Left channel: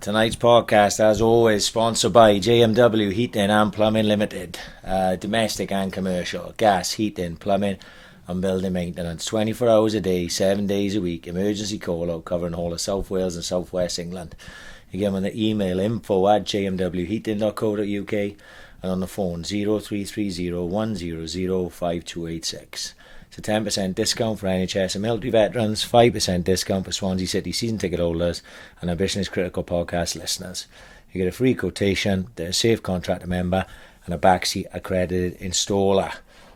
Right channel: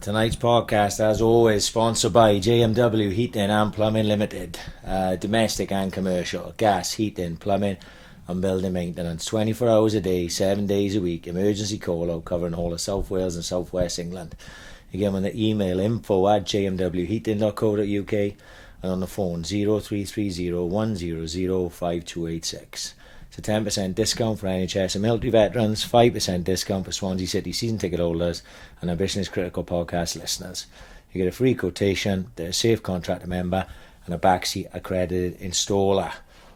Tonight's podcast, as always, sponsored by JMW Heating and Plumbing Limited. Domestic and commercial, gas, heating, plumbing and building maintenance. 24 hours a day, 7 days a week. Emergency call out covering all of South Wales and South West England. Again, on the email info@jmwheating.co.uk and on the phone 0330 100 5286. It's a 10% discount for NHS and military veterans, 5% discount for Swansea City season ticket holders and Ambition is Critical podcast listeners. You get a free quotation, a safe contractor member and a backseat accredited installer.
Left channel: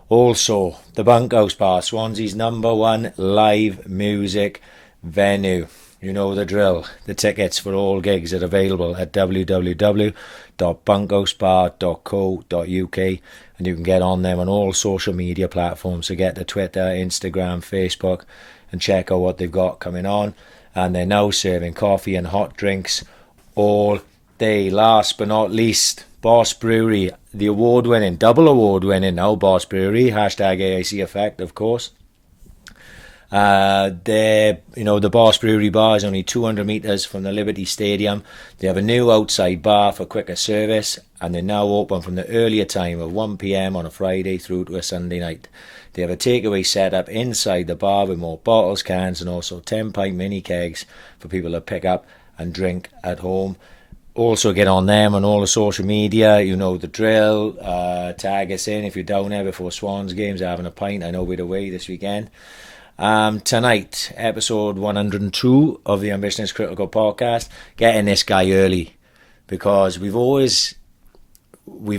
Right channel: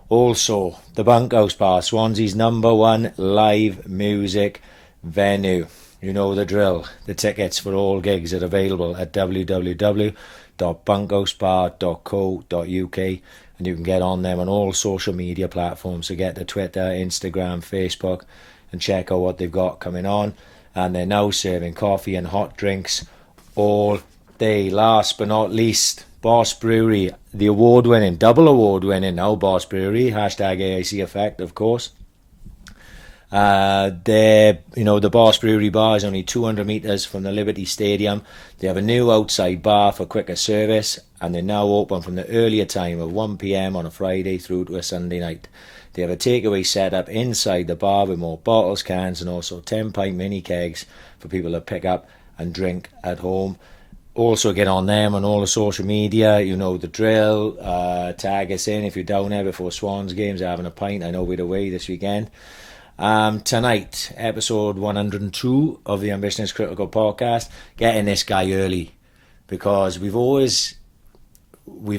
Also, the Bunkhouse Bar, Swansea's #1 live music venue. You know the drill. The tickets for all gigs are available at www.bunkhousebar.co.uk and you can get on them on all social media platforms. So get to Twitter, Instagram, Facebook and check out what they've got coming on. And they're now serving coffee and hot drinks all day. Last but not least, Boss Brewery, the double award winning now Boss Brewery, #AIC Effect of course. The Boss Brewery bar is only 200 metres from the Liberty Stadium. They have a new outside bar for quicker service and they're now open from the earlier time of 1 PM on a Friday through to a Sunday night. They have a takeaway set up inside the bar with more bottles, cans and also 10-pint mini kegs for people to pick up and drink at home. Also get on them on all the social media, you know the drill. Tag us in if you're down there before Swans games, having a pint. I know we're away this weekend. Tonight, episode 102 of the Ambition is Critical podcast, getting this guy early because we've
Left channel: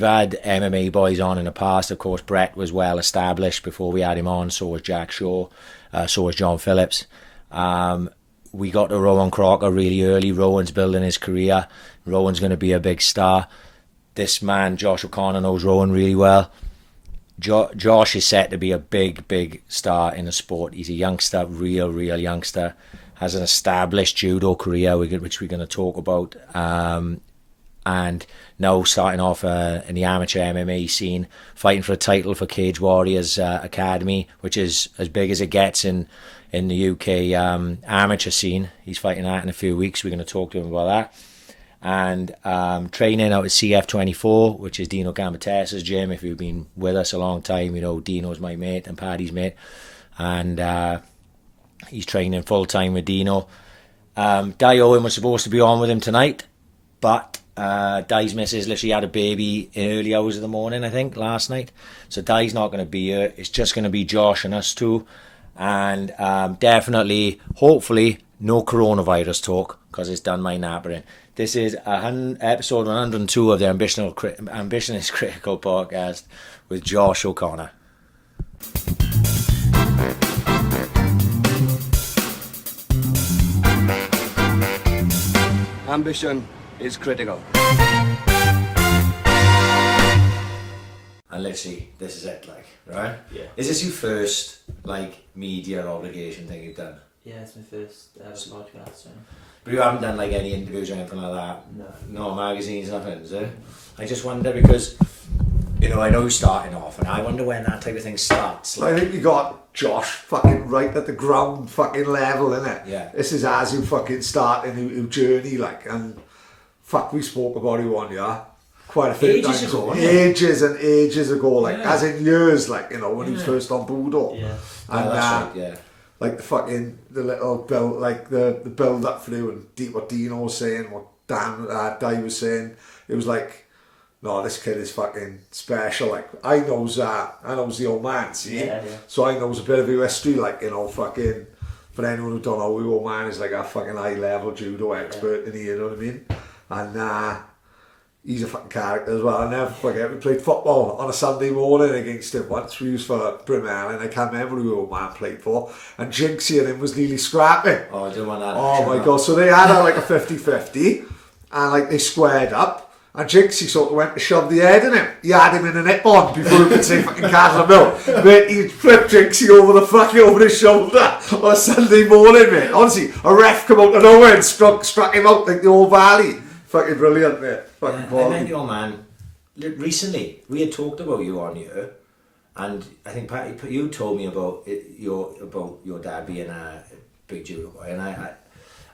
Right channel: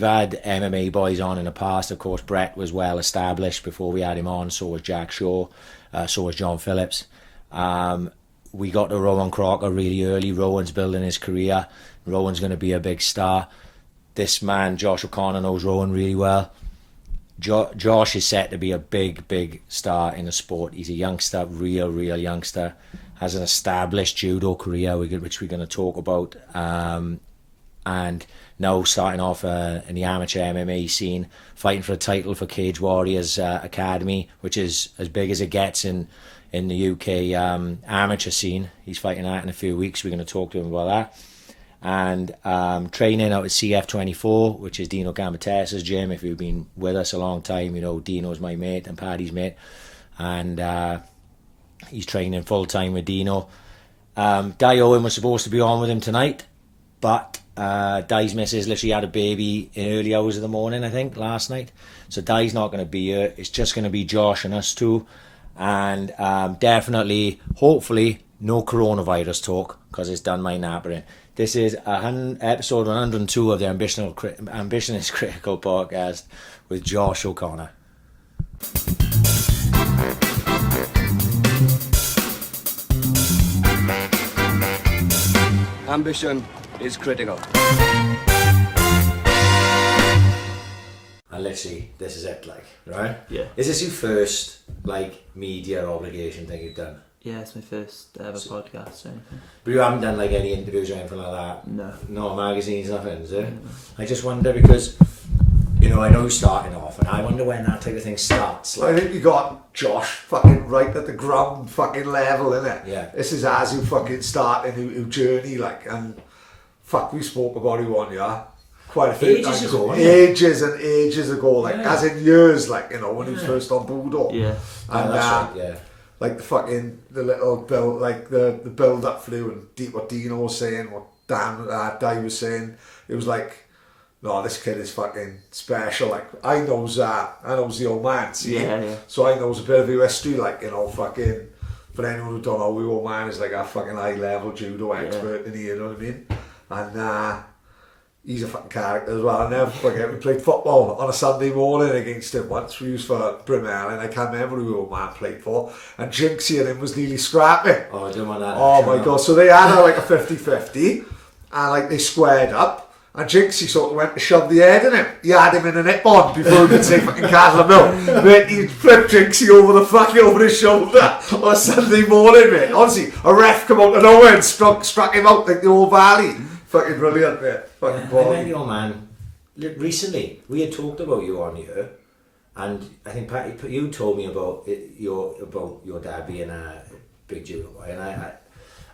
had MMA boys on in the past. Of course, Brett was well established before we had him on, so was Jack Shaw, so was John Phillips. We got to Rowan Crocker really early. Rowan's building his career. Rowan's going to be a big star. This man, Josh O'Connor, knows Rowan really well. Josh is set to be a big star in the sport. He's a youngster, real youngster. Has an established judo career, which we're going to talk about. And now starting off in the amateur MMA scene, fighting for a title for Cage Warriors Academy, which is as big as it gets in the UK amateur scene. He's fighting that in a few weeks. We're going to talk to him about that. And training out at CF24, which is Dino Gambatessa's gym. If you've been with us a long time, you know Dino's my mate and Paddy's mate. And he's training full-time with Dino. Di Owen was supposed to be on with him tonight, but Di's missus literally had a baby in early hours of the morning, I think, last night. So Di's not going to be here. It's just going to be Josh and us two. And definitely, hopefully, no coronavirus talk, because it's done my nappering. This is episode 102 of the Ambition is Critical podcast with Josh O'Connor. Ambition is critical. And literally, this is it, right? Yeah. Is this your first, media obligation thing you've done? Yeah, it's my first ever podcast or anything. But you haven't done, any interviews or anything like that? No. No magazines, nothing, is it? I just wonder because, I know you're starting off, and I wonder when that type of thing starts. I think you got Josh fucking right at the ground fucking level, innit? Yeah. This is as you fucking start in your journey, and we spoke about it one year. Quite a few times ago. Ages and ages ago, as in years, when he was first on Budo. Yeah. And that's right, yeah. The little build, the build up through and what Dino was saying, what Di was saying, it was no, this kid is fucking special. I knows the old man, see? Yeah. So I knows a bit of your history, for anyone who don't know, the old man is a fucking high level judo expert in here, you know what I mean? And he's a fucking character as well. I never forget, we played football on a Sunday morning against him once. We used for Brimell, and I can't remember who the old man played for. And Jinxie and him was nearly scrapping. Oh, I didn't want that. Oh my God. So they had a 50-50, and they squared up. And Jinxie sort of went to shove the head in him. He had him in a nip-on before he could say fucking Castle Mill. Mate, he'd flip Jinxie over his shoulder on a Sunday morning, mate. Honestly, a ref come out of nowhere and struck him out like the old valley. Fucking brilliant, mate. Fucking I met your man recently. We had talked about you on here, and I think Paddy, you told me about your dad being a big judo boy, and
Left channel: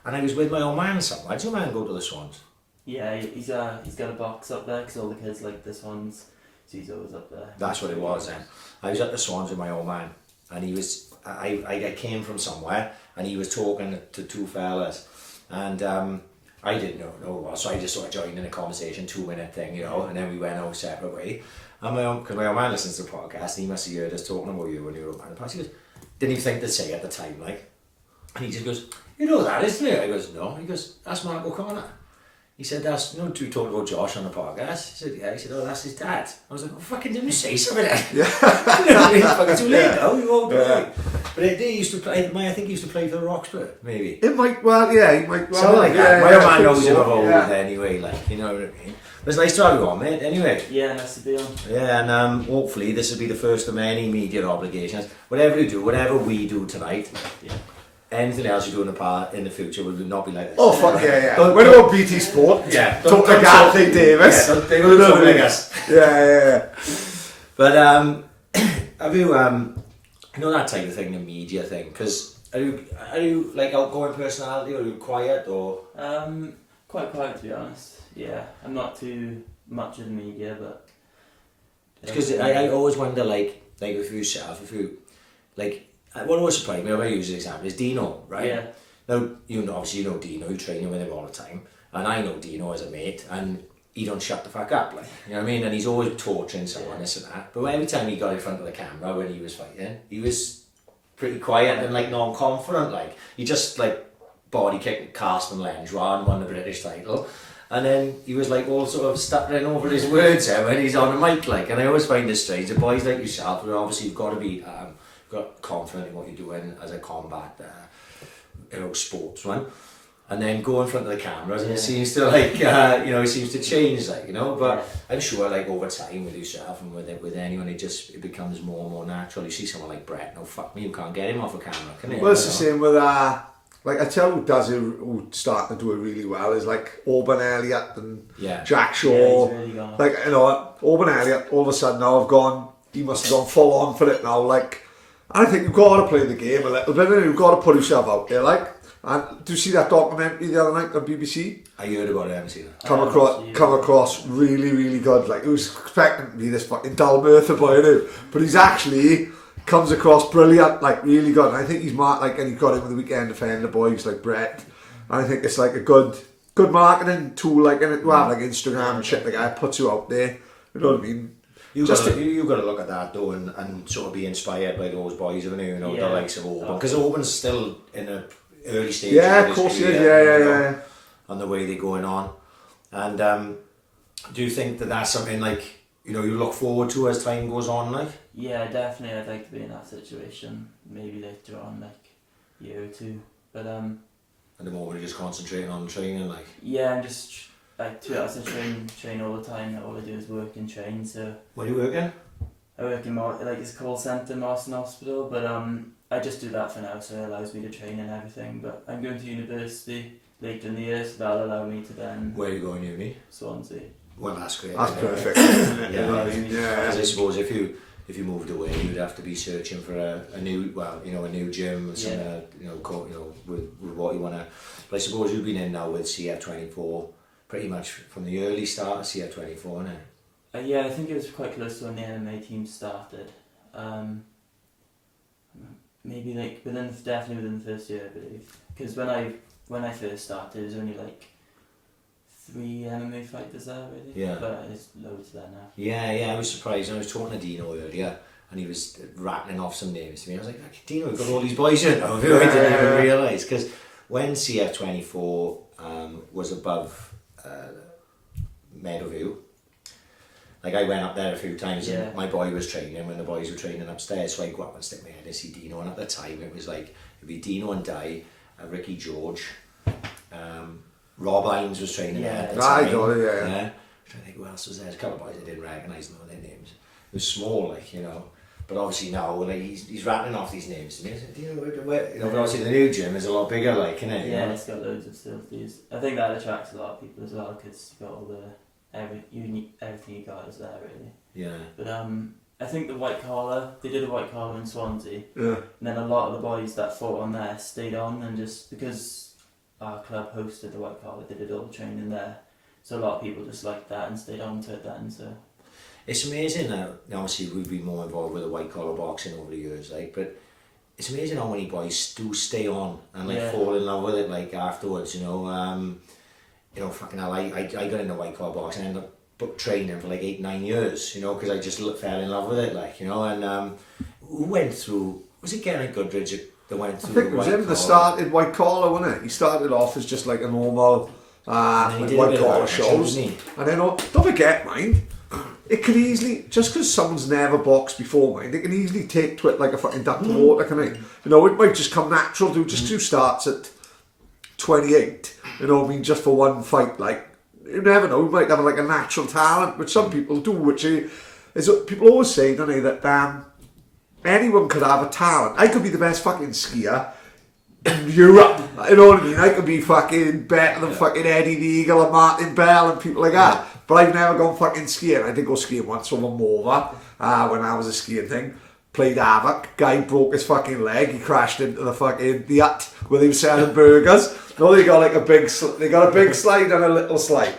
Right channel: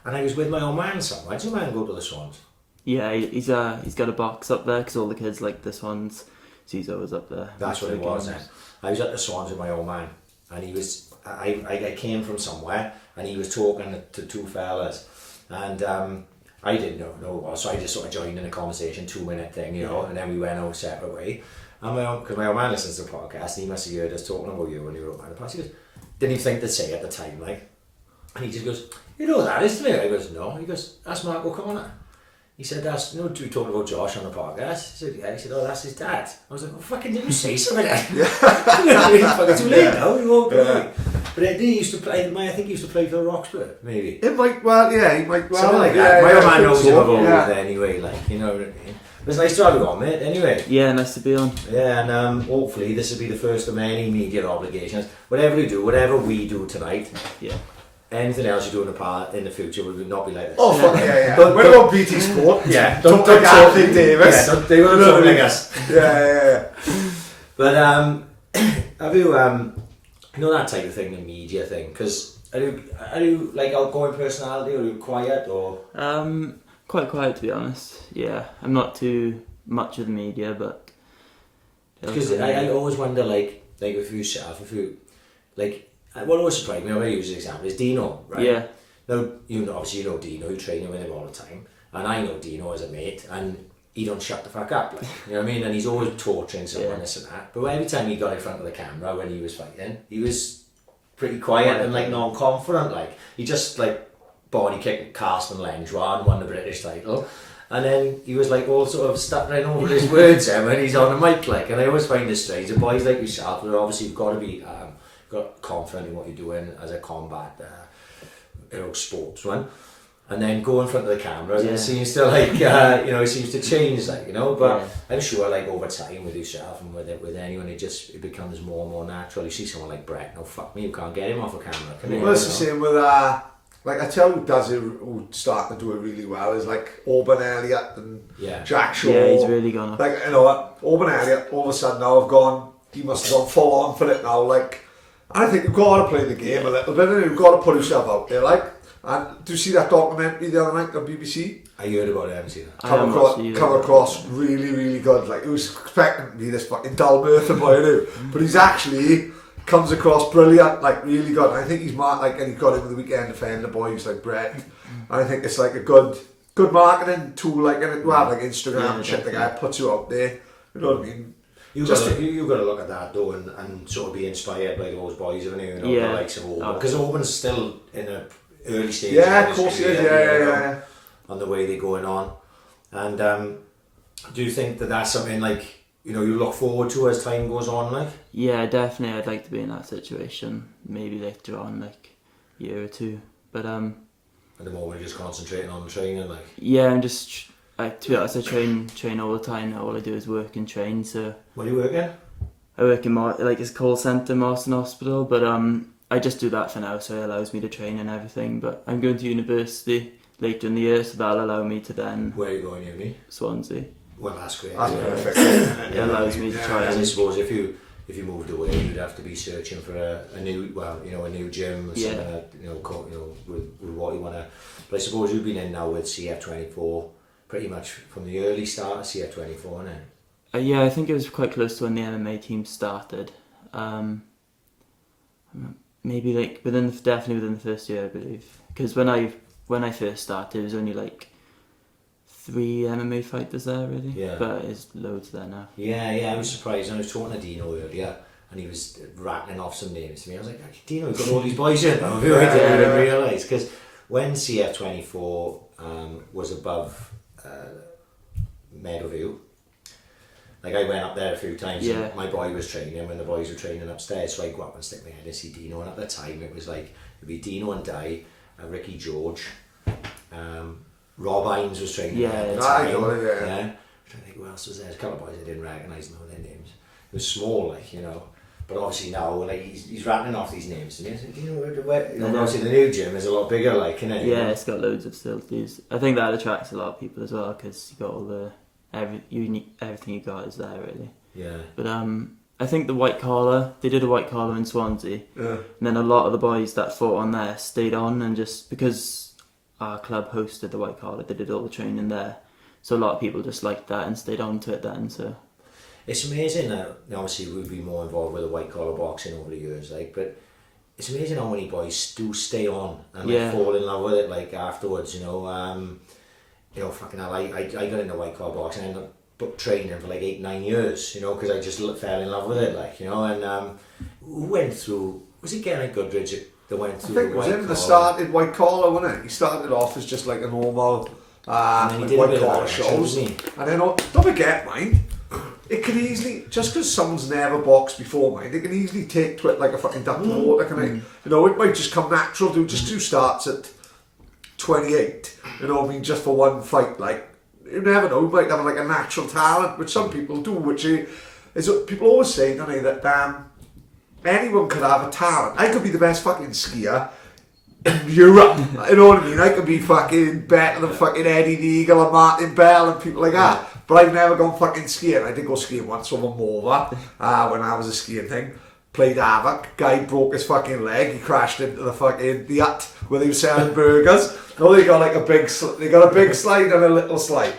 And I was with my old man somewhere. Do you man go to the Swans? Yeah, he's got a box up there because all the kids like the Swans. So he's always up there. That's what it was then. I was at the Swans with my old man, and he was. I came from somewhere, and he was talking to two fellas, and I didn't know who it was, so I just sort of joined in a conversation, 2-minute thing, you know, and then we went our separate way. And because my old man listens to the podcast, and he must have heard us talking about you when you were up in the past. He goes, didn't even think to say at the time, like, and he just goes, you know that, isn't it? I goes, no. He goes, that's Mark O'Connor. He said, that's, you know, we talking about Josh on the podcast. He said, yeah. He said, oh, that's his dad. I was like, well, fucking didn't you say something then? Yeah. You know, I mean, fucking too late now. We won't play. But he used to play, I think he used to play for Roxburgh, maybe. It might, well, yeah, he might, well. Something like yeah, that. My old man knows him of old yeah. anyway, like, you know what I mean? But it's nice to have you on, mate, anyway. Yeah, nice to be on. Yeah, and hopefully this will be the first of many media obligations. Whatever you do, whatever we do tonight, Yeah. anything else you do in the future will not be like this. Oh, fuck yeah. Don't- What about BT Sport? Yeah, Talk like Anthony Davis. Yeah, they will talk like us. Yeah. But have you you know that type of thing, the media thing? Because are you like outgoing personality, or are you quiet, or? Quite quiet to be honest. Yeah, I'm not too much of the media, but Because I always wonder, like with yourself, if you like. What always surprised me, I'm going to use an example, is Dino, right? Yeah. Now, obviously you know Dino, you train with him all the time, and I know Dino as a mate, and he don't shut the fuck up, like, you know what I mean? And he's always torturing someone, this and that. But every time he got in front of the camera when he was fighting, he was pretty quiet and like non-confident, like he just like body kicked Carsten Lenjois and won the British title. And then he was like all sort of stuttering over his words when he's on the mic, like. And I always find this strange. The boys like yourself, who obviously you've got to be got confident in what you're doing as a combat, sportsman, and then go in front of the cameras. It seems to like, it seems to change, like, you know. But I'm sure, like over time with yourself and with anyone, it becomes more and more natural. You see someone like Brett, no fuck me, you can't get him off a camera, can you? Well, it's the same with like I tell who does it, who's starting to do it really well is like Auburn Elliott and Jack Shaw. Yeah, he's really gone up. Like, you know, Auburn Elliott all of a sudden now he must have gone full on for it now. Like, I think you've got to play the game a little bit, and you've got to put yourself out there. Like, and do you see that documentary the other night on BBC? I heard about it, I haven't seen it. Come across really, really good. Like, he was expecting to be this fucking dull Merthyr boy, but he's actually comes across brilliant, like really good. And I think he's and he got in with the weekend defender boys like Brett. And I think it's like a good marketing tool, like, and it will have like Instagram and shit. The guy puts you out there. You know what I mean? You've got to look at that though, and sort of be inspired by those boys, haven't you? The likes of Auburn, because Auburn's still in an early stage. Yeah, of course he is. Yeah. On the way they're going on, and do you think that that's something like you look forward to as time goes on, like? Yeah, definitely. I'd like to be in that situation. Maybe later on, like a year or two. But at the moment, you're just concentrating on training, like. Yeah, and just. To be honest, I train all the time. All I do is work and train. So. Where do you work at? I work in it's a call centre, Marston Hospital, but I just do that for now, so it allows me to train and everything. But I'm going to university later in the year, so that'll allow me to then. Where are you going, uni? Swansea. Well, that's great. That's perfect. It allows me to try. As I suppose if you moved away, you'd have to be searching for a new gym, with with what you want to. But I suppose you've been in now with CF24. Pretty much from the early start of CF24, isn't it? Yeah, I think it was quite close to when the MMA team started. Maybe definitely within the first year, I believe. Because when I first started, it was only like 3 MMA fighters there, really. Yeah. But it's loads there now. Yeah, I was surprised. I was talking to Dino earlier, and he was rattling off some names to me. I was like, Dino, we've got all these boys in now. I didn't even realise. Because when CF24 was above Meadowview, like I went up there a few times and my boy was training when the boys were training upstairs, so I go up and stick my head and see Dino, and at the time it was like it'd be Dino and Di, Ricky George, Rob Hines was training there at the time. I'm trying to think who else was there. There's a couple of boys I didn't recognise their names. It was small, like, but obviously now, like, he's rattling off these names to me. I said, where? Obviously the new gym is a lot bigger, like, isn't it? Yeah, it's got loads of facilities. I think that attracts a lot of people as well, because you got all everything you got is there, really. Yeah. But I think the white collar, they did a white collar in Swansea. Yeah. And then a lot of the boys that fought on there stayed on, and just because our club hosted the white collar, they did all the training there. So a lot of people just liked that and stayed on to it then. So it's amazing that obviously we've been more involved with the white collar boxing over the years, like, but it's amazing how many boys do stay on and like fall in love with it like afterwards, you know. Fucking hell, I got into white collar boxing and ended up training for like 8-9 years, you know, because I just fell in love with it, like, you know. And who went through, was it Geraint Goodridge that went through? I think it was him that started white collar, wasn't it? He started off as just like a normal like white collar shows, and then don't forget, mind, it can easily, just because someone's never boxed before, mind, it can easily take to it like a fucking duck to water, can it? You know, it might just come natural. Do starts at 28, you know what I mean, just for one fight. Like, you never know, you might have like a natural talent, which some people do, which is people always say, don't they, that anyone could have a talent. I could be the best fucking skier in Europe, you know what I mean? I could be fucking better than fucking Eddie the Eagle and Martin Bell and people like that. But I've never gone fucking skiing. I did go skiing once with a Morva when I was a skiing thing. Played havoc. Guy broke his fucking leg. He crashed into the fucking the hut where they were selling burgers. No, they got like a big slide and a little slide.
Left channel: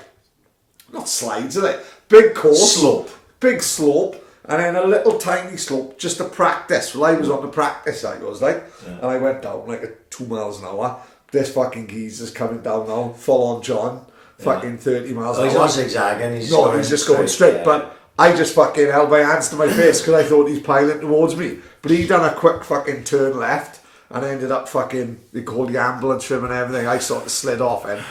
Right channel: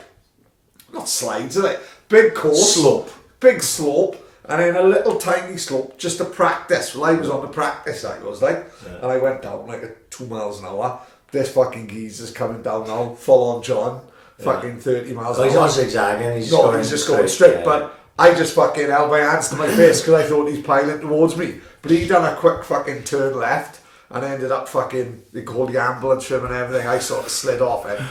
Not slides, are they? Big course. Slope. Big slope. And then a little tiny slope just to practice. Well, I was on the practice side, and I went down like at 2 miles an hour. This fucking geezer's coming down now, full on John, fucking 30 miles an hour. He's not zigzagging, he's just going straight. Yeah. But I just fucking held my hands to my face because I thought he's piling towards me. But he done a quick fucking turn left and ended up fucking, they called the ambulance for him and everything. I sort of slid off and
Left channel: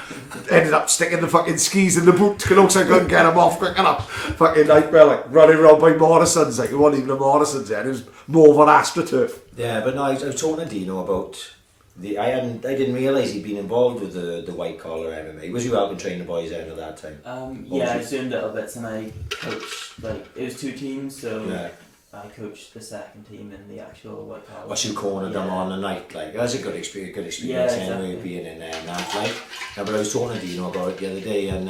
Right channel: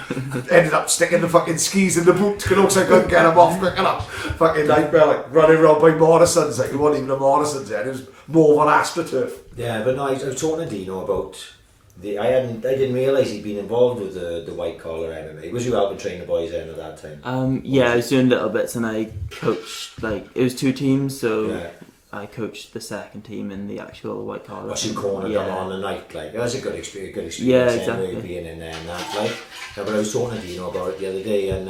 ended up sticking the fucking skis in the boot because I couldn't get him off quick enough. Fucking nightmare, like running around by Morrison's. Like, it wasn't even a Morrison's then, it was more of an AstroTurf. Yeah, but no, I was talking to Dino about I didn't realise he'd been involved with the white collar MMA. Was you helping train the boys then at that time? Yeah, I was doing little bits and I coached, like, it was 2 teams, so yeah. I coached the second team in the actual white collar. Well, you cornered them on the night, like, that was a good experience yeah, exactly. Anyway, being in there and that, like. No, but I was talking to Dino about it the other day, and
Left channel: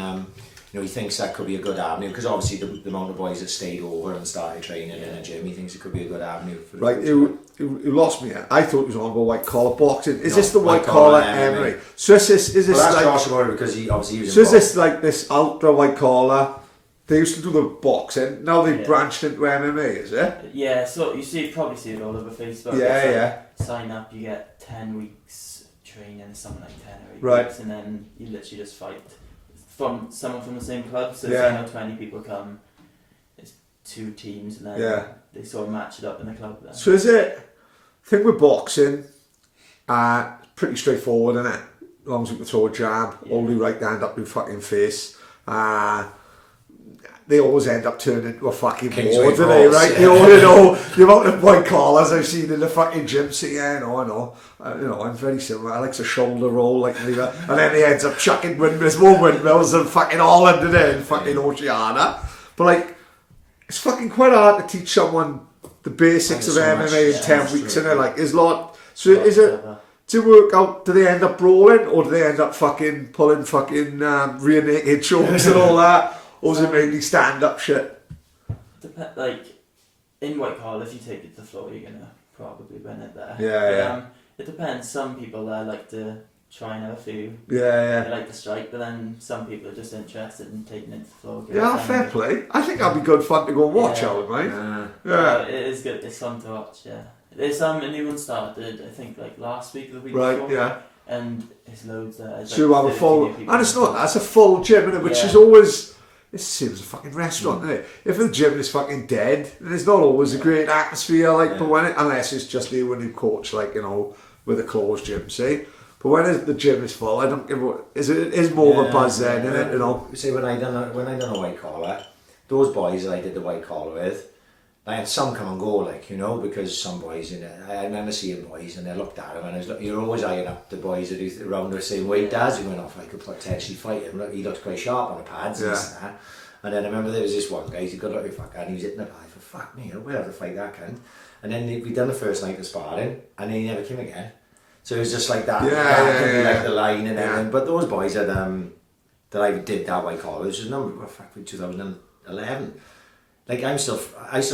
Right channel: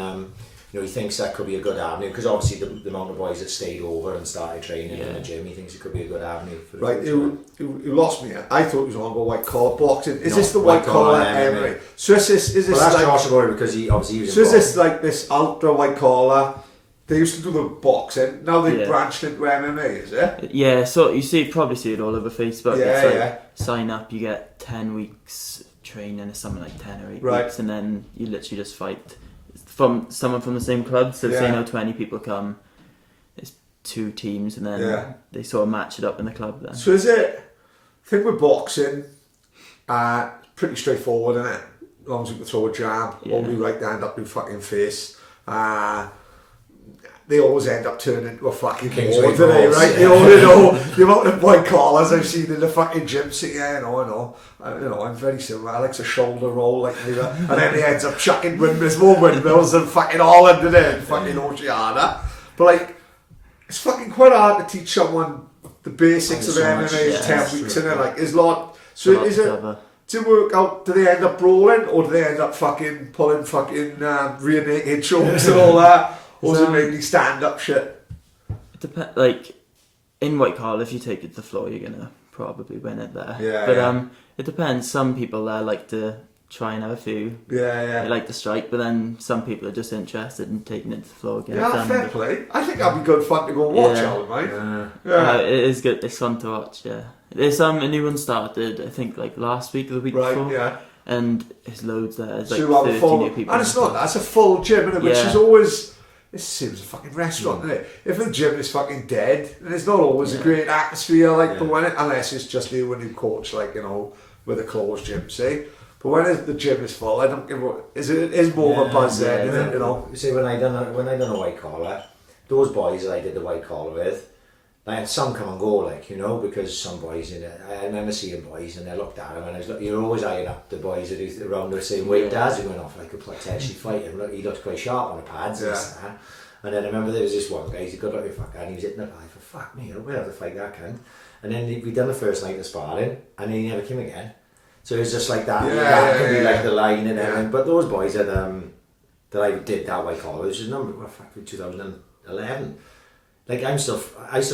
you know, he thinks that could be a good avenue because obviously the amount of boys that stayed over and started training in the gym, he thinks it could be a good avenue for the right. You lost me. I thought he was on about white collar boxing. Is this the white collar MMA? So is this well, that's like Josh about it because he obviously was so is this like this ultra white collar? They used to do the boxing. Now they've branched into MMA, is it? Yeah, so you probably see it all over Facebook. Yeah, Sign up, you get 10 weeks training, or something like 10 or 8 weeks, and then you literally just fight from someone from the same club. So say now 20 people come, it's 2 teams, and then they sort of match it up in the club then. So is it, I think with boxing, pretty straightforward, isn't it? As long as you can throw a jab, hold your right hand up your fucking face. They always end up turning into a fucking war, don't they, right? You know the amount of white collars I've seen in the fucking gym. So I know. I'm very similar. I like to shoulder roll, like and then he ends up chucking more windmills than fucking Holland and then fucking Oceania. But like, it's fucking quite hard to teach someone the basics of MMA in 10 weeks, and like, is lot. So is it? To work out, do they end up brawling or do they end up fucking pulling fucking rear naked chokes and all that? Or is it mainly stand-up shit? Like, in white collar, if you take it to the floor, you're going to probably win it there. Yeah, it depends. Some people there like to try and have a few. Yeah. They like to strike, but then some people are just interested in taking it to the floor. Fair play. I think that'd be good fun to go and watch, Alan, mate. Yeah. It is good. It's fun to watch, yeah. There's a new one started, I think, like last week or the week before. Right, yeah. And there's loads there. There's so like have a full, and it's not, that's a full gym, isn't it? Which is always... This seems a fucking restaurant, isn't it? If the gym is fucking dead, then it's not always a great atmosphere, like, but when unless it's just you and you coach, like, you know, with a closed gym, see? But when the gym is full, I don't give a... It is more of a buzz then, isn't it, you know? See, when I done a white collar, those boys that I did the white collar with, I had some come and go, like, you know, because some boys, I remember seeing boys and I looked at them and I was like, you're always eyeing up the boys that are around the same weight as you, went off like a potentially fight him. He looked quite sharp on the pads and that. And then I remember there was this one guy, he's a good looking fucker, and he was hitting the pie for fuck me, we'll have to fight that cunt. And then we done the first night of sparring and then he never came again. So it was just like that, like the line and everything. But those boys that I did that white collar, which is 2011. Like I still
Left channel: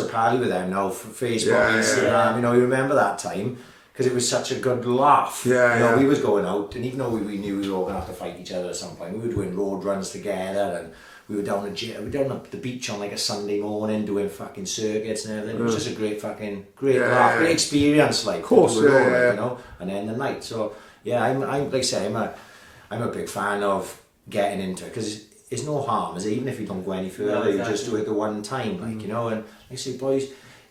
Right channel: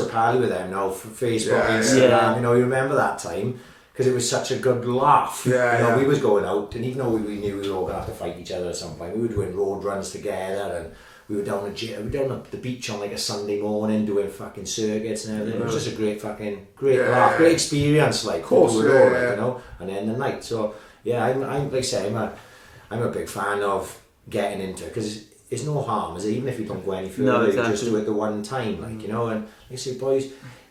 parley with them now for Facebook, Instagram. You know, you remember that time because it was such a good laugh. Yeah, you know, yeah. we was going out, and even though we knew we were all going to have to fight each other at some point, we were doing road runs together, and we were down the beach on like a Sunday morning doing fucking circuits and everything. It was just a great laugh, great experience, like, of course, you know, and then the night. So yeah, I'm like I say, I'm a big fan of getting into it, because it's no harm, is it? Even if you don't go any further, you just do it the one time, like, you know. And like I say, boys,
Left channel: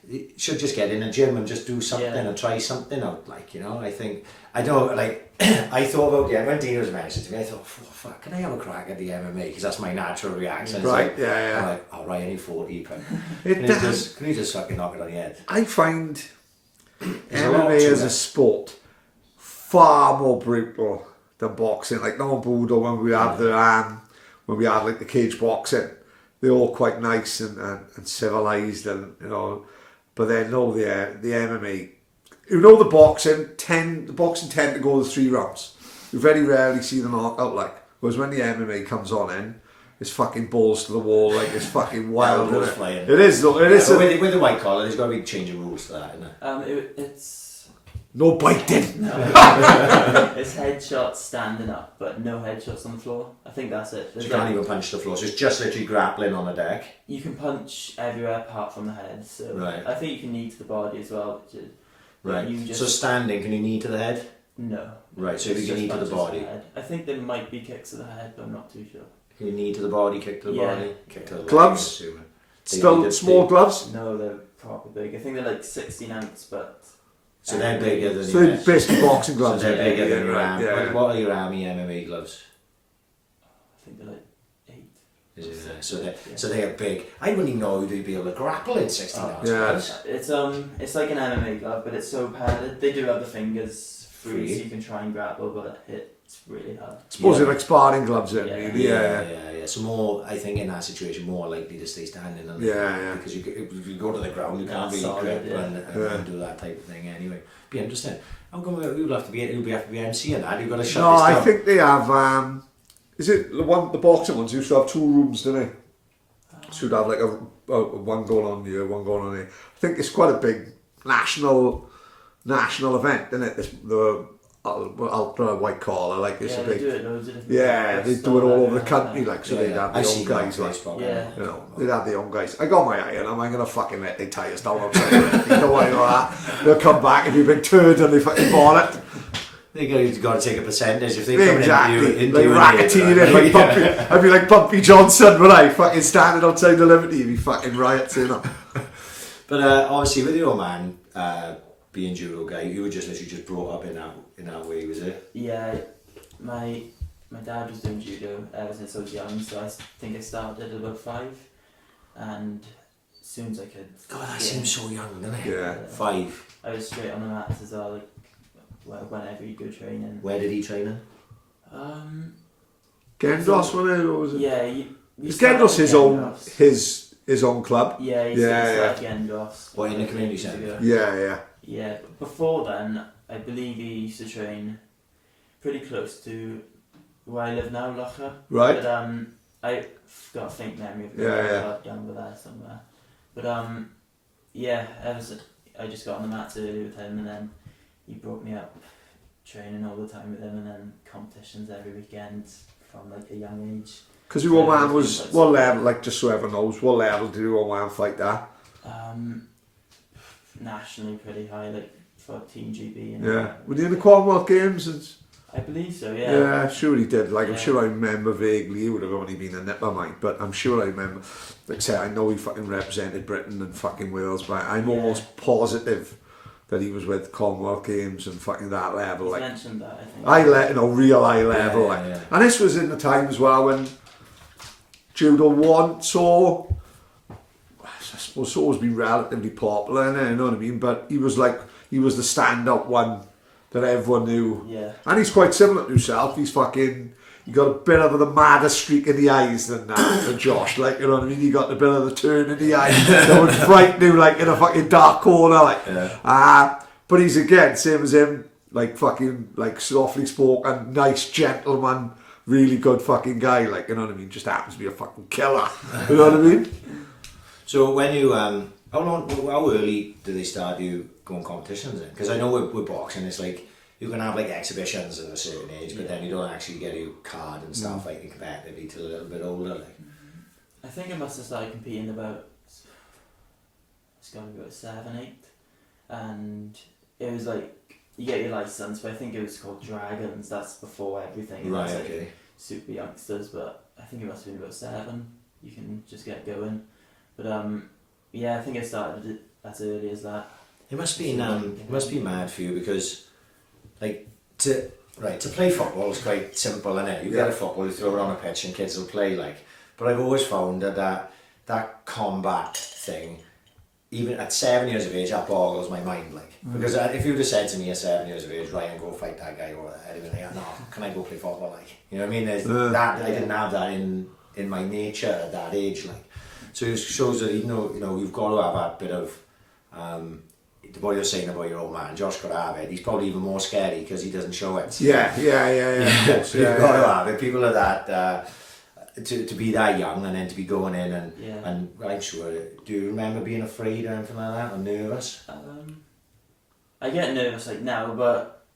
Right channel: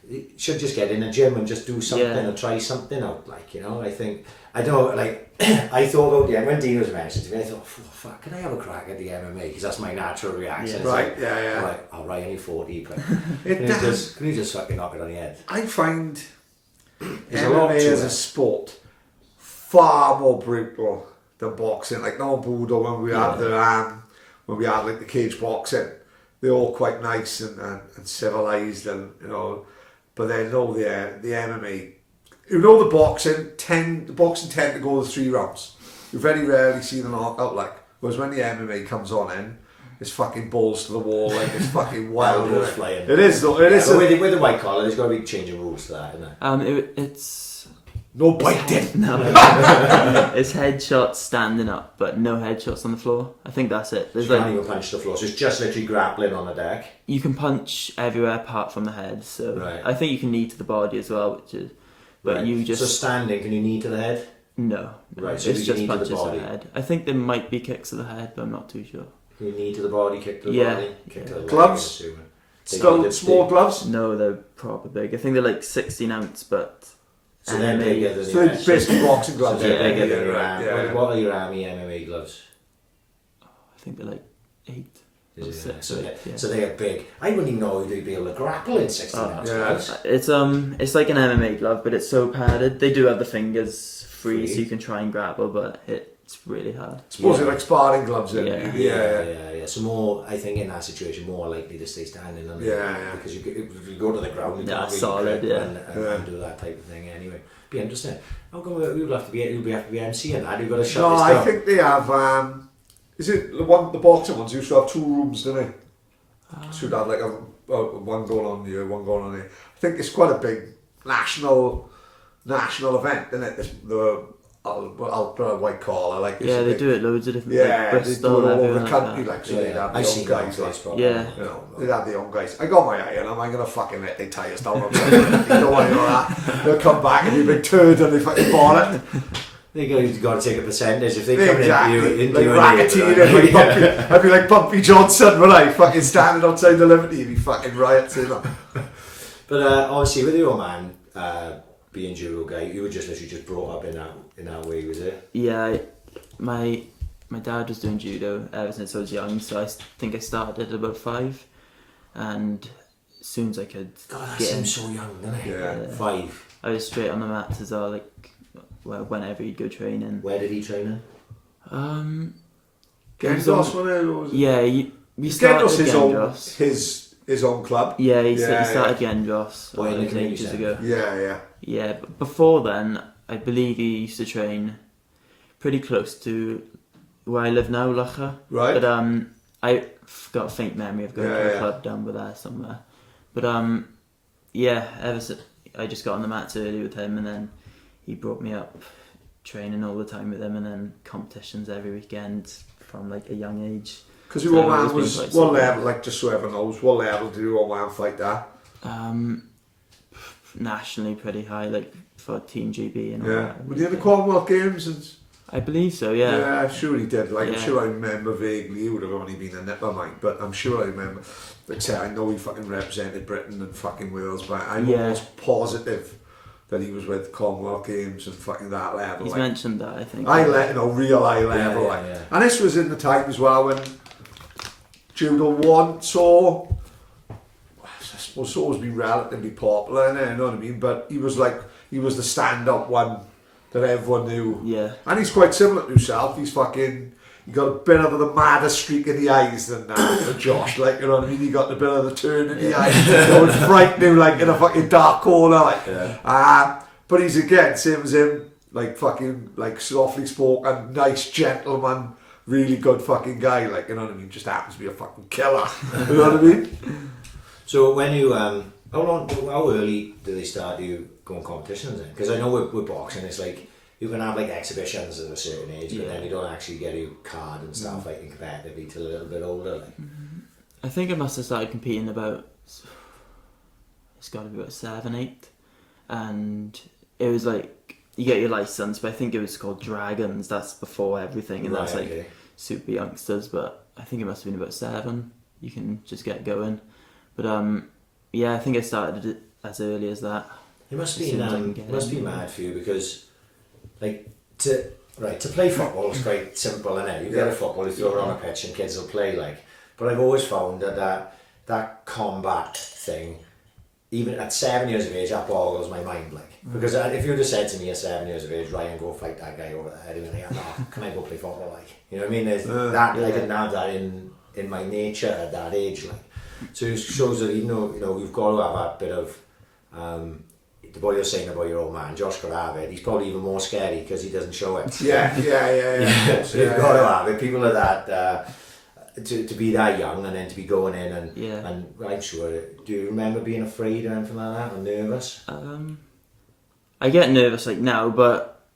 you should just get in a gym and just do something or try something out, like, you know. I think, I don't, like, I thought about, when Dean was mentioned to me, I thought, fuck, can I have a crack at the MMA? Because that's my natural reaction. Right, like, yeah. I'm like, all right, only 40, but can you just fucking knock it on the head? I find There's a lot MMA to as it. a sport far more brutal than boxing. Like, no Budo, when we had when we had like the cage boxing, they're all quite nice and civilized, and you know. But then no, the MMA, you know, the boxing tend to go the 3 rounds. You very rarely see the knockout, like. Whereas when the MMA comes on in, it's fucking balls to the wall, like it's fucking wild. Elbows flying. It is though. It is. But with the white collar, there's got to be a change of rules to that, isn't there? It's No biting. no. It's headshots standing up, but no headshots on the floor. I think that's it. You can't even punch the floor, so it's just literally grappling on the deck. You can punch everywhere apart from the head. So Right. I think you can knee to the body as well, which is. But you just So standing, can you knee to the head? no. Right, so It's if you just knee to the punches body. head. I think there might be kicks to the head, but I'm not too sure. Can you knee to the body, kick to the Yeah. body, kick to the leg, Gloves? I'm assuming. Still small gloves. No, they're proper big. I think they're like 16 ounce, but. So they're bigger than So your it's basically boxing So gloves. they're bigger than your right, arm. yeah. What are your army MMA gloves? I think they're like 8. Is it, Six, so, yeah. so they are big. I wouldn't even know they'd be able to grapple in 16 ounce yeah. gloves. It's like an MMA glove, but it's so padded. They do have the fingers free, Free. so you can try and grapple, but it's really hard. Suppose Yeah. they're like sparring gloves in. Yeah. Yeah. So more, I think in that situation, more likely to stay standing. Aren't they? Yeah. Because if you go to the ground, you Yeah, can't really solid, grip yeah. and do that type of thing anyway. Be interesting. How come you'll have to be MCing that? You've got to shut No, this I down. think they have. Is it the boxing ones used to have 2 rooms, didn't they? Should have like a one going on here, one going on here. I think it's quite a big national event, isn't it? The ultra white collar, like it's Yeah, a they big, do it loads of different. yeah, they Bristol, do it all over everything the country, that. like so they'd have the I've young seen guys, that like. place, but Yeah. You know, they'd have the young guys. I got my eye on them. I'm gonna fucking let they tie us down outside. Don't worry about that. They'll come back and be a big turd and they fucking ball it. You've got to take a percentage if they come Exactly. into you. Like racketeering, like Bumpy. I'd be like Bumpy Johnson, would I? Fucking standing outside the Liberty, he'd be fucking riots, you know. But obviously, with your man being judo guy, you were just literally just brought up in that way, was it? Yeah, my dad was doing judo ever since I was young, so I think I started at about 5, and as soon as I could. God, that get in, seems so young, doesn't it? Yeah. 5. I was straight on the mats as well, like whenever you go training. Where did he train Gendos, was it? Yeah, we Is started Gendos at his Gendros. his own club? Yeah, he Yeah, started Gendros. What, in the like community ages centre? ago. Yeah. Yeah, but before then, I believe he used to train pretty close to where I live now, Locha. Right. But I've got a faint memory of going to a club down by there somewhere. But yeah, ever since I just got on the mats early with him, and then he brought me up training all the time with him, and then competitions every weekend from like a young age. Because your old So man it's was, been quite what solid. level, like just so everyone knows, what level did your old man fight at? Nationally pretty high, like for Team GB. And Yeah. Were they in the Commonwealth Games? And I believe so, yeah. yeah, sure he did. Like, I'm Yeah. sure I remember vaguely. He would have only been a nipper mine, but I'm sure I remember. Like I say, I know he fucking represented Britain and fucking Wales, but I'm Yeah. almost positive that he was with Commonwealth Games and fucking that level. He's Like, mentioned that, I think. real high level. Yeah, like. yeah. And this was in the time as well when Judo 1 saw, I suppose, it's always been relatively popular, innit? You know what I mean? But he was the stand-up one that everyone knew. Yeah. And he's quite similar to himself. He got a bit of the madder streak in the eyes than Josh, like, you know what I mean? He got a bit of the turn in the eye that was frightening, like in a fucking dark corner, like. Yeah. But he's again, same as him, like fucking, like softly spoken, nice gentleman, really good fucking guy, like, you know what I mean? Just happens to be a fucking killer, you know what I mean? So when you how early do they start you go on competitions in? Because I know with boxing, it's like you can have like exhibitions at a certain age, but then you don't actually get your card and stuff fighting competitively till a little bit older. Like, I think I must have started competing about, it's got to be about 7, 8, and it was like you get your license, but I think it was called Dragons. That's before everything, and that's like super youngsters. But I think it must have been about 7. You can just get going. But I think I started it as early as that. It must be mad for you because, like, to play football is quite simple, isn't it? You get a football, you throw it on a pitch, and kids will play like. But I've always found that combat thing, even at 7 years of age, that boggles my mind. Like, because if you'd have said to me at 7 years of age, Ryan, go fight that guy over there, I'd be like, no, can I go play football? Like, you know what I mean? There's that I didn't have that in my nature at that age. Like, so it shows that even though you've got to have that bit of what you're saying about your old man, Josh could have it. He's probably even more scary because he doesn't show it. Yeah. So you've got to have it. People are that to be that young and then to be going in and I'm sure. Do you remember being afraid or anything like that or nervous? I get nervous like now, but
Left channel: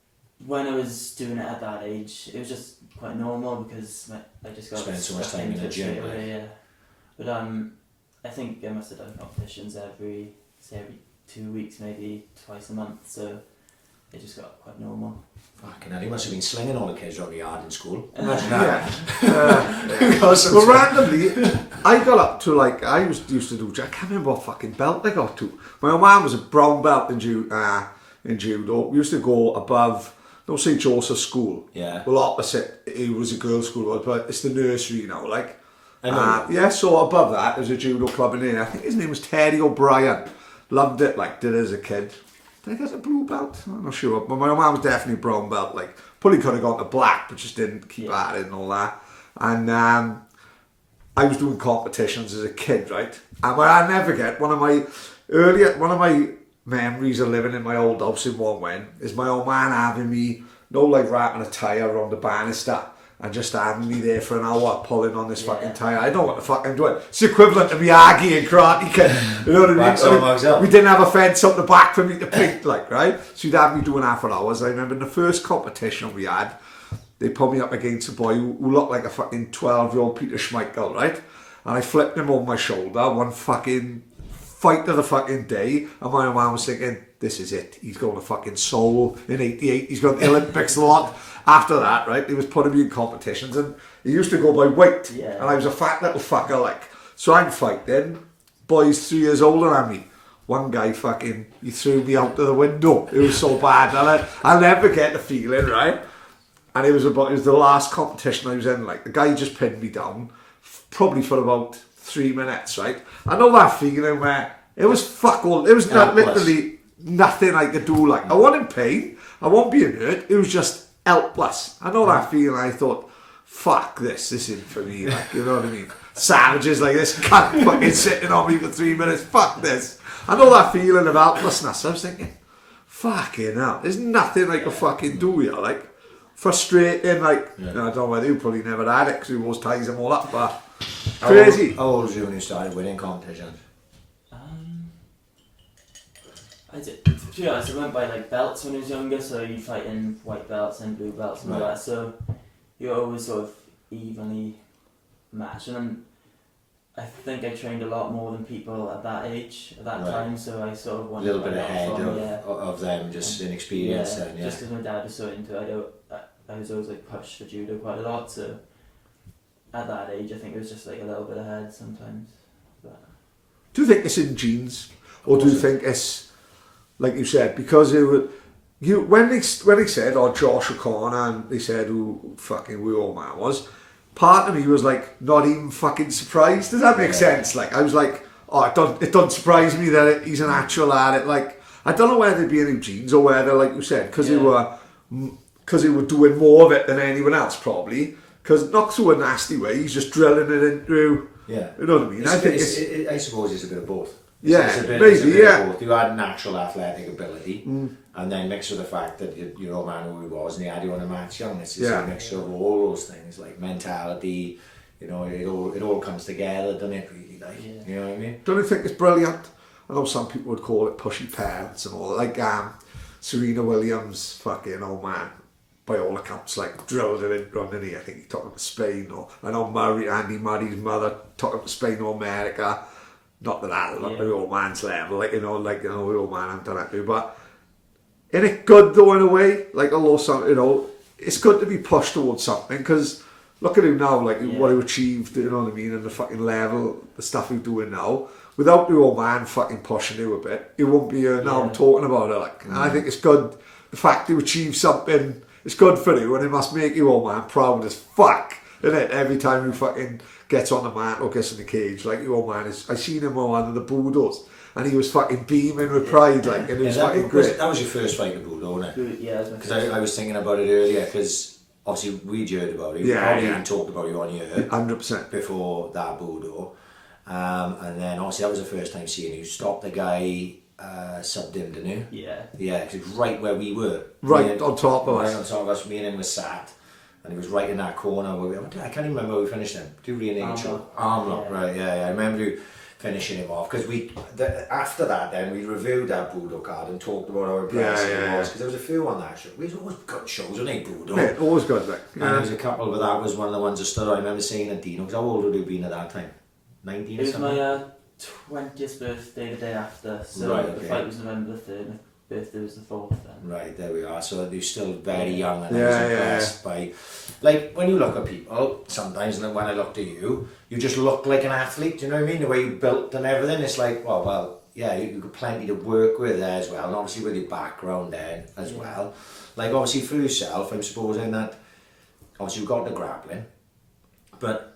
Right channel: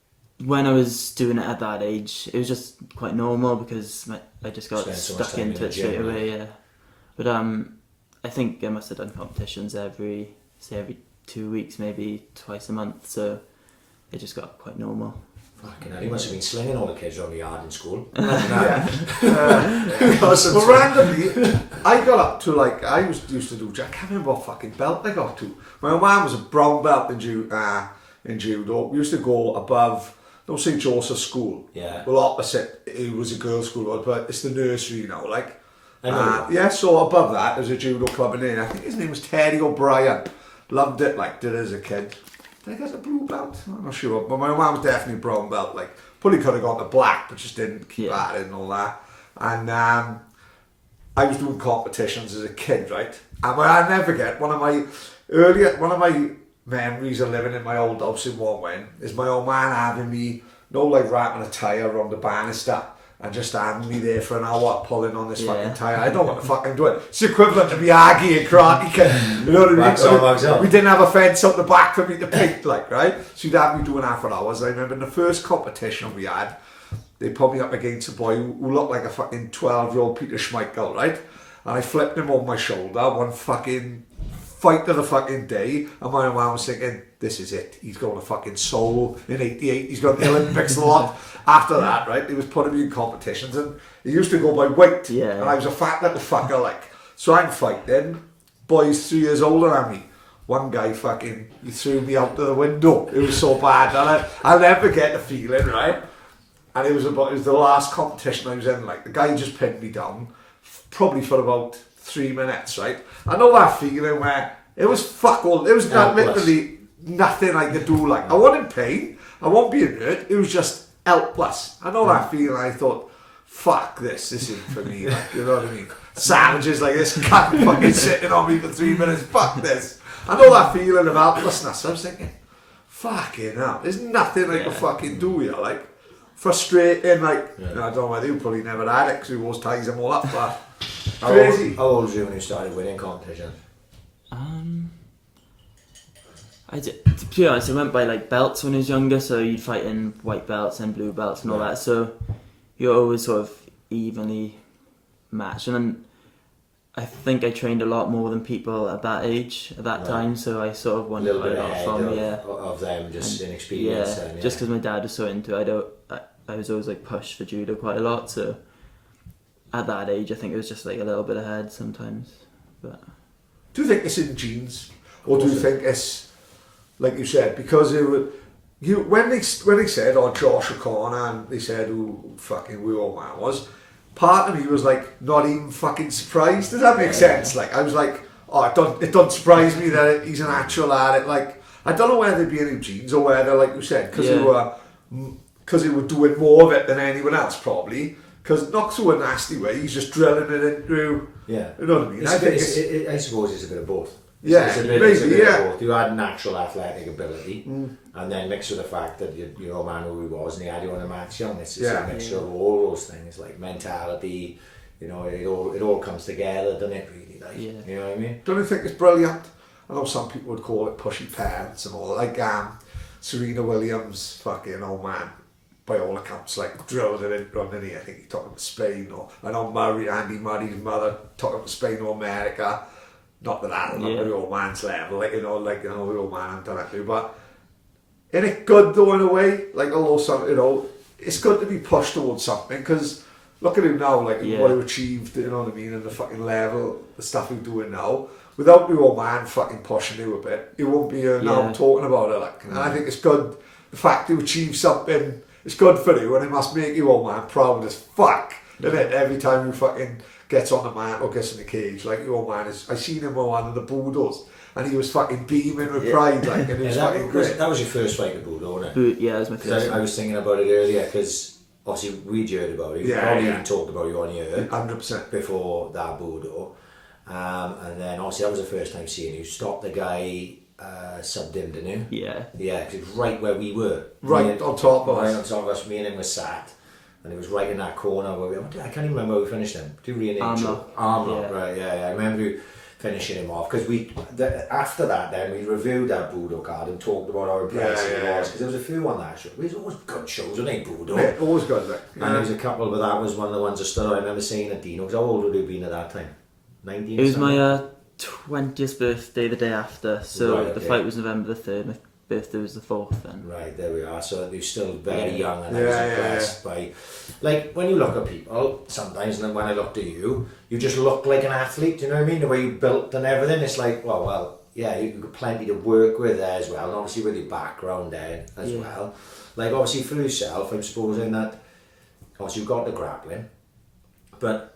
when I was doing it at that age, it was just quite normal because I just got stuck into it straight away. Yeah, but I think I must have done competitions every 2 weeks, maybe twice a month, so it just got quite normal. Fucking hell, he must have been slinging all the kids around the yard in school. Well, randomly, I got up to like, I used to do, I can't remember what fucking belt I got to. My old man was a brown belt in judo. We used to go above, St. Joseph's School. Yeah. Well, opposite, it was a girls' school, but it's the nursery now, like. I know. So above that, there's a judo club in there. I think his name was Terry O'Brien. Loved it, like, did it as a kid. Did I get a blue belt? I'm not sure. But my mum was definitely a brown belt. Like, probably could have gone to black, but just didn't keep at it and all that. And I was doing competitions as a kid, right? And I'll never get one of my memories of living in my old house in Warren is my old man having me, wrapping a tyre around the banister and just having me there for an hour pulling on this fucking tyre. I don't know what the fuck I'm doing. It's the equivalent to Miyagi and Karate Kid. You know what I mean? We didn't have a fence up the back for me to paint, like, right? So you'd have me doing that for hours. I remember in the first competition we had, they put me up against a boy who looked like a fucking 12-year-old Peter Schmeichel, right? And I flipped him over my shoulder, one fucking fight of the fucking day, and my man was thinking, this is it. He's going to fucking Seoul in '88. He's going to the Olympics a lot. After that, right, he was putting me in competitions, and he used to go by weight, and I was a fat little fucker, like. So I'm fighting, boys 3 years older than me. One guy he threw me out of the window. It was so bad, and I'll never get the feeling, right? And it was the last competition I was in, like, the guy just pinned me down, probably for about 3 minutes, right? I know that feeling where it was fuck all, it was literally nothing I could do, like, I wasn't in pain, I wasn't being hurt, it was just helpless. I know that feeling. I thought, fuck this isn't for me, like, you know what I mean? Savages like this can't fucking sitting on me for 3 minutes, fuck this. I know that feeling of helplessness. I was thinking, fucking hell, there's nothing I can fucking do here, like, frustrating, like, I don't know whether you probably never had it because we always ties them all up, but crazy. How old were you when you started winning competitions? To be honest, I went by like belts when I was younger, so you'd fight in white belts and blue belts and all that, so you're always sort of evenly matched. And then I think I trained a lot more than people at that age, at that time, so I sort of won a little bit ahead of them, just inexperienced. Yeah, just because my dad was so into it, I was always like pushed for judo quite a lot, so at that age I think it was just like a little bit ahead sometimes. But do you think it's in genes, or do you think it's, like you said, because it would, when they said, Josh O'Connor, and they said who old man was, part of me was like not even fucking surprised. Does that make sense? Like, I was like, it doesn't surprise me that he's an actual at it. Like, I don't know whether there'd be any genes or whether, like you said, because they were doing more of it than anyone else probably. Because not through a nasty way, he's just drilling it into. Yeah, you know what I mean. I suppose it's a bit of both. It's a bit of both. You had natural athletic ability, and then mixed with the fact that your old man who he was, and he had you on a match young. It's a mixture of all those things, like mentality. You know, it all comes together, doesn't it? Really, like, you know what I mean? Don't you think it's brilliant? I know some people would call it pushy parents and all that. Like Serena Williams, fucking old man, by all accounts, like drilled it in running here. I think he took him to Spain, or I know Andy Murray's mother took him to Spain or America. Not that I love the old man's level, the old man I'm done it to, but isn't it good though in a way? Like, although some, it's good to be pushed towards something, because look at him now, like what he achieved, you know what I mean, and the fucking level, the stuff he's doing now. Without the old man fucking pushing you a bit, he won't be here now talking about it. Like, and I think it's good, the fact you achieve something, it's good for you, and it must make you, old man, proud as fuck, isn't it? Every time you fucking gets on the mat or gets in the cage, like your old man is. I seen him on one of the Budos, and he was fucking beaming with pride, like, and it was fucking great. That was your first fight at Budo, wasn't it? Yeah, it was my first. I was thinking about it earlier, because obviously we'd heard about it. We even talked about you on here 100% before that Budo, and then obviously that was the first time seeing you stop the guy. Subbed him, didn't you? Yeah, because it was right where we were. Right on top of us. Right on top of us. Me and him were sat, and it was right in that corner where I can't even remember where we finished him. Do we Armlock, right? Yeah. I remember you finishing him off, because after that then we reviewed that Budo card and talked about how impressive it was, because there was a few on that show. It was always good shows, wasn't it, Budo? Yeah, always good, like. And there was a couple, but that was one of the ones that stood out. I remember saying at Dino, because how old would you have been at that time? 19? It was my 20th birthday the day after, so the fight was November the 3rd, my birthday was the 4th then. Right, there we are. So you're still very young, and I was impressed by, like, when you look at people, sometimes when I looked at you, you just look like an athlete, do you know what I mean? The way you built and everything, it's like, well, yeah, you've got plenty to work with there as well, and obviously with your background there as well. Like, obviously for yourself, I'm supposing that, obviously you've got the grappling, but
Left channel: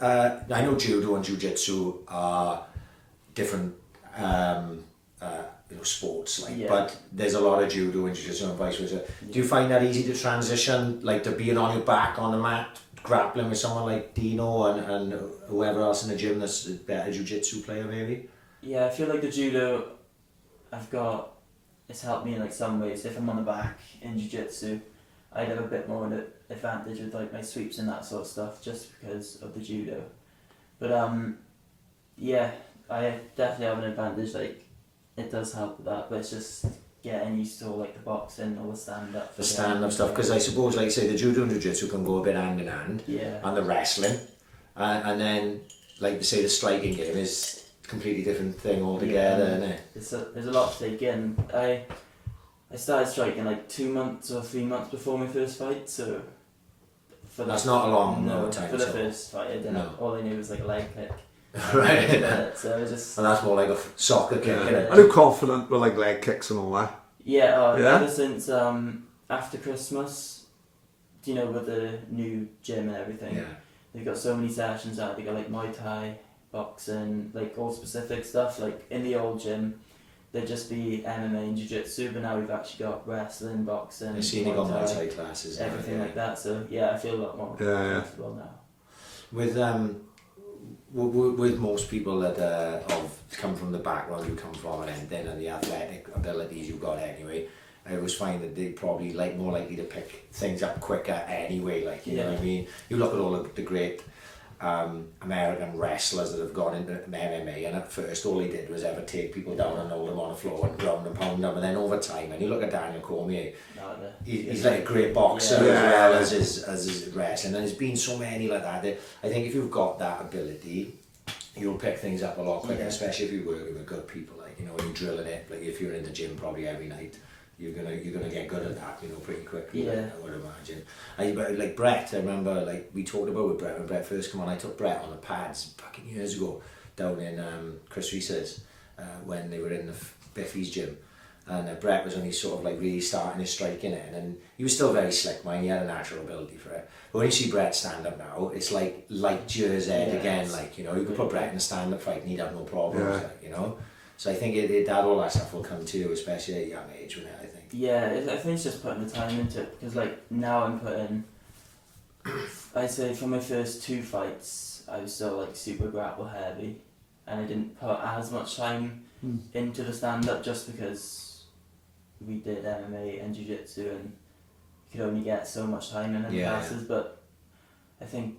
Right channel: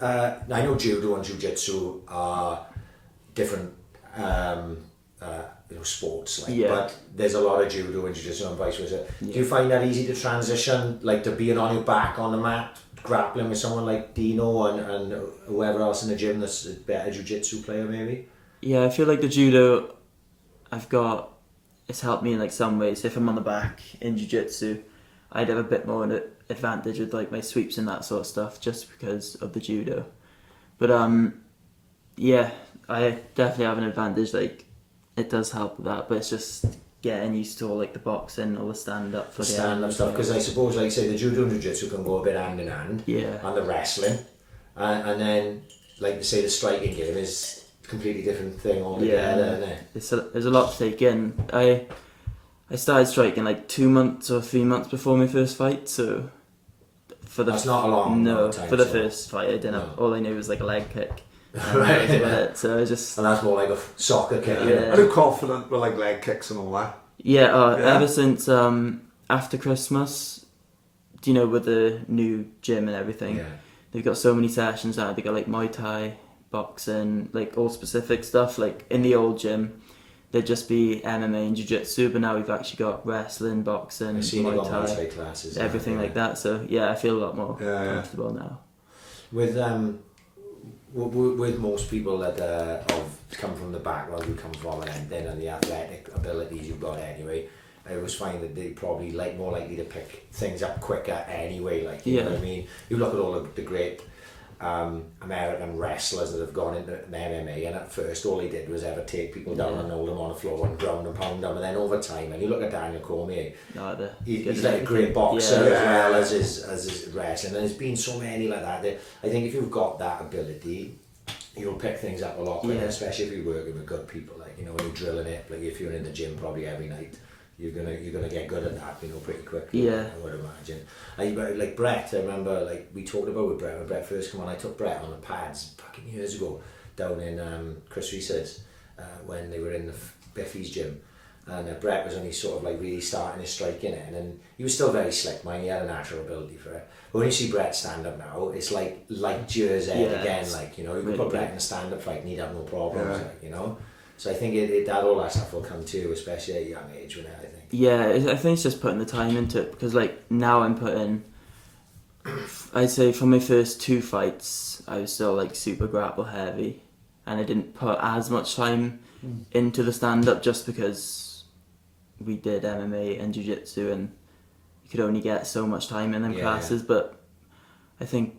I know Judo and Jiu-Jitsu are different sports, but there's a lot of Judo and Jiu-Jitsu and vice versa. Do you find that easy to transition, like to being on your back on the mat, grappling with someone like Dino and whoever else in the gym that's a better Jiu-Jitsu player maybe? Yeah, I feel like the Judo it's helped me in like some ways. If I'm on the back in Jiu-Jitsu, I'd have a bit more advantage with like my sweeps and that sort of stuff, just because of the Judo. But I definitely have an advantage. Like, it does help with that, but it's just getting used to all like the boxing, all the stand-up. The stand-up stuff, because I suppose, like you say, the Judo and Jiu-Jitsu can go a bit hand in hand. Yeah. And the wrestling, and then, like you say, the striking game is a completely different thing altogether, isn't it? There's a lot to take in. I started striking like 2 months or 3 months before my first fight, so that's not a long time. For the first fight, I didn't. No. All I knew was like a leg kick. Right. So I just. And that's more like a soccer kick. Yeah. Are you confident with like leg kicks and all that? Yeah. Ever since after Christmas, with the new gym and everything, they've got so many sessions now. They got like Muay Thai, boxing, like all specific stuff. Like in the old gym, there'd just be MMA and Jiu-Jitsu, but now we've actually got wrestling, boxing, I've seen you got Muay Thai classes, everything like that. So yeah, I feel a lot more comfortable now. With most people that have come from the background you come from, and then the athletic abilities you've got anyway, I always find that they're probably more likely to pick things up quicker anyway. Like, you know what I mean? You look at all of the great American wrestlers that have gone into MMA, and at first all he did was ever take people down and hold them on the floor and ground and pound them, and then over time, and you look at Daniel Cormier, he's like a great boxer as well as his wrestling, and there's been so many like that. I think if you've got that ability, you'll pick things up a lot quicker, especially if you're working with good people, like, when you're drilling it, like if you're in the gym probably every night, you're gonna get good at that, pretty quickly. I would imagine. Like Brett, I remember, like we talked about with Brett when Brett first came on. I took Brett on the pads fucking years ago down in Chris Reese's when they were in the Biffy's gym, and Brett was only sort of like really starting his striking in, and he was still very slick, man. He had a natural ability for it. But when you see Brett stand up now, it's like light years ahead again. Like, you could put Brett in a stand up fight and he'd have no problems. Like, So I think that all that stuff will come too, especially at a young age. I think. Yeah, I think it's just putting the time into it, because like now I'm putting. I'd say for my first 2 fights, I was still like super grapple heavy, and I didn't put as much time into the stand up, just because we did MMA and Jiu-Jitsu, and you could only get so much time in them classes. But I think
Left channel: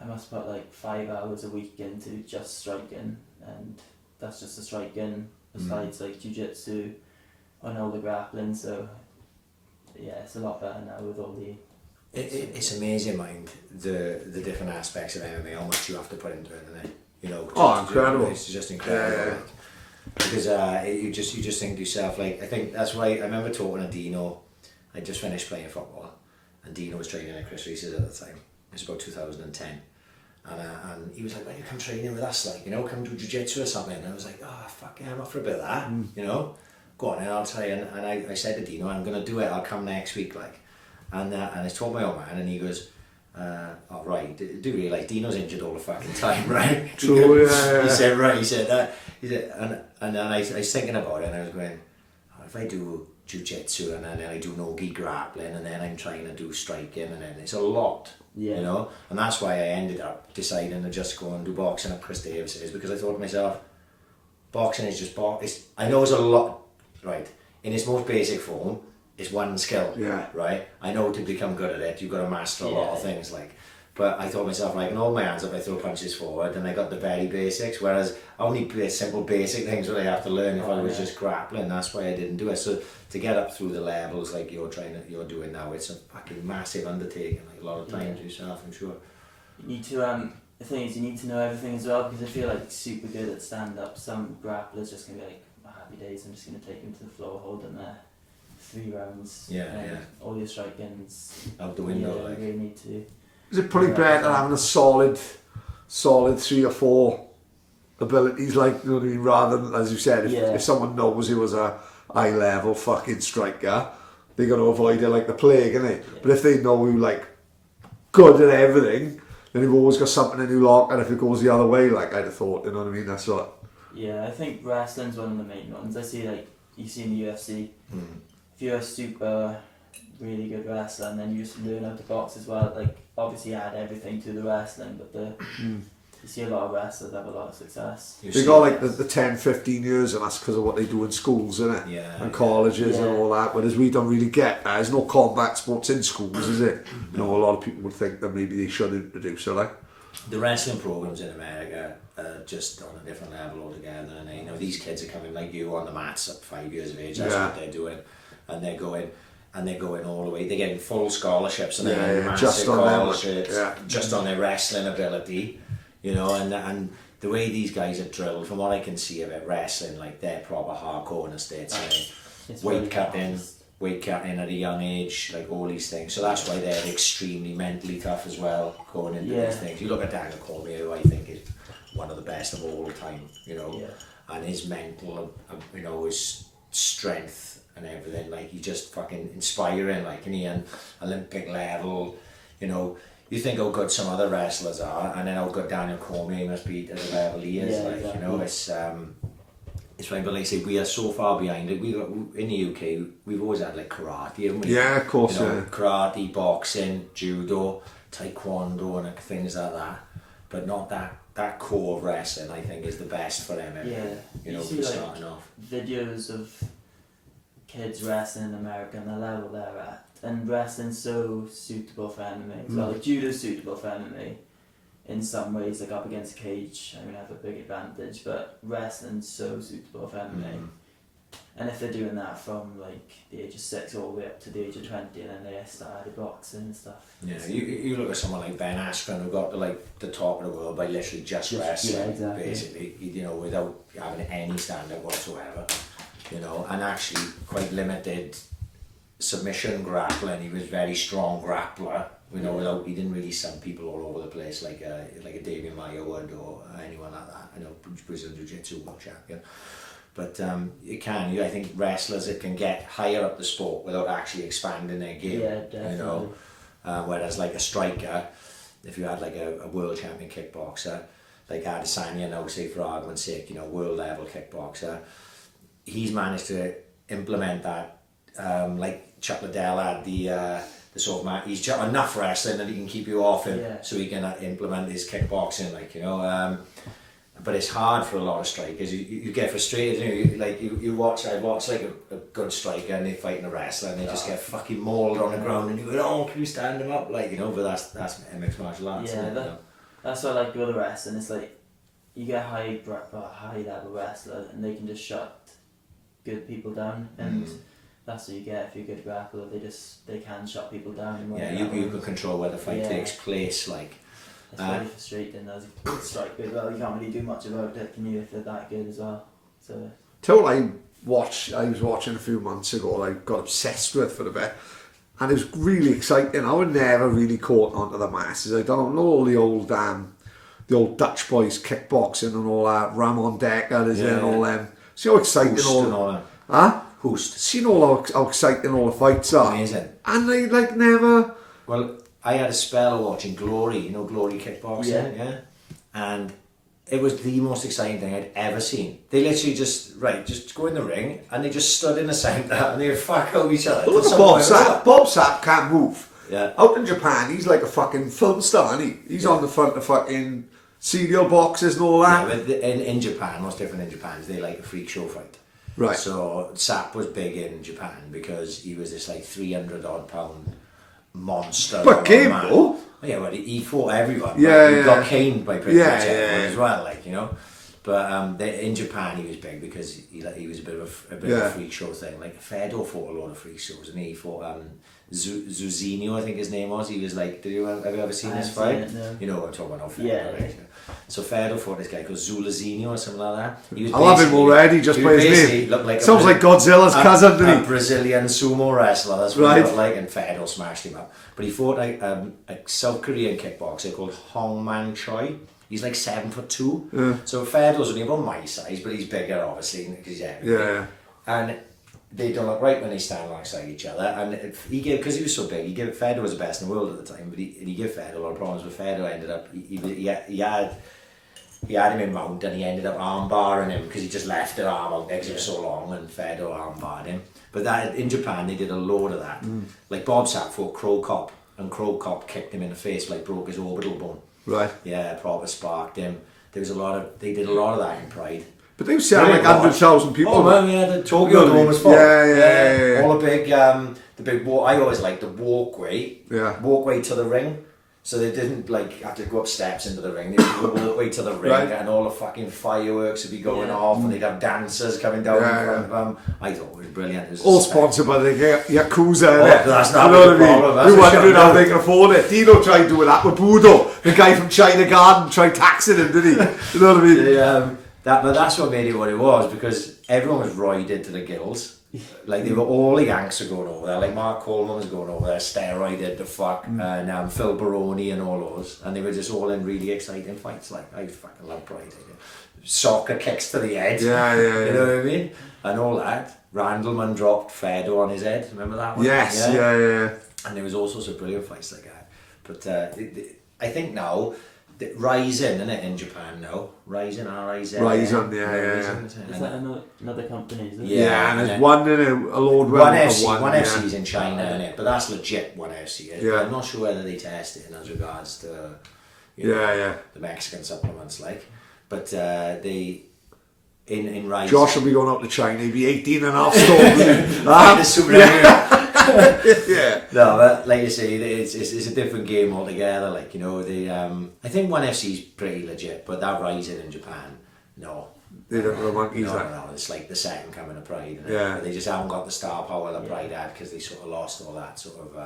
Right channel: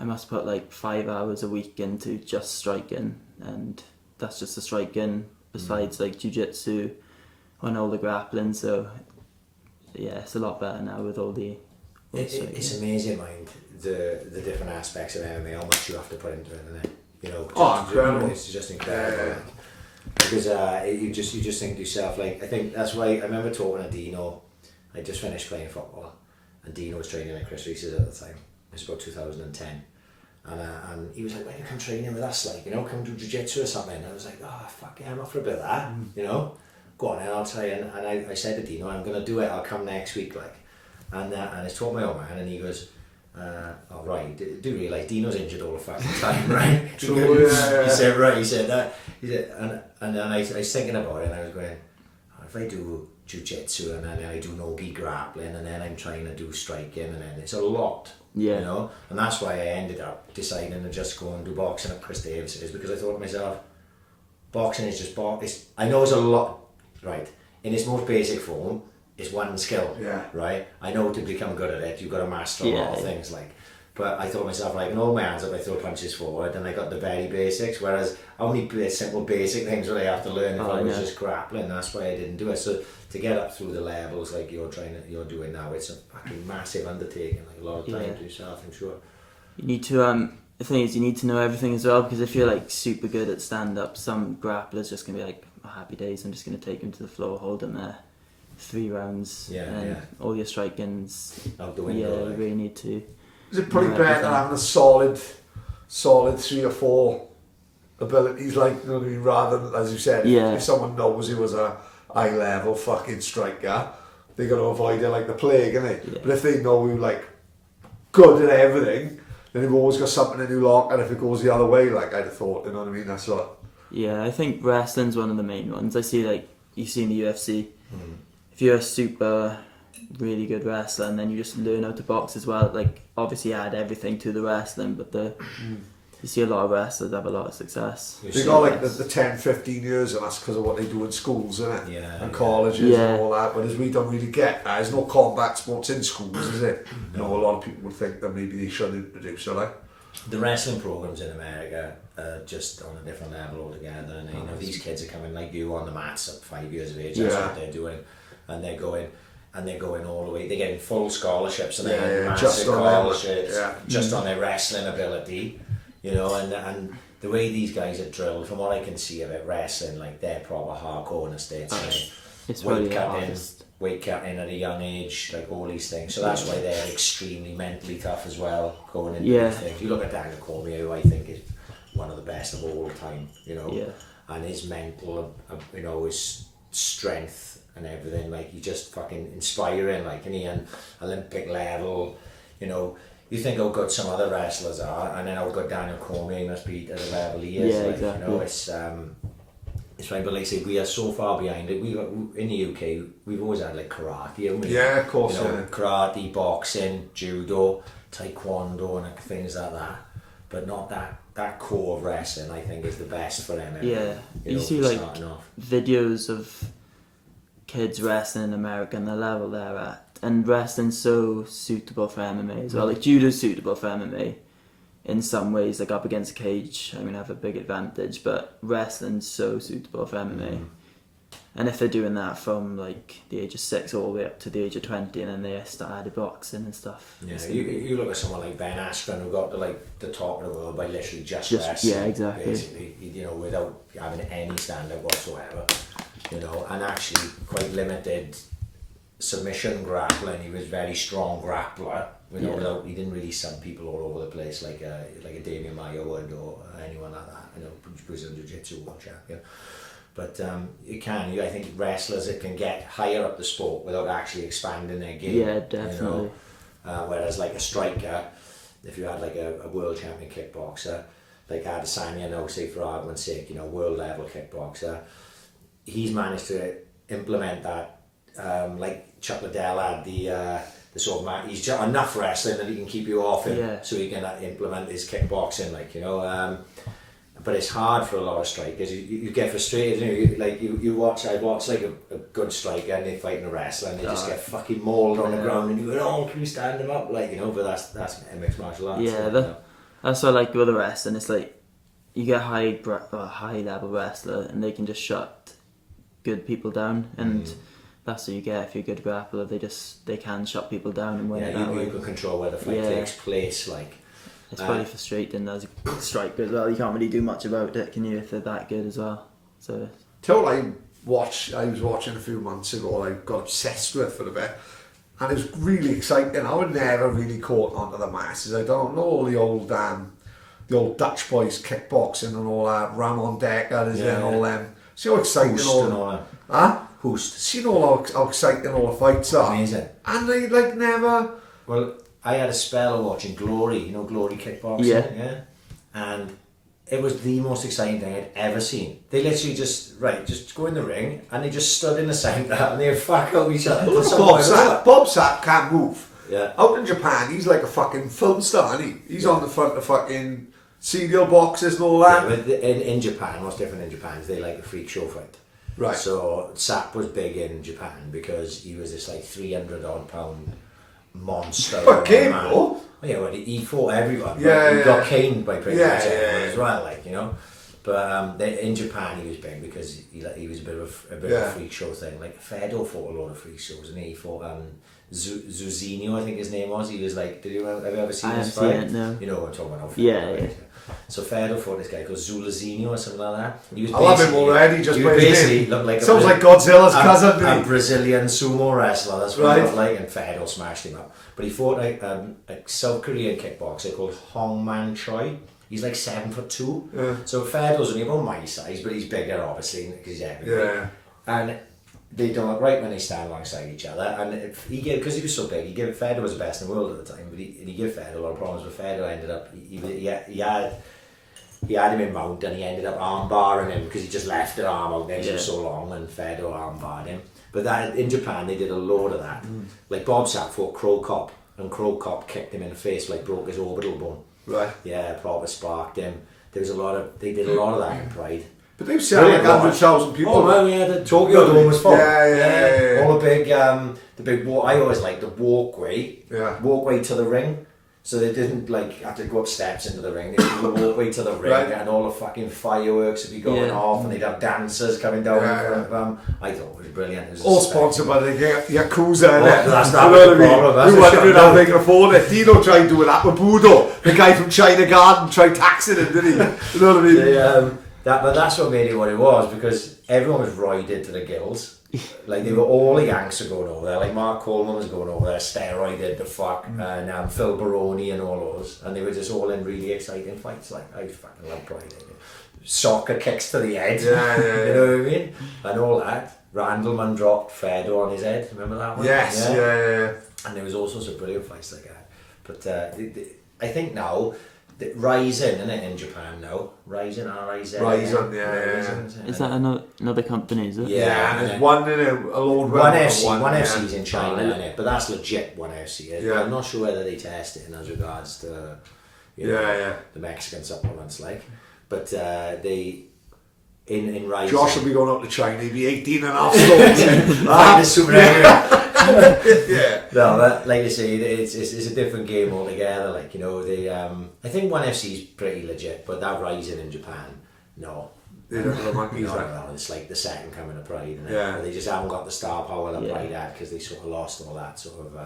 I must put like 5 hours a week into just striking, and that's just the striking. Besides like jiu-jitsu and all the grappling, so yeah, it's a lot better now with all the. It's amazing, mind the different aspects of MMA, how much you have to put into it, isn't it? You know, incredible! It's just incredible. Yeah. Like, because you just think to yourself, like, I think that's why I remember talking to Dino. I just finished playing football, and Dino was training at Chris Reese's at the time. It was about 2010. And he was like, "Why don't you come training with us, like, you know, come do jiu-jitsu or something?" And I was like, "Oh, fuck yeah, I'm up for a bit of that, you know, go on, and I'll try." And I said to Dino, "I'm going to do it, I'll come next week," like, and I told my old man, and he goes, "Oh, right, do realise Dino's injured all the fucking time, right?" True, yeah. He said, "Right," he said, and then I was thinking about it, and I was going, oh, if I do jiu-jitsu, and then I do no-gi grappling, and then I'm trying to do striking, and then it's a lot. Yeah. You know, and that's why I ended up deciding to just go and do boxing at Chris Davis's, because I thought to myself, boxing is just boxing. I know it's a lot, right? In its most basic form, it's one skill, right? I know to become good at it, you've got to master a lot of things, like. But I thought to myself, I can hold my hands up, I throw punches forward, and I got the very basics. Whereas I only play simple basic things that I have to learn if I was just grappling. That's why I didn't do it. So to get up through the levels like you're doing now, it's a fucking massive undertaking. Like a lot of time to yourself, I'm sure. You need to the thing is, you need to know everything as well, because if you're like super good at stand up, some grapplers just gonna be like, oh, happy days, I'm just gonna take him to the floor, hold him there 3 rounds, and all your striking's out the window. Yeah, you really need to. Is it probably better having a solid 3 or 4 abilities, like, you know what I mean, rather than, as you said, if someone knows he was a high level fucking striker, they're going to avoid it like the plague, innit? Yeah. But if they know you like good at everything, then you've always got something in your lock, and if it goes the other way, like I'd have thought, you know what I mean? That's what. Yeah, I think wrestling's one of the main ones. I see, like, you see in the UFC, if you're a super really good wrestler and then you just learn how to box as well, like, obviously add everything to the wrestling, but you see a lot of wrestlers have a lot of success. They got like the 10, 15 years, and that's because of what they do in schools, isn't it? Yeah. And colleges and all that. Whereas we don't really get that. There's no combat sports in schools, is it? You know, a lot of people would think that maybe they should introduce it, like. The wrestling programs in America are just on a different level altogether, and you know, these kids are coming like you on the mats at 5 years of age. That's what they're doing, and they're going all the way. They're getting full scholarships, and they're getting massive scholarships just on their wrestling ability, you know. And the way these guys are drilled, from what I can see of it, wrestling, like, they're proper hardcore in the States. It's weight cutting at a young age, like all these things. So that's why they're extremely mentally tough as well, going into these things. You look at Daniel Cormier, who I think is one of the best of all time, you know, and his mental, you know, his strength and everything, like, he's just fucking inspiring, like, and he an Olympic level, you know. You think how good some other wrestlers are, and then how good Daniel Cormier must be at the level he is, you know. It's right, but like I say, we are so far behind it. We in the UK, we've always had like karate, haven't we? Yeah, of course. You know, karate, boxing, judo, taekwondo, and things like that. But not that core of wrestling. I think is the best for them. Yeah, you see like videos of kids wrestling in America and the level they're at, and wrestling's so suitable for MMA as well. Like, judo's suitable for MMA. In some ways, like, up against a cage, I mean, I have a big advantage, but wrestling's so suitable for MMA. And if they're doing that from like the age of 6 all the way up to the age of 20, and then they started boxing and stuff. Yeah, you look at someone like Ben Askren, who got to like the top of the world by literally just wrestling, basically, you know, without having any stand-up whatsoever, you know, and actually quite limited submission grappling. He was very strong grappler. You know, he didn't really sub people all over the place like a Damian Maia would, or anyone like that. You know, Brazilian Jiu-Jitsu world champion. But I think wrestlers, it can get higher up the sport without actually expanding their game. Yeah, definitely. You know, whereas like a striker, if you had like a world champion kickboxer, like Adesanya now, say for argument's sake, you know, world level kickboxer, he's managed to implement that. Like Chuck Liddell had the sort of he's got enough wrestling that he can keep you off him, so he can implement his kickboxing, like, you know. But it's hard for a lot of strikers. You get frustrated. You watch. I watch like a good striker, and they fighting a wrestler, and they just get fucking mauled on the ground, and you go, "Oh, can you stand him up?" Like, you know. But that's mixed martial arts. Yeah, that's what I like with the wrestling. It's like you get a high level wrestler and they can just shut good people down, and that's what you get if you're a good grappler. They can shut people down and win. Yeah, you can control where the fight takes place. Like, it's pretty frustrating as a striker as well. You can't really do much about it, can you, if they're that good as well? So. Till I was watching a few months ago. I got obsessed with for a bit. And it was really exciting. I would never really caught on to the masses. I don't know all the old Dutch boys kickboxing and all that. Ramon Decker is in all them. See how exciting Host. See how exciting all the fights are. Amazing. And they like never. Well, I had a spell watching Glory. You know Glory kickboxing. Yeah. And it was the most exciting thing I'd ever seen. They literally just go in the ring and they just stood in the centre and they'd fuck out each other. Bob Sapp can't move. Yeah. Out in Japan, he's like a fucking film star, isn't he? He's on the front of fucking cereal boxes and all that. Yeah, but in Japan, what's different in Japan is they like a freak show fight. Right. So Sapp was big in Japan because he was this like 300 odd pound monster. But game though. Yeah, well, he fought everyone. Yeah, he got caned by pretty much everyone yeah. as well, like, you know. But in Japan, he was big because he was a bit of a freak show thing. Like Fedor fought a lot of freak shows, and he fought Zuzinho, I think his name was. He was like, have you ever seen this fight? No. You know what I'm talking about? Yeah. Right? So Fedor fought this guy called Zulazinho or something like that. He was I love him already just by his name. Looked like sounds like Godzilla's cousin, doesn't he? A Brazilian sumo wrestler. That's what he looked like, and Fedor smashed him up. But he fought a South Korean kickboxer called Hong Man Choi. He's like 7'2". So Fedor's only about my size, but he's bigger obviously because he's heavy. Yeah. And they don't look right when they stand alongside each other. And because he was so big, Fedor was the best in the world at the time, but he gave Fedor a lot of problems. But Fedor ended up he had him in mount and he ended up arm barring him because he just left the arm out there because it was so long, and Fedor arm barred him. But that in Japan they did a load of that. Like Bob Sapp fought Crow Cop, and Crow Cop kicked him in the face, like broke his orbital bone. Right. Yeah, proper sparked him. They did a lot of that in Pride. But they were selling like 100,000 people. Oh man, yeah, the Tokyo Dome was full. Yeah. All the big walk. I always liked the walkway. Yeah. Walkway to the ring. So they didn't like have to go up steps into the ring. They would go walkway to the ring, and all the fucking fireworks would be going off, and they'd have dancers coming down in front of them. I thought it was brilliant. It was all sponsored by the Yakuza. That's not the problem. Who wondered how they can afford it? Dino tried doing that with Budo. The guy from China Garden tried taxing him, didn't he? You know what I mean? But that's what made it what it was, because everyone was roided to the gills. Like they were all the Yanks were going over there. Like Mark Coleman was going over there, steroided the fuck, and Phil Baroni and all those, and they were just all in really exciting fights. Like I fucking love Pride. Soccer kicks to the head. Yeah. You know what I mean? And all that. Randleman dropped Fedor on his head. Remember that one? Yes. Yeah. And there was all sorts of brilliant fights like that. But I think now. Ryzen, isn't it, in Japan now? Ryzen, R-I-Z. Ryzen, yeah. Is that another company, is it? Yeah, and there's one in a Lord One FC's in China, innit? But that's legit, one FC. Yeah. I'm not sure whether they test it as regards to the Mexican supplements, like. But they... In Ryzen... Josh will be going up to China, he'll be 18 and a half stone. Yeah. No, but like I say, it's a different game altogether. Like, you know, I think one FC's pretty legit, but that Rising in Japan, no. They don't have the monkeys. No, it's like the second coming of Pride. Yeah. They just haven't got the star power that Pride had, because they sort of lost all that sort of.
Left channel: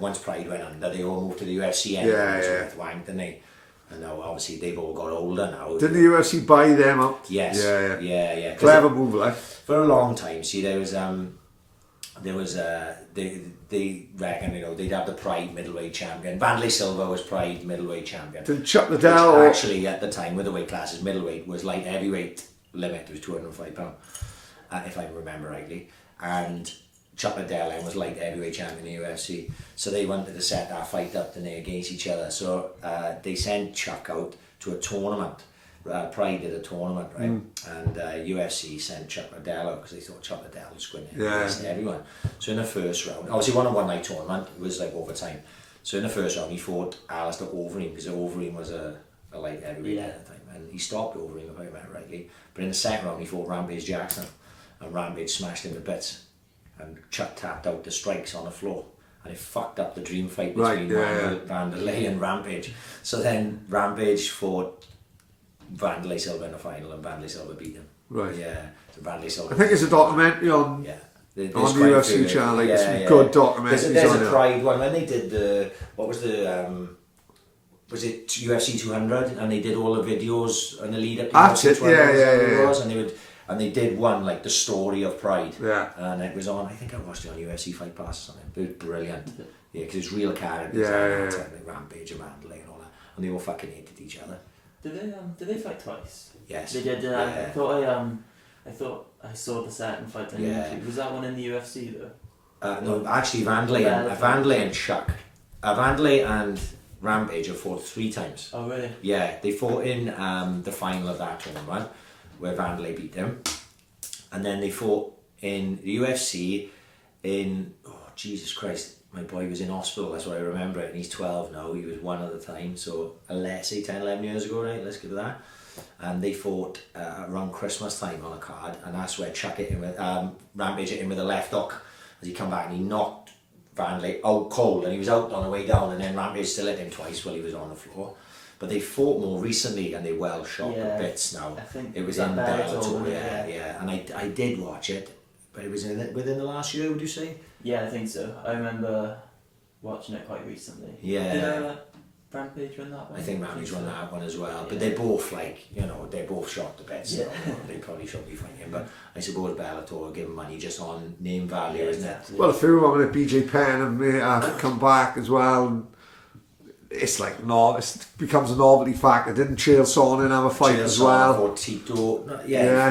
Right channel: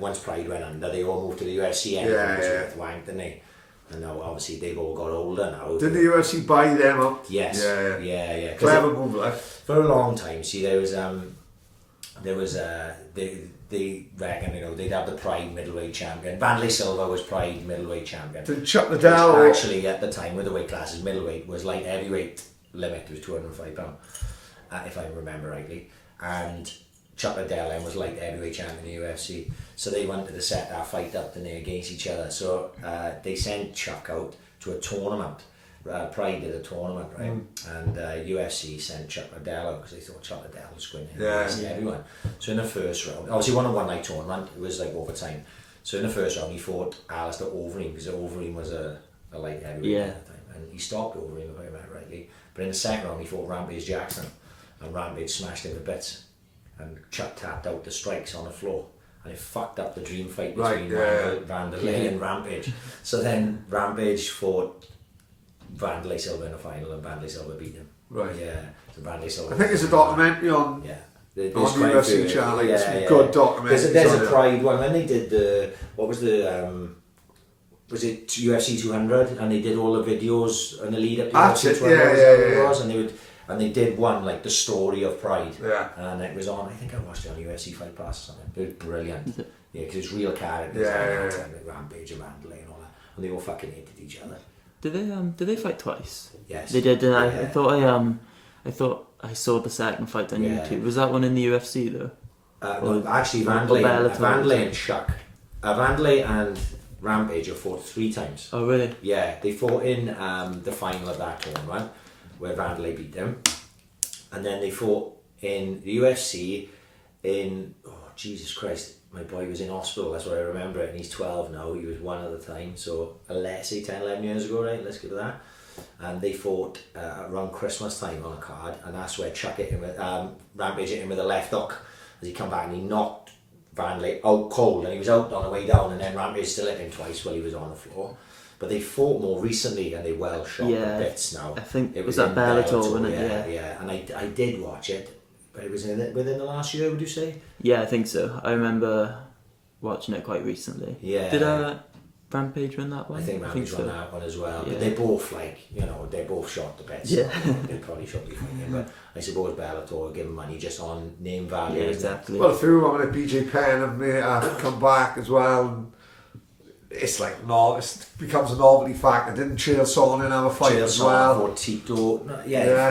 Once Pride went under, they all moved to the UFC and with wank, didn't they? And now obviously they've all got older now. Didn't the UFC buy them up? Yes. Yeah. Clever move, like. For a long time, see, they reckon, you know, they'd have the Pride middleweight champion. Vanderlei Silva was Pride middleweight champion. Did Chuck Liddell actually at the time with the weight classes, middleweight was light heavyweight limit, was £205, if I remember rightly. And Chuck Liddell then was light heavyweight champion in the UFC. So they wanted to set that fight up against each other. So they sent Chuck out to a tournament. Pride did a tournament, right? And UFC sent Chuck Liddell out because they thought Chuck Liddell was going to against everyone. So in the first round, obviously won a one-night tournament, it was like overtime. So in the first round he fought Alistair Overeem, because Overeem was a light heavyweight at the time, and he stopped Overeem, if I remember rightly. But in the second round he fought Rampage Jackson, and Rampage smashed him to bits, and Chuck tapped out the strikes on the floor. And it fucked up the dream fight between Vanderlei and Rampage. So then Rampage fought Vandalay Silva in the final, and Vandalay Silva beat him. Right. Yeah. So Vandalay Silva. I think there's a documentary on There's on the quite a UFC few. channel. Like, some good documentaries. There's on a it. Pride one when they did was it UFC 200, and they did all the videos and the lead up to That's UFC it, 200 and they did one like the story of Pride, and it was on. I think I watched it on UFC Fight Pass or something. It was brilliant, yeah, because it's real characters, like Rampage and Mandalay and all that, and they all fucking hated each other. Did they fight twice? Yes, they did. I thought I saw the second fight on YouTube. Was that one in the UFC though? No, actually, Vandalay and Chuck, Vandalay and Rampage have fought 3 times. Oh really? Yeah, they fought in the final of that tournament where Vandalay beat them, and then they fought in the UFC in Jesus Christ, my boy was in hospital, that's what I remember it, and he's 12 now. He was 1 at the time, so let's say 10, 11 years ago, right? Let's give it that. And they fought around Christmas time on a card, and that's where Chuck hit him with Rampage hit him with a left hook as he come back, and he knocked Vandalay out cold, and he was out on the way down, and then Rampage still hit him twice while he was on the floor. But they fought more recently, and they well shot the bits now. I think it was in Bellator, yeah. And I did watch it, but it was within the last year, would you say? Yeah, I think so. I remember watching it quite recently. Yeah. Did Rampage win that one? I think Rampage won that one as well. Yeah. But they both they both shot the bets. Yeah. So they probably shouldn't be fighting. But I suppose Bellator give them money just on name value. Yeah, isn't it? exactly. Well, a few of them, like BJ Penn and come back as well. And it's like it becomes a novelty factor. Didn't Chael Sonnen have a fight as well? Or Tito,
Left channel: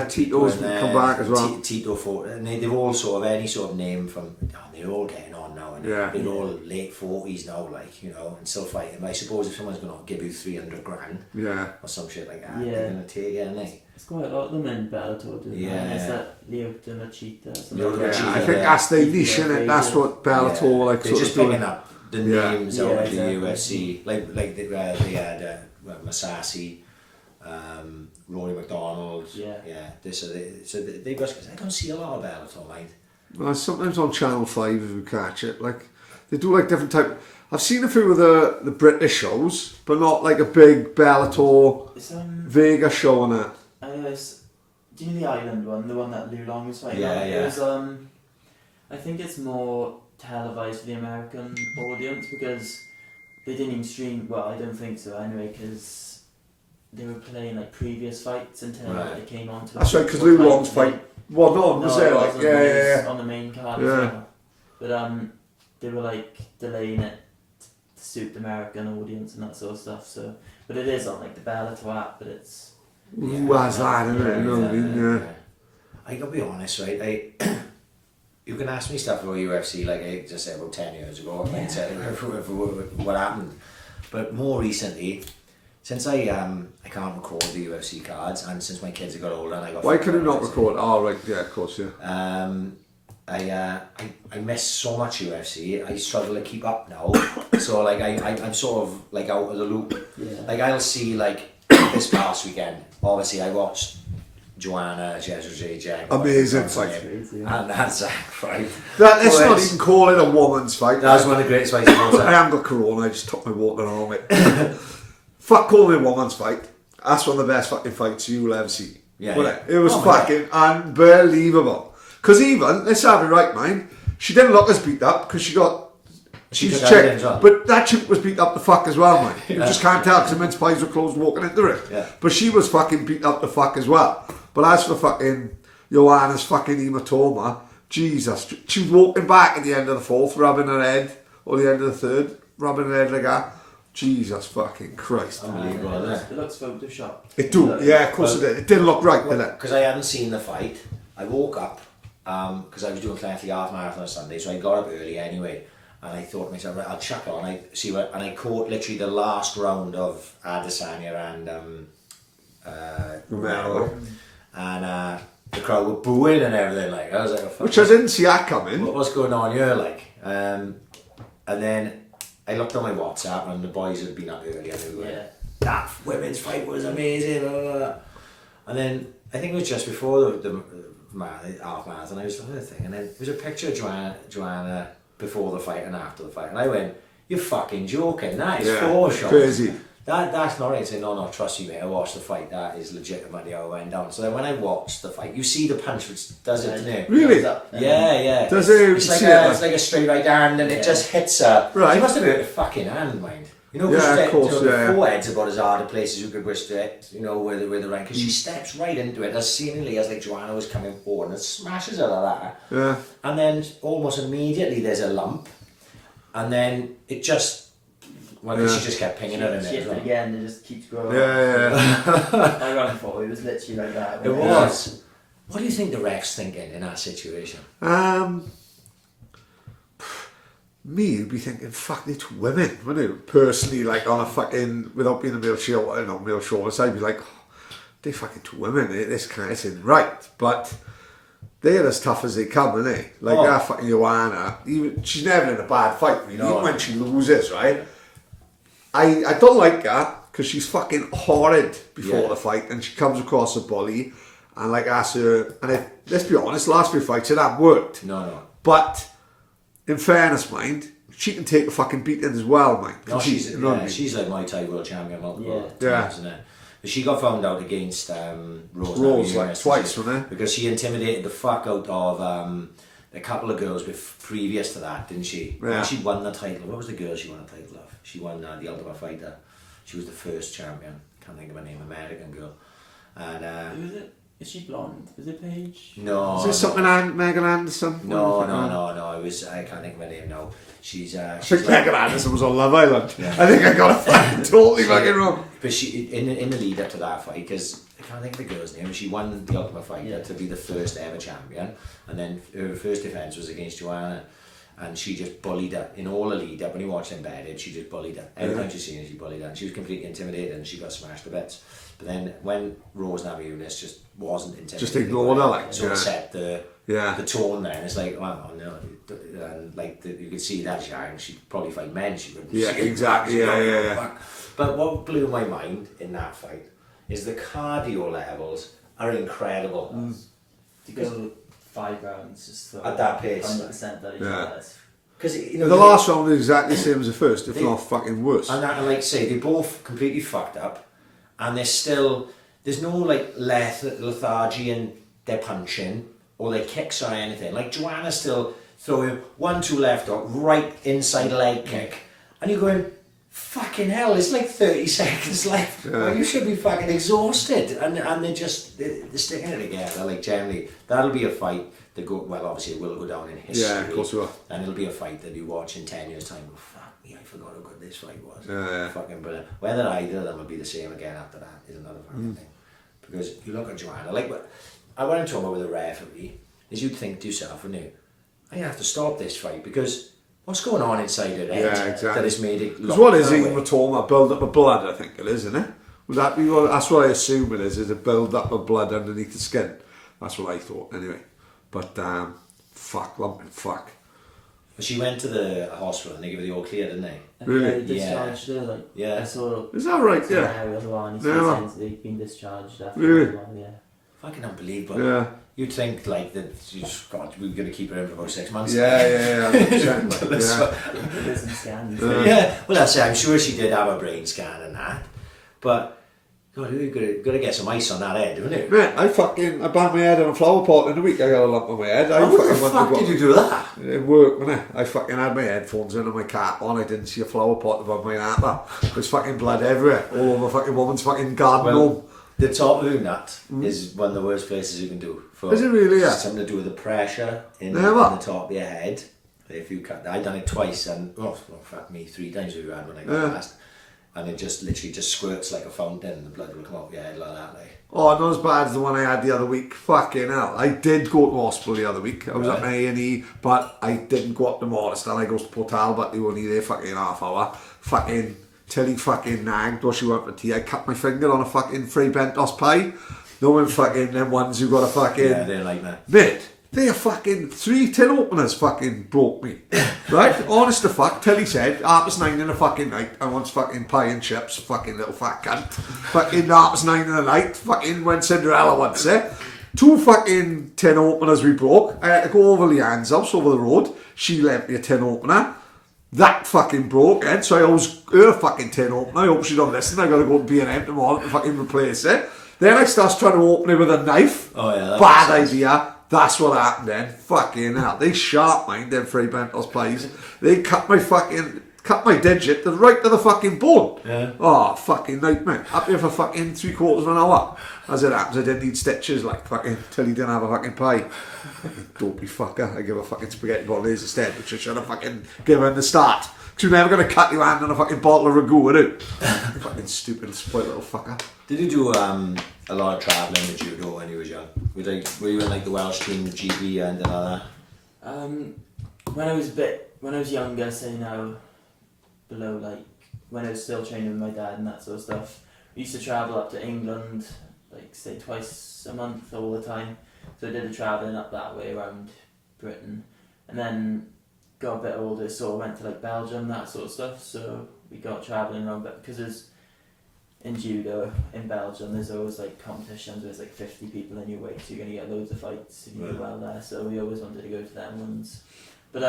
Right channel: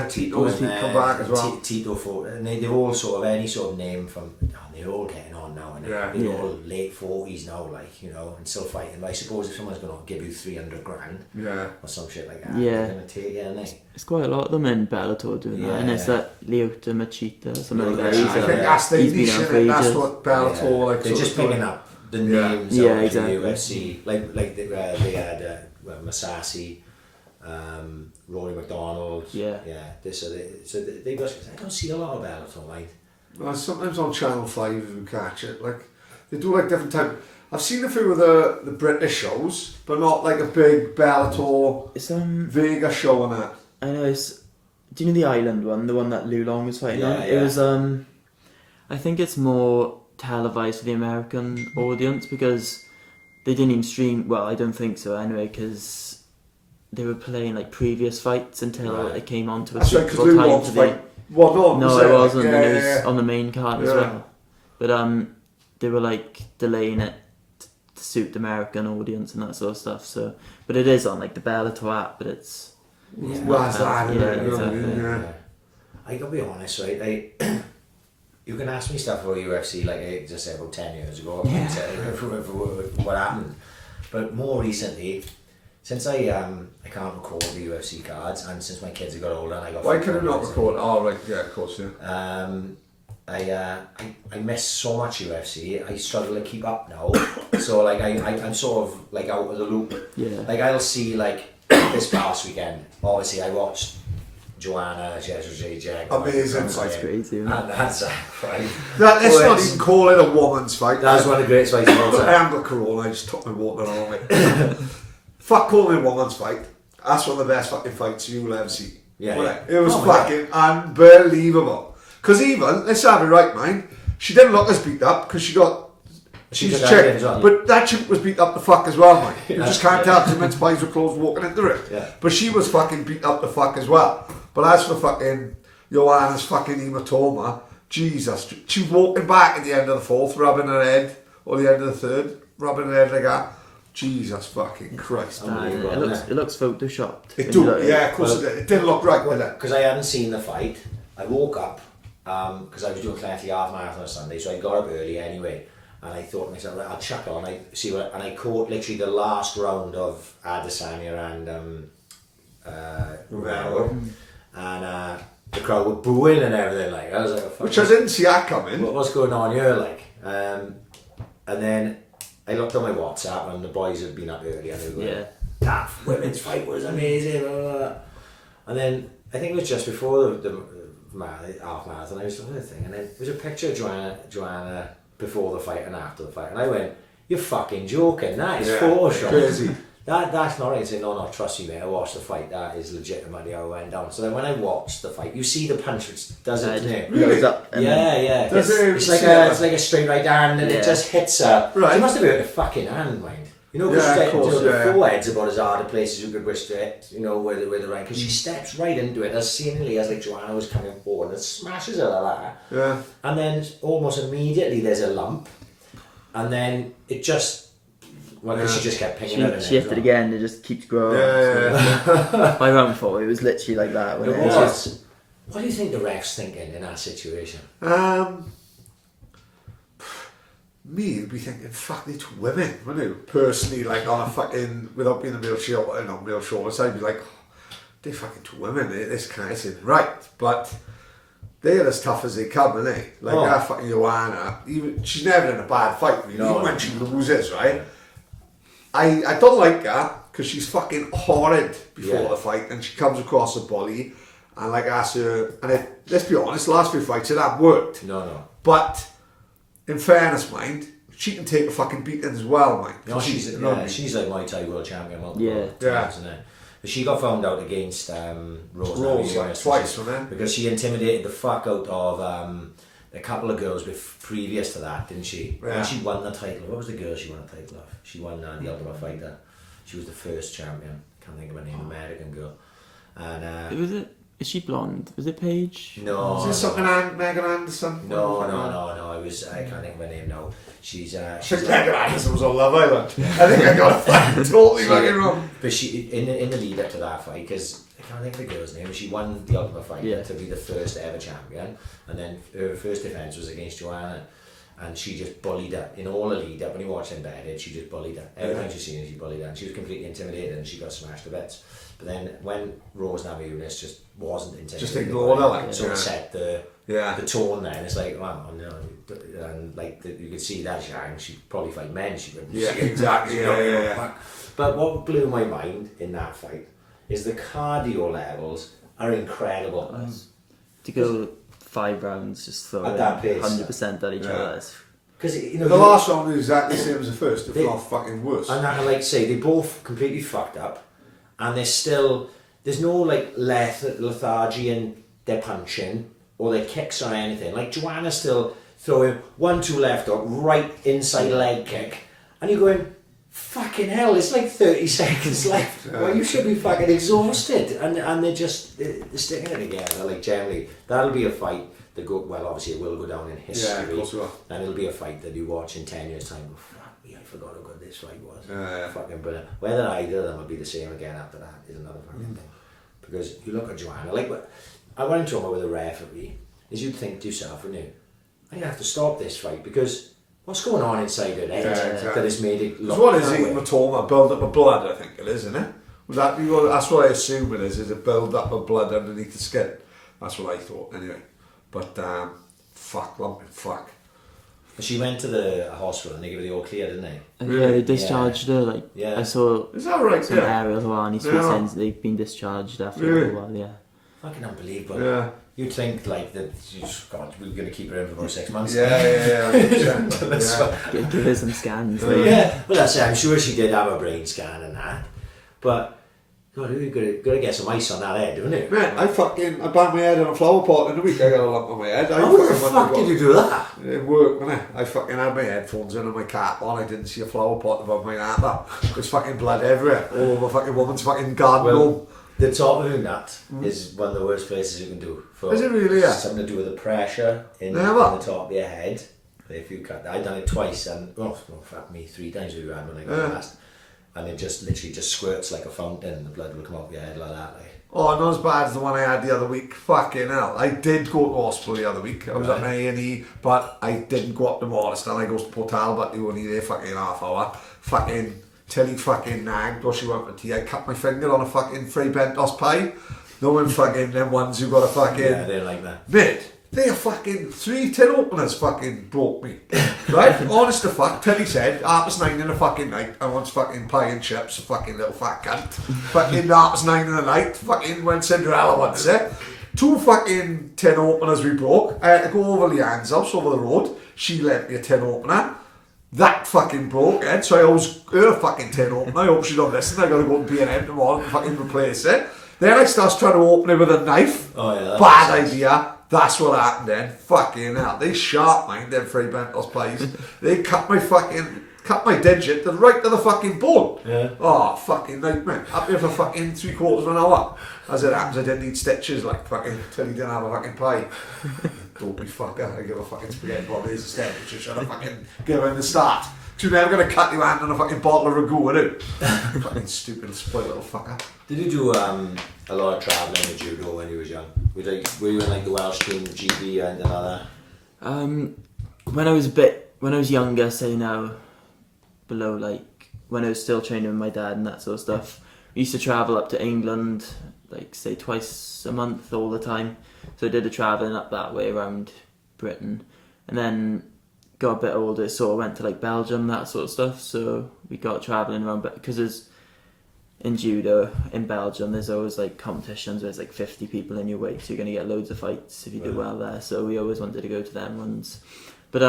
Tito's come back as well. Tito fought, and they've all sort of any sort of name from. They're all getting on now, and they're all late 40s now, like and still fighting. But I suppose if someone's going to give you 300 grand, or some shit like that, they're going to take it, aren't they? It's quite a lot of them in Bellator doing that, and it's that Lyoto Machida. I think that's the niche, isn't it? That's what Bellator like. They're just picking up the names out of the exactly. UFC, like they had Masasi, Rory McDonald. So they just. I don't see a lot of Bellator, mate. Well, sometimes on Channel 5 if we catch it, like they do like different type. I've seen a few of the British shows, but not like a big Bellator Vega show on that. I know do you know the Island one, the one that Liu Long was fighting on? It was I think it's more televised for the American audience because they didn't even stream. Well, I don't think so anyway, because they were playing like previous fights until it came on to. That's right, because Liu Long's fight. Well, no, it wasn't. It was on the main card as well. But they were like delaying it to suit the American audience and that sort of stuff. So, but it is on like the Bellator app. But it's who has that? I gotta be honest, right? You can ask me stuff about UFC like I just said about 10 years ago. What happened, but more recently. Since I can't record the UFC cards, and since my kids have got older, and I got. Why could you not record? Oh right, yeah, of course, yeah. I miss so much UFC. I struggle to keep up now. So like I'm sort of like out of the loop. Yeah. Like I'll see like this past weekend. Obviously, I watched Joanna Jedrzejczyk. Amazing that's crazy. And that's right. Let's not even call it a woman's fight. That's one of the greatest fights of all time. I haven't got corona. I just took my water on it. Fuck calling it a woman's fight. That's one of the best fucking fights you'll ever see. Yeah. It was fucking unbelievable. Because even, let's have it right, mind, she didn't look as beat up because she's a chick. Well. But that chick was beat up the fuck as well, man. You just can't tell because men's eyes were closed walking into it. Yeah. But she was fucking beat up the fuck as well. But as for fucking Joanna's fucking hematoma, Jesus, she was walking back at the end of the fourth, rubbing her head, or the end of the third, rubbing her head like that. Jesus fucking Christ. Unbelievable, it looks photoshopped. It do, of course it did. It didn't look right, did it? Because I hadn't seen the fight. I woke up, because I was doing Clancy half marathon on Sunday, so I got up early anyway, and I thought to myself, right, I'll chuck on, and I caught literally the last round of Adesanya and Romero, and the crowd were booing and everything, like, I was like, oh, which I didn't see that coming. What's going on here, like, and then I looked on my WhatsApp and the boys had been up early and they were like, that women's fight was amazing, blah, blah, blah. And then I think it was just before the half marathon, I was looking at the thing, and then there was a picture of Joanna before the fight and after the fight, and I went, you're fucking joking, that is Photoshop. Crazy. That's not right. Say, no, trust me, mate. I watched the fight. That is legitimately how it went down. So then when I watched the fight, you see the punch which does it, doesn't it? Really? Yeah. Does it's like a straight right hand, and it just hits her. Right. She must have hurt her fucking hand, mind. You know, of course, the forehead's about as hard a place as you could wish to hit, you know, where the right, because she steps right into it, as seemingly as like Joanna was coming forward, and smashes her like that. Yeah. And then almost immediately there's a lump, and then it just, she just kept pinging her in She hit it again, it just keeps growing. Yeah. My round 4, it was literally like that. It was. What do you think the ref's thinking in that situation? Me, would be thinking, fuck, they're 2 women, wouldn't you? Personally, like on a fucking, without being a male chauvinist, I'd be like, they're fucking 2 women, this kind of isn't right. But they're as tough as they come, aren't they? Like that fucking Joanna, she's never in a bad fight, really, even when she loses, right? I don't like her, because she's fucking horrid before the fight, and she comes across a bully, and like asks her, and let's be honest, last few fights it have worked. No. But in fairness, mind, she can take a fucking beating as well, mind. No, she's like my Thai world champion multiple times, isn't it? But she got found out against Rose like twice, wasn't it? Because she intimidated the fuck out of a couple of girls previous to that, didn't she? Yeah. And she won the title. What was the girl she won the title of? She won the Ultimate Fighter. She was the first champion. Can't think of her name. American girl. And was it? Is she blonde? Was it Paige? No. Is this something Megan Anderson? No. I can't think of her name now. She's Megan Anderson was on Love Island. Yeah. I think I got it totally fucking wrong. But she in the lead up to that fight, because I can't think of the girl's name. She won the Ultimate Fighter to be the first ever champion, and then her first defense was against Joanna, and she just bullied her in all the lead up. When you watch Embedded, she just bullied her every time she seen her. She bullied her, and she was completely intimidated, and she got smashed to bits. But then when Rose Namajunas just wasn't intimidated, just ignored her, like sort of set the tone. Then it's like, oh no, and like you could see that she'd probably fight men. She wouldn't. Yeah, exactly. Yeah. But what blew my mind in that fight is the cardio levels are incredible. To go 5 rounds, just throw at that pace, 100% at each other. Because the last round was exactly the same as the first, if not fucking worse. And I like to say they both completely fucked up, and there's no like lethargy in their punching or their kicks or anything. Like Joanna's still throwing 1-2 left hook, right inside leg kick, and you're going, fucking hell, it's like 30 seconds left. Well, you should be fucking exhausted, and they're sticking it together. Like generally, that'll be a fight that obviously it will go down in history. Yeah, of course it will. And it'll be a fight that you watch in 10 years' time. Oh, fuck me, I forgot how good this fight was. Fucking brilliant. Whether either of them will be the same again after that is another fucking thing. Because you look at Joanna, like what I want to talk about with a referee is you'd think to yourself, wouldn't you? I have to stop this fight because what's going on inside her head that has made it look what is hematoma? Build up of blood, I think it is, isn't it? Would that be that's what I assume it is a build up of blood underneath the skin. That's what I thought, anyway. But, fuck. She went to the hospital and they gave her the all clear, didn't they? Really? They discharged her, like, I saw is that right? some aerials on his face they've been discharged after a while, Fucking unbelievable. Yeah. You'd think like that. God, we were going to keep her in for about 6 months. Give her some scans. Yeah. Well, that's it. I'm sure she did have a brain scan and that, but God, you got to get some ice on that head, haven't you? Man, I banged my head on a flower pot in a week. I got a lump on my head. How the fuck did you do that? It worked, didn't it? I fucking had my headphones in and my cap on. I didn't see a flower pot above my napper. There's fucking blood everywhere, all over fucking woman's fucking garden home. The top of the nut is one of the worst places you can do. Is it really? Yeah. Something to do with the pressure in the top of your head. If you cut, I'd done it twice, and fuck me, 3 times we've had when I got last, and it just literally just squirts like a fountain. And the blood will come off your head like that, like. Oh, not as bad as the one I had the other week. Fucking hell! I did go to hospital the other week. I was at my A&E, but I didn't go up to Morriston. I goes to Port Talbot. They were only there fucking half hour. Fucking. Till he fucking nagged or she went for tea. I cut my finger on a fucking free bentos pie. Knowing fucking them ones who got a fucking... Yeah, they like that. Mate, they are fucking 3 tin openers fucking broke me. Right? Honest to fuck, till he said, 9:30 in the fucking night, I want fucking pie and chips, fucking little fat cunt. Fucking 9:30 in the night, fucking when Cinderella once, 2 fucking tin openers we broke. I had to go over Leanne's house over the road. She lent me a tin opener. that fucking broke, so I always her fucking tin opener. I hope she don't listen. I gotta go to B&M tomorrow and fucking replace it. Then I starts trying to open it with a knife. Oh yeah, bad idea. That's what happened then. Fucking hell. They sharp mind them Free Bentos pies. They cut my digit right to the fucking bone. Yeah. Oh, fucking nightmare. Up here for fucking 3/4 of an hour. As it happens, I didn't need stitches like fucking till he didn't have a fucking pie. Dopey fucker. I give a fucking spaghetti bolognese instead, which I should have fucking given in the start. Because you're never going to cut your hand on a fucking bottle of ragu, are you? Fucking stupid, spoiled little fucker. Did you do a lot of travelling with judo when you was young? Were you in like the Welsh team, the GB and all that? When I was younger, say now, below like when I was still training with my dad and that sort of stuff, we used to travel up to England, like say twice a month all the time. So I did the travelling up that way around Britain, and then got a bit older, so I went to like Belgium, that sort of stuff. So we got travelling around, but because there's in judo in Belgium, there's always like competitions where there's like 50 people in your weight, so you're going to get loads of fights if you do well there. So we always wanted to go to them ones. But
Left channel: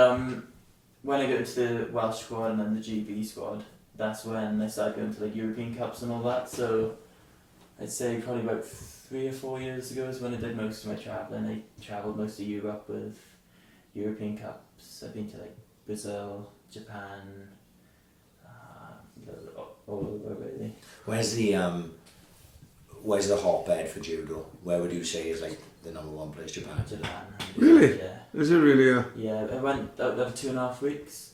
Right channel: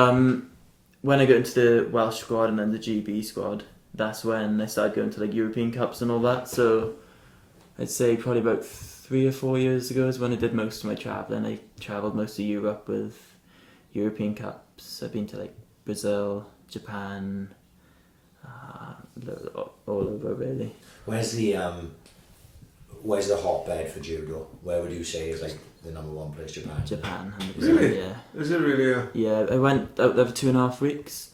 when I got into the Welsh squad and then the GB squad, that's when I started going to like European Cups and all that. So I'd say probably about 3 or 4 years ago is when I did most of my travelling. I travelled most of Europe with European Cups. I've been to like Brazil, Japan, all over really. Where's the hotbed for judo? Where would you say is like the number one place? Japan. Japan. Really? Yeah. Is it really? Yeah, I went out there for 2.5 weeks,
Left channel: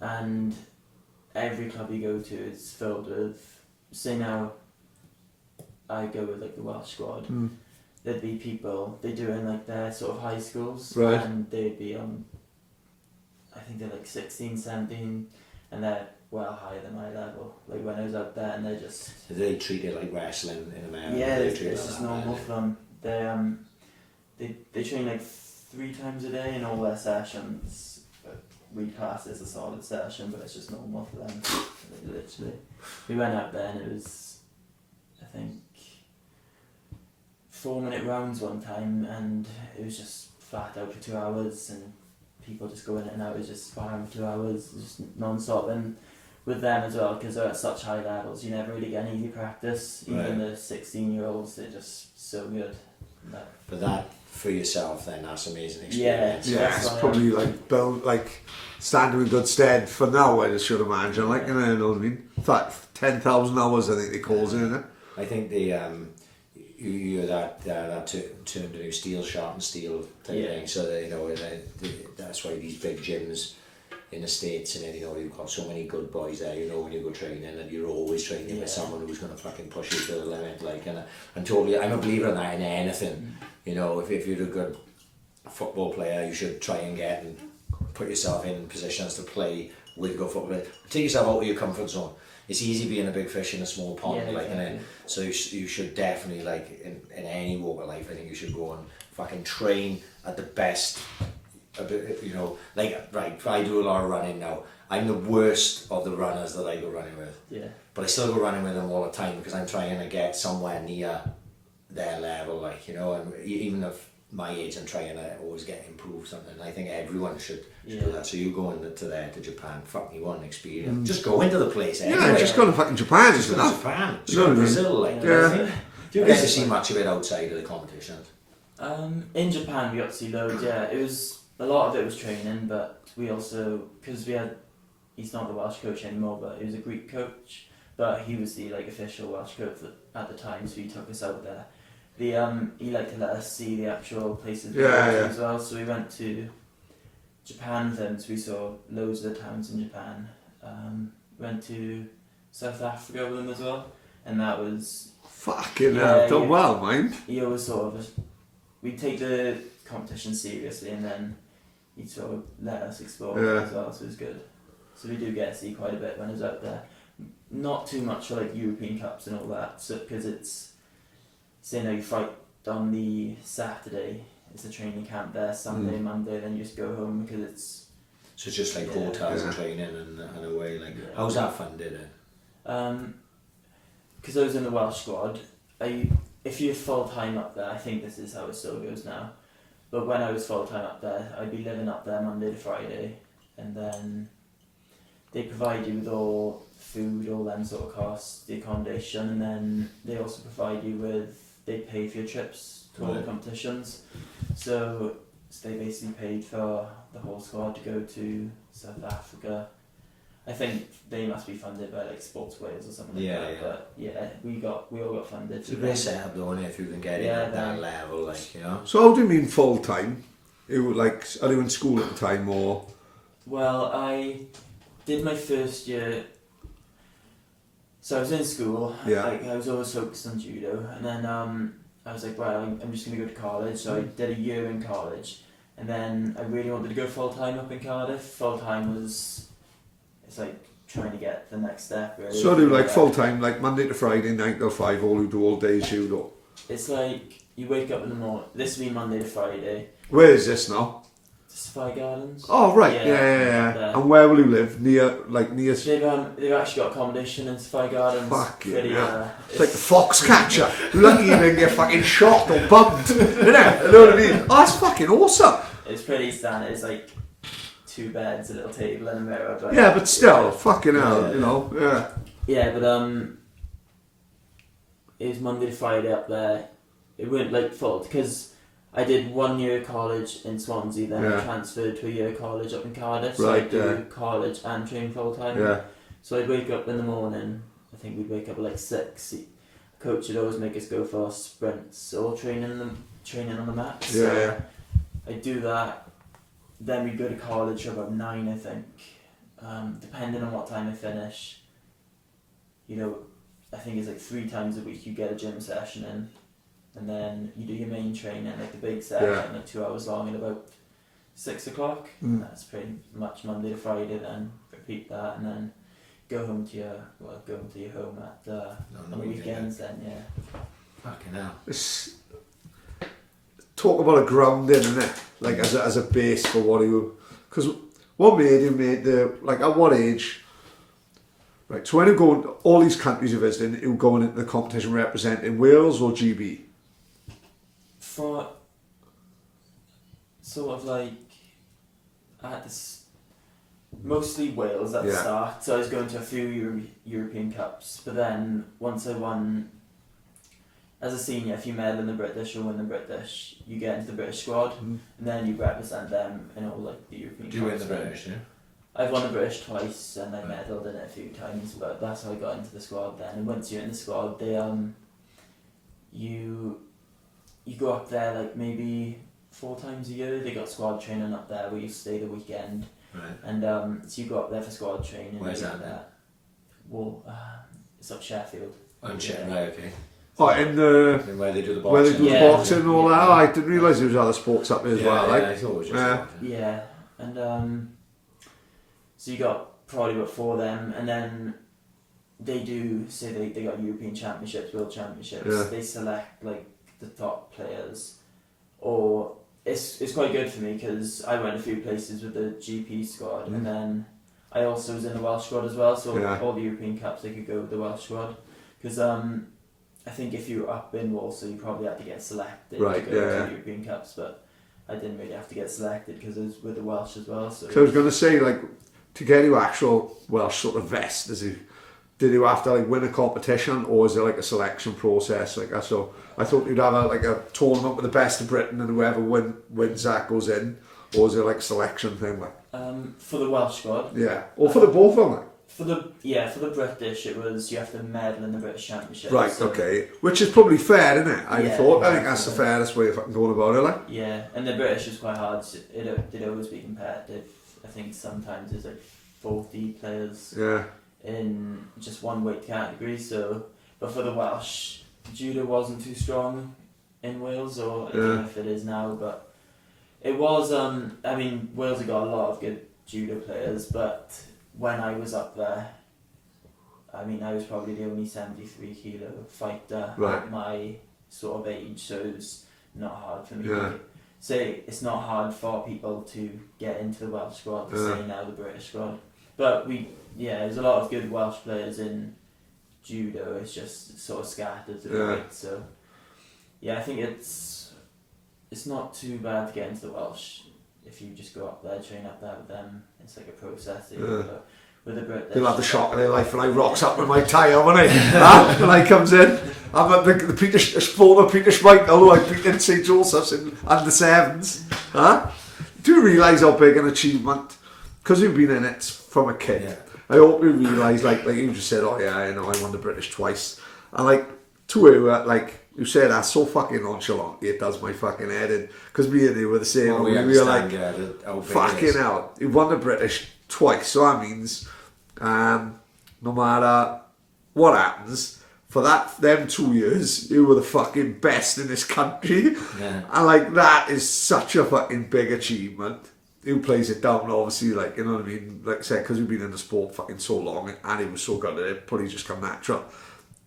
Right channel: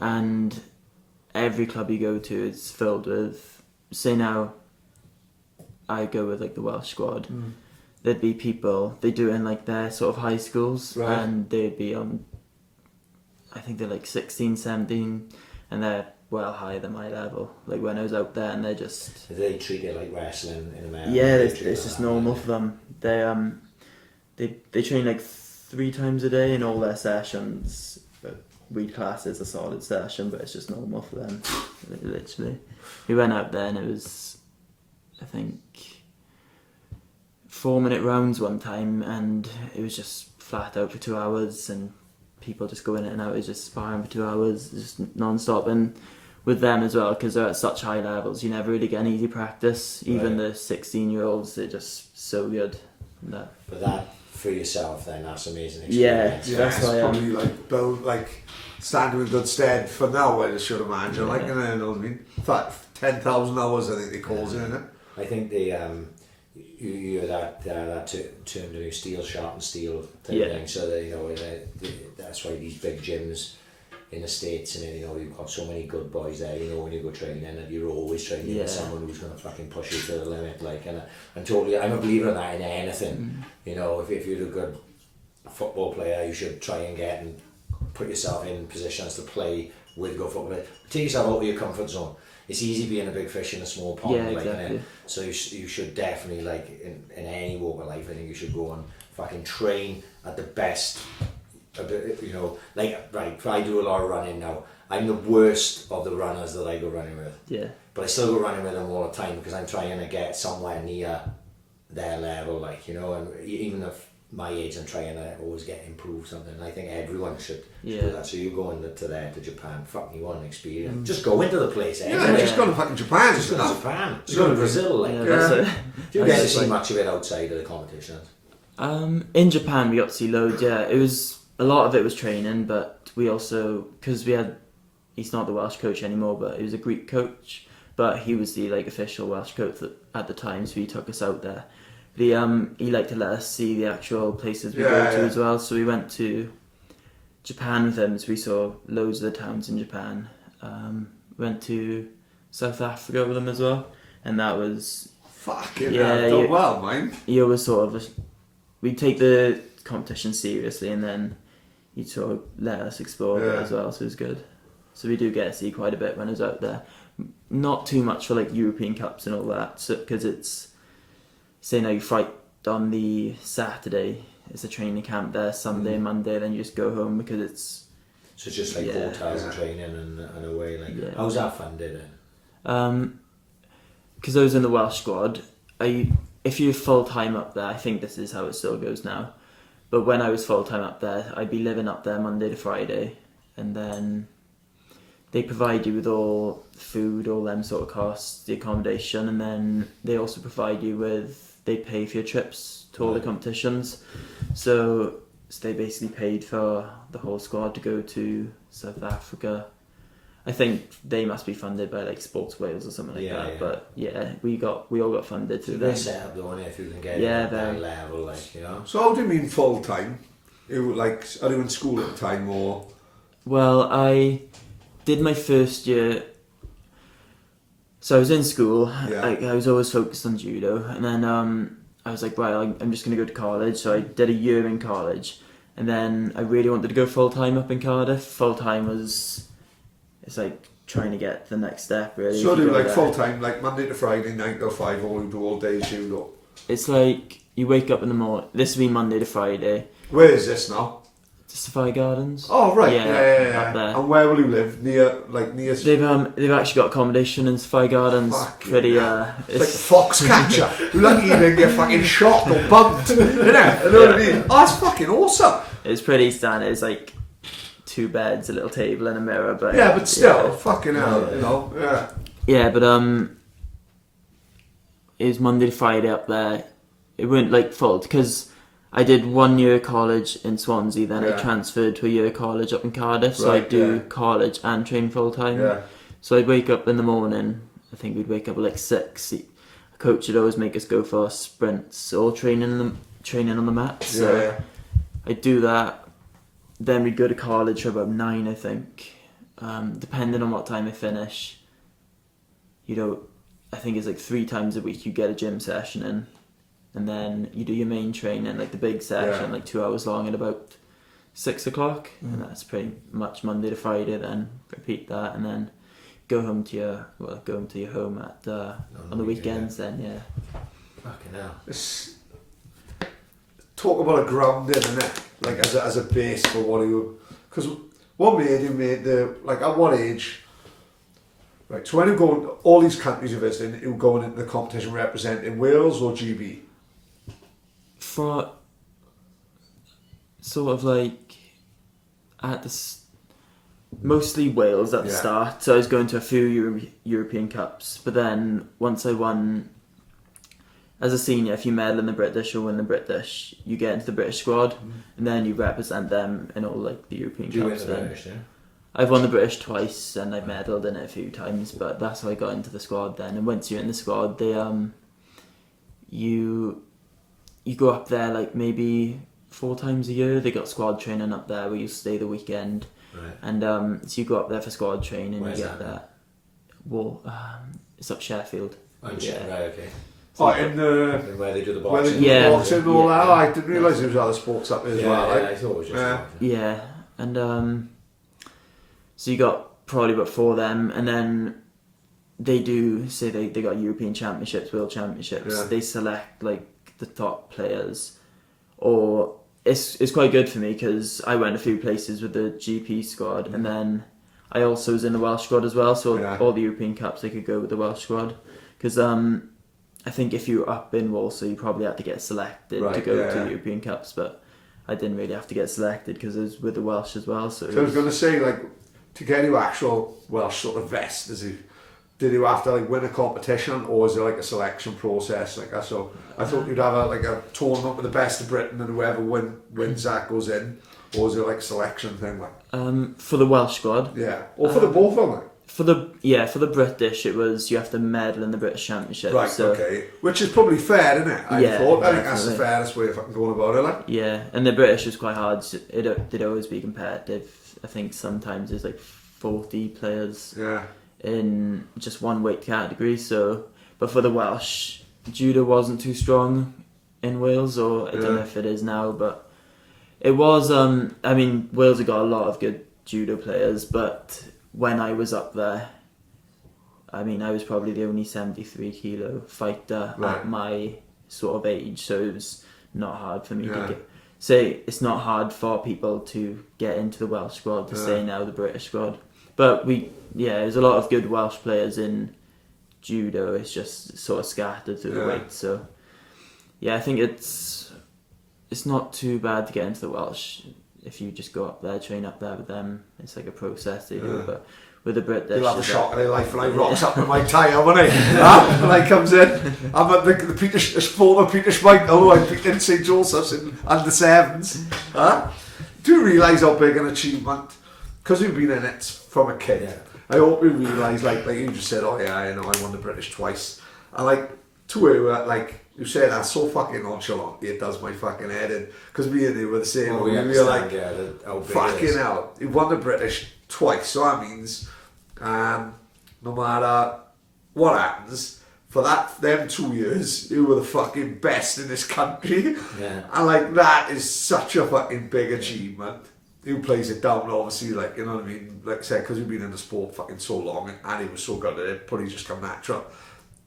and every club you go to is filled with. Say now, I go with like the Welsh squad. There'd be people, they do it in like their sort of high schools, right, and they'd be on, I think they're like 16, 17, and they're well higher than my level. Like when I was out there, and they're just... Do they treat it like wrestling in America? Yeah, it's just normal for them. They train like 3 times a day in all their sessions. We class it as a solid session, but it's just normal for them, literally. We went out there and it was, I think, 4-minute rounds one time, and it was just flat out for 2 hours, and people just go in and out. It's just sparring for 2 hours, just non-stop. And with them as well, because they're at such high levels, you never really get an easy practice. Even the 16-year-olds, they're just so good. But that for yourself, then that's amazing experience. Yeah, it's probably like build like standing in good stead for now. I should imagine, like, you know what I mean. 10,000 hours, I think they calls it, isn't it? I think the you that term, the new steel sharpen steel type of thing. So that, you know, that's why these big gyms in the States, and you know, you've got so many good boys there. You know, when you go training, and you're always training with someone who's going to fucking push you to the limit. Like, and totally, I'm a believer in that in anything. You know, if you're a good football player, you should try and get and put yourself in positions to play with good football players. Take yourself out of your comfort zone. It's easy being a big fish in a small pond, like, exactly. So you should definitely, like, in any walk of life, I think you should go and fucking train at the best. You know, like, right, I do a lot of running now. I'm the worst of the runners that I go running with. Yeah. But I still go running with them all the time because I'm trying to get somewhere near their level, like, you know, and even if my age, I'm trying to always get improved something. I think everyone should do that. So you go to Japan, fuck me, one experience. Just go into the place. Just go to fucking Japan. Just go to Japan. Just go to Brazil. Like, do you get to see much of it outside of the competitions? In Japan, we got to see loads. Yeah, it was a lot of it was training, but we also, because he's not the Welsh coach anymore, but he was a Greek coach, but he was the like official Welsh coach at the time, so he took us out there. He liked to let us see the actual places we go to as well. So we went to Japan with him, so we saw loads of the towns in Japan. Went to South Africa with him as well, and that was fucking done well, mate. He always sort of, we take the competition seriously, and then he sort of let us explore it as well. So it was good. So we do get to see quite a bit when I was out there. Not too much for like European Cups and all that, so because it's. Say now you fight on the Saturday, it's a training camp there, Sunday, Monday, then you just go home because it's... So it's just like hotels and training and away, like, how's that funded then? Because I was in the Welsh squad, if you're full-time up there, I think this is how it still goes now, but when I was full-time up there, I'd be living up there Monday to Friday, and then they provide you with all food, all them sort of costs, the accommodation, and then they also provide you with, they pay for your trips to all the competitions. So they basically paid for the whole squad to go to South Africa. I think they must be funded by like Sports Wales or something like that. Yeah. But yeah, we all got funded. It's a great setup though, isn't it, if you can get it at that level, like, you know. So how do you mean full time? You like, are you in school at the time or? Well, I did my first year. So I was in school. Yeah. I was always focused on judo, and then I was like, right, I'm just gonna go to college. So I did a year in college, and then I really wanted to go full time up in Cardiff. Full time it's like trying to get the next step, really. So do like full time, like Monday to Friday, 9 to 5, all you do all day judo? It's like you wake up in the morning. This will be Monday to Friday. Where is this now? Safari Gardens. Oh right, yeah. And where will you live? Near? They've actually got accommodation in Safari Gardens. Fuck pretty. Yeah. It's like the Foxcatcher. Lucky you didn't get fucking shot or bumped. You know what I mean? Oh, that's fucking awesome. It's pretty standard. It's like 2 beds, a little table, and a mirror. But yeah, but still, fucking hell, you know. Yeah. Yeah, but it was Monday to Friday up there. It weren't like full because I did 1 year college in Swansea, then I transferred to a year college up in Cardiff. So I'd do college and train full time. Yeah. So I'd wake up in the morning. I think we'd wake up at like 6. A coach would always make us go for sprints or training on the mat. So I'd do that. Then we'd go to college for about 9, I think. Depending on what time I finish. You know, I think it's like 3 times a week you get a gym session in. And then you do your main training, like the big session, like 2 hours long at about 6 o'clock. And that's pretty much Monday to Friday. Then repeat that, and then go home to your home at on the weekends. Then Fucking hell. Talk about a grounding, innit? Like as a base for what you, because what made you like at what age? Right. So when you go all these countries you're visiting, you're going into the competition representing Wales or GB. For sort of like at mostly Wales at the start. So I was going to a few European Cups, but then once I won as a senior, if you medal in the British or win the British, you get into the British squad, and then you represent them in all like the European Cups. Do you win the British? Yeah. I've won the British twice, and I've medalled in it a few times, but that's how I got into the squad then. And once you're in the squad, they you go up there like maybe 4 times a year. They got squad training up there where you stay the weekend. Right. And so you go up there for squad training. Where's that? Well, it's up Sheffield. Oh, right, okay. Oh, in the where they do the boxing. Where they do the boxing and all that. I didn't realise there was other sports up there as well. I thought it was just yeah, and so you got probably about 4 of them, and then they do say they got European Championships, World Championships. Yeah. They select like the top players, or it's quite good for me because I went a few places with the GP squad, and then I also was in the Welsh squad as well. So all the European Cups they could go with the Welsh squad because I think if you were up in Walsall you probably had to get selected to go to the European Cups, but I didn't really have to get selected because I was with the Welsh as well. So I was going to say, like, to get your actual Welsh sort of vest, did you have to like win a competition, or is there like a selection process like that? So I thought you'd have a tournament with the best of Britain, and whoever wins that goes in, or is there like a selection thing like? For the Welsh squad, or for the both of them, like? For the British, it was you have to medal in the British Championship. Right, so, okay. Which is probably fair, isn't it? I think that's the fairest way of fucking going about it, like. Yeah, and the British was quite hard. It'd always be competitive. I think sometimes there's like 40 players in just one weight category. So, but for the Welsh, judo wasn't too strong in Wales, or I don't know if it is now, but it was. I mean, Wales have got a lot of good judo players, but when I was up there, I mean, I was probably the only 73 kilo fighter at my sort of age, so it was not hard for me to say. It's not hard for people to get into the Welsh squad to say now the British squad, but there's a lot of good Welsh players in judo. It's just sort of scattered through the weight. So I think it's not too bad to get into the Welsh. If you just go up there, train up there with them, it's like a process. But with the British. They'll have the shock of their life when I rocks up with my tyre, won't I? When I comes in, I'm at the Peter Schmeichel, I picked in St Joseph's in under sevens. Do you realise how big an achievement? Because we've been in it from a kid. Yeah. I hope we realise, like you just said, oh yeah, you know, I won the British twice. And like, to you, like, you said that so fucking nonchalant, it does my fucking head in. Because me and you were the same. Oh, we were like, fucking hell, you won the British twice. So that means, no matter what happens, for them 2 years, you were the fucking best in this country. Yeah. And like, that is such a fucking big achievement. Who plays it down, obviously, like, you know what I mean? Like I said, because we've been in the sport fucking so long, and he was so good at it, probably just come natural.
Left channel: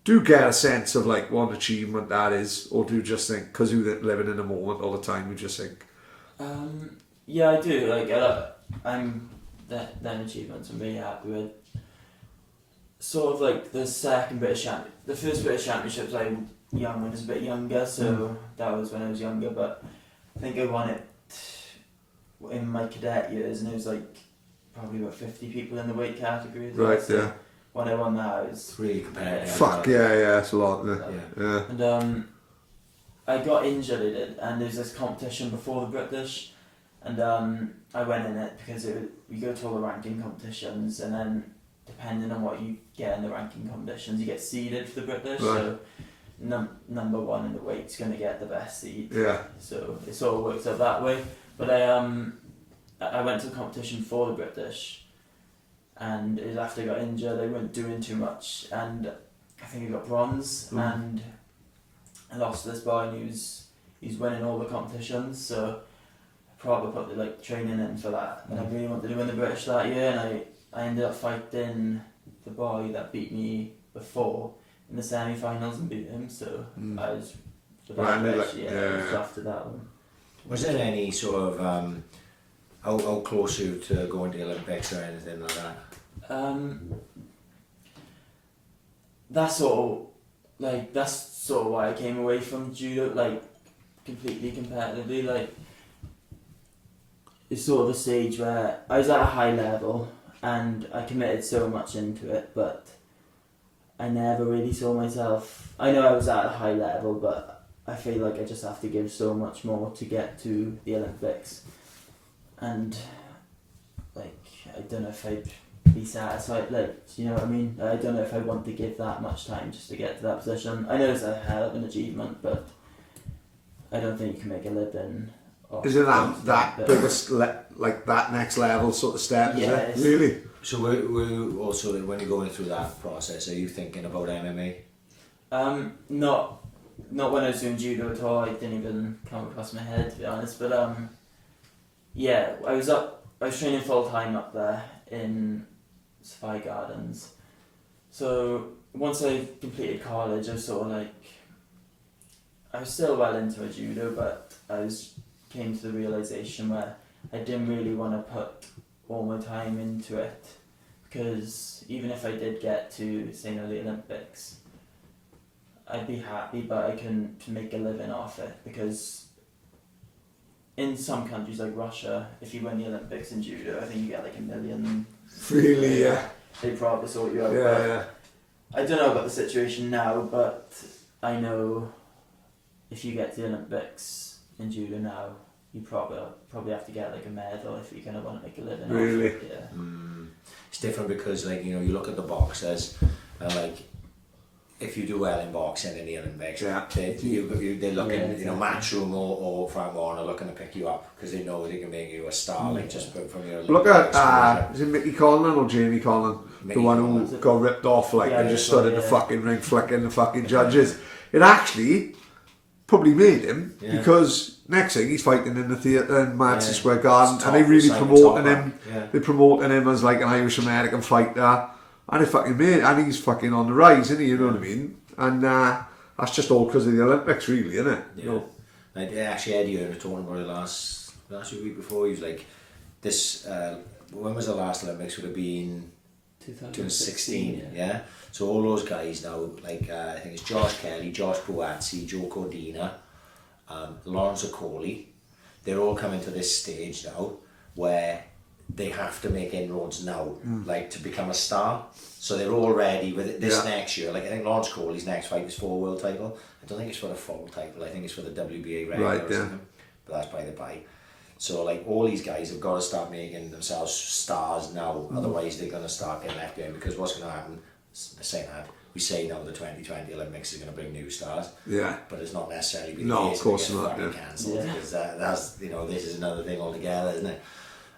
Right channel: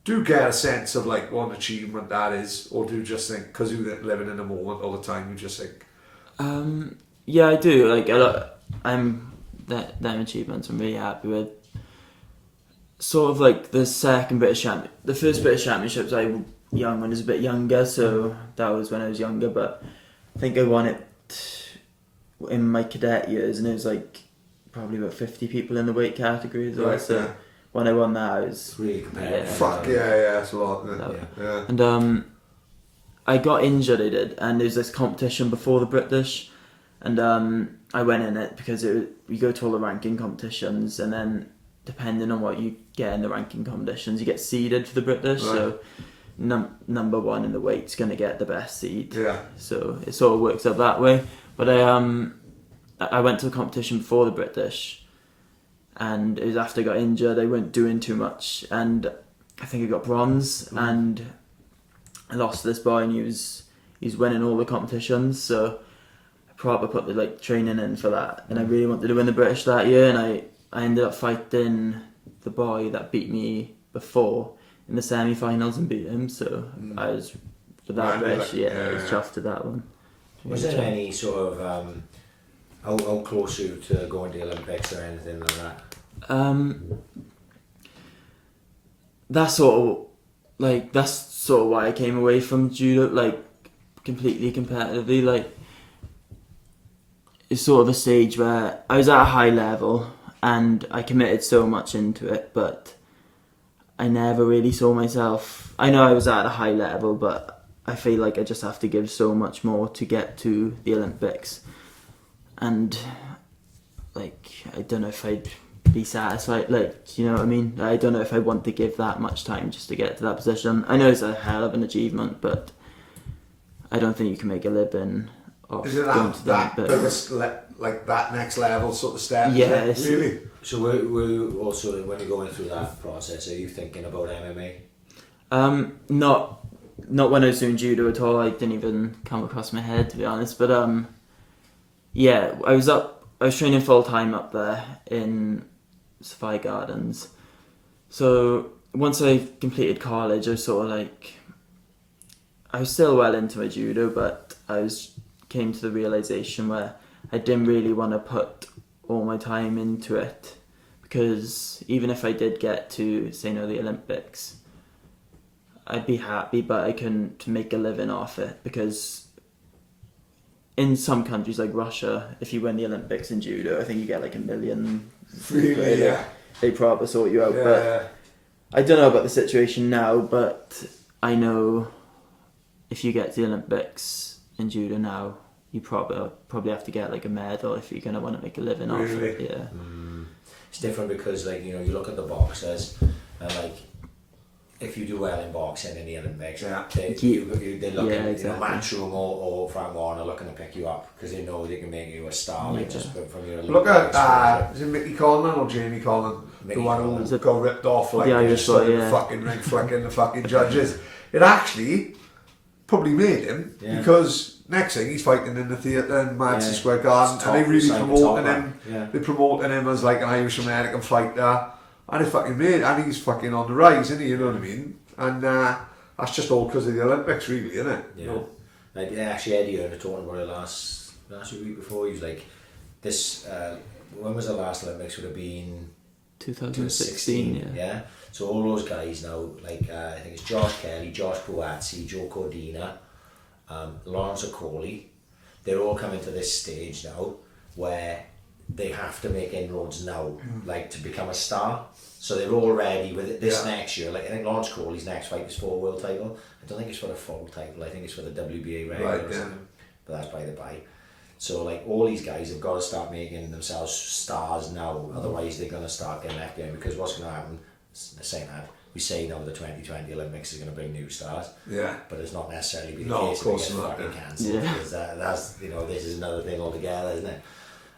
Do you get a sense of like what an achievement that is, or do you just think, because you're living in the moment all the time, you just think? Yeah, I do. Like, them achievements I'm really happy with. Sort of like the second British champion, the first British Championships I when I was a bit younger, so that was when I was younger. But I think I won it in my cadet years, and it was like probably about 50 people in the weight category as well. Right, so yeah. When I won that, I was really competitive. Fuck yeah, it's a lot. Yeah. And I got injured, I did, and there was this competition before the British, and I went in it because we go to all the ranking competitions, and then depending on what you get in the ranking competitions, you get seeded for the British. Right. So number one in the weight's going to get the best seed. Yeah. So it sort of works out that way. But I went to the competition before the British, and it was after I got injured. I weren't doing too much, and I think I got bronze, and I lost to this boy, and he's winning all the competitions. So I probably put the training in for that, and I really wanted to win the British that year, and I ended up fighting the boy that beat me before in the semi-finals and beat him. So I was for that British, I was chuffed to that one. Was there any sort of how close you to going to the Olympics or anything like that? That's sort of why I came away from judo, like completely competitively. Like, it's sort of a stage where I was at a high level and I committed so much into it, but I never really saw myself. I know I was at a high level, but I feel like I just have to give so much more to get to the Olympics. And like, I don't know if I'd be satisfied, like, you know what I mean? I don't know if I want to give that much time just to get to that position. I know it's a hell of an achievement, but I don't think you can make a living off. Is it that biggest, like that next level sort of step? Yeah. Really? So we're also, when you're going through that process, are you thinking about MMA? Not when I was doing judo at all. I didn't even come across my head, to be honest. But yeah, I was training full time up there in Sophia Gardens. So once I completed college, I was sort of like, I was still well into my judo, but came to the realization where I didn't really want to put all my time into it, because even if I did get to, say, the Olympics, I'd be happy, but I couldn't make a living off it, because in some countries like Russia, if you win the Olympics in judo, I think you get like $1 million. Really, yeah. They probably sort you out. Yeah, but yeah. I don't know about the situation now, but I know if you get to the Olympics in judo now, you probably have to get like a medal if you're gonna want to make a living off it. Yeah. It's different because, like, you look at the boxers and, like, if you do well in boxing in the Olympics, they're looking, exactly. Matchroom or Frank Warner looking to pick you up because they know they can make you a star, like, just from your. Look at is it Mickey Conlan or Jamie Conlan, the one who got ripped off, like, they just stood in the fucking ring flicking the fucking judges. It actually probably made him, because next thing he's fighting in the theatre in Madison Square Garden, and they really promoting him. Yeah. They're promoting him as like an Irish American fighter. And it fucking made, and he's fucking on the rise, isn't he? You know what I mean? And that's just all because of the Olympics, really, isn't it? Yeah. Like, actually, Eddie Hearn was talking about it last week before. He was like, "This when was the last Olympics? Would have been 2016. Yeah. So all those guys now, like I think it's Josh Kelly, Josh Buatsi, Joe Cordina, Lawrence Okoli, they're all coming to this stage now where they have to make inroads now, like to become a star. So they're all ready with it this next year. Like I think Lawrence Corley's next fight is for a world title. I don't think it's for the full title. I think it's for the WBA regular or something. But that's by the by. So like all these guys have got to start making themselves stars now. Otherwise they're going to start getting left behind, because what's going to happen, the same that we say now the 2020 Olympics is going to bring new stars. Yeah. But it's not necessarily been the case. Of course not. Cancelled, because that's this is another thing altogether, isn't it?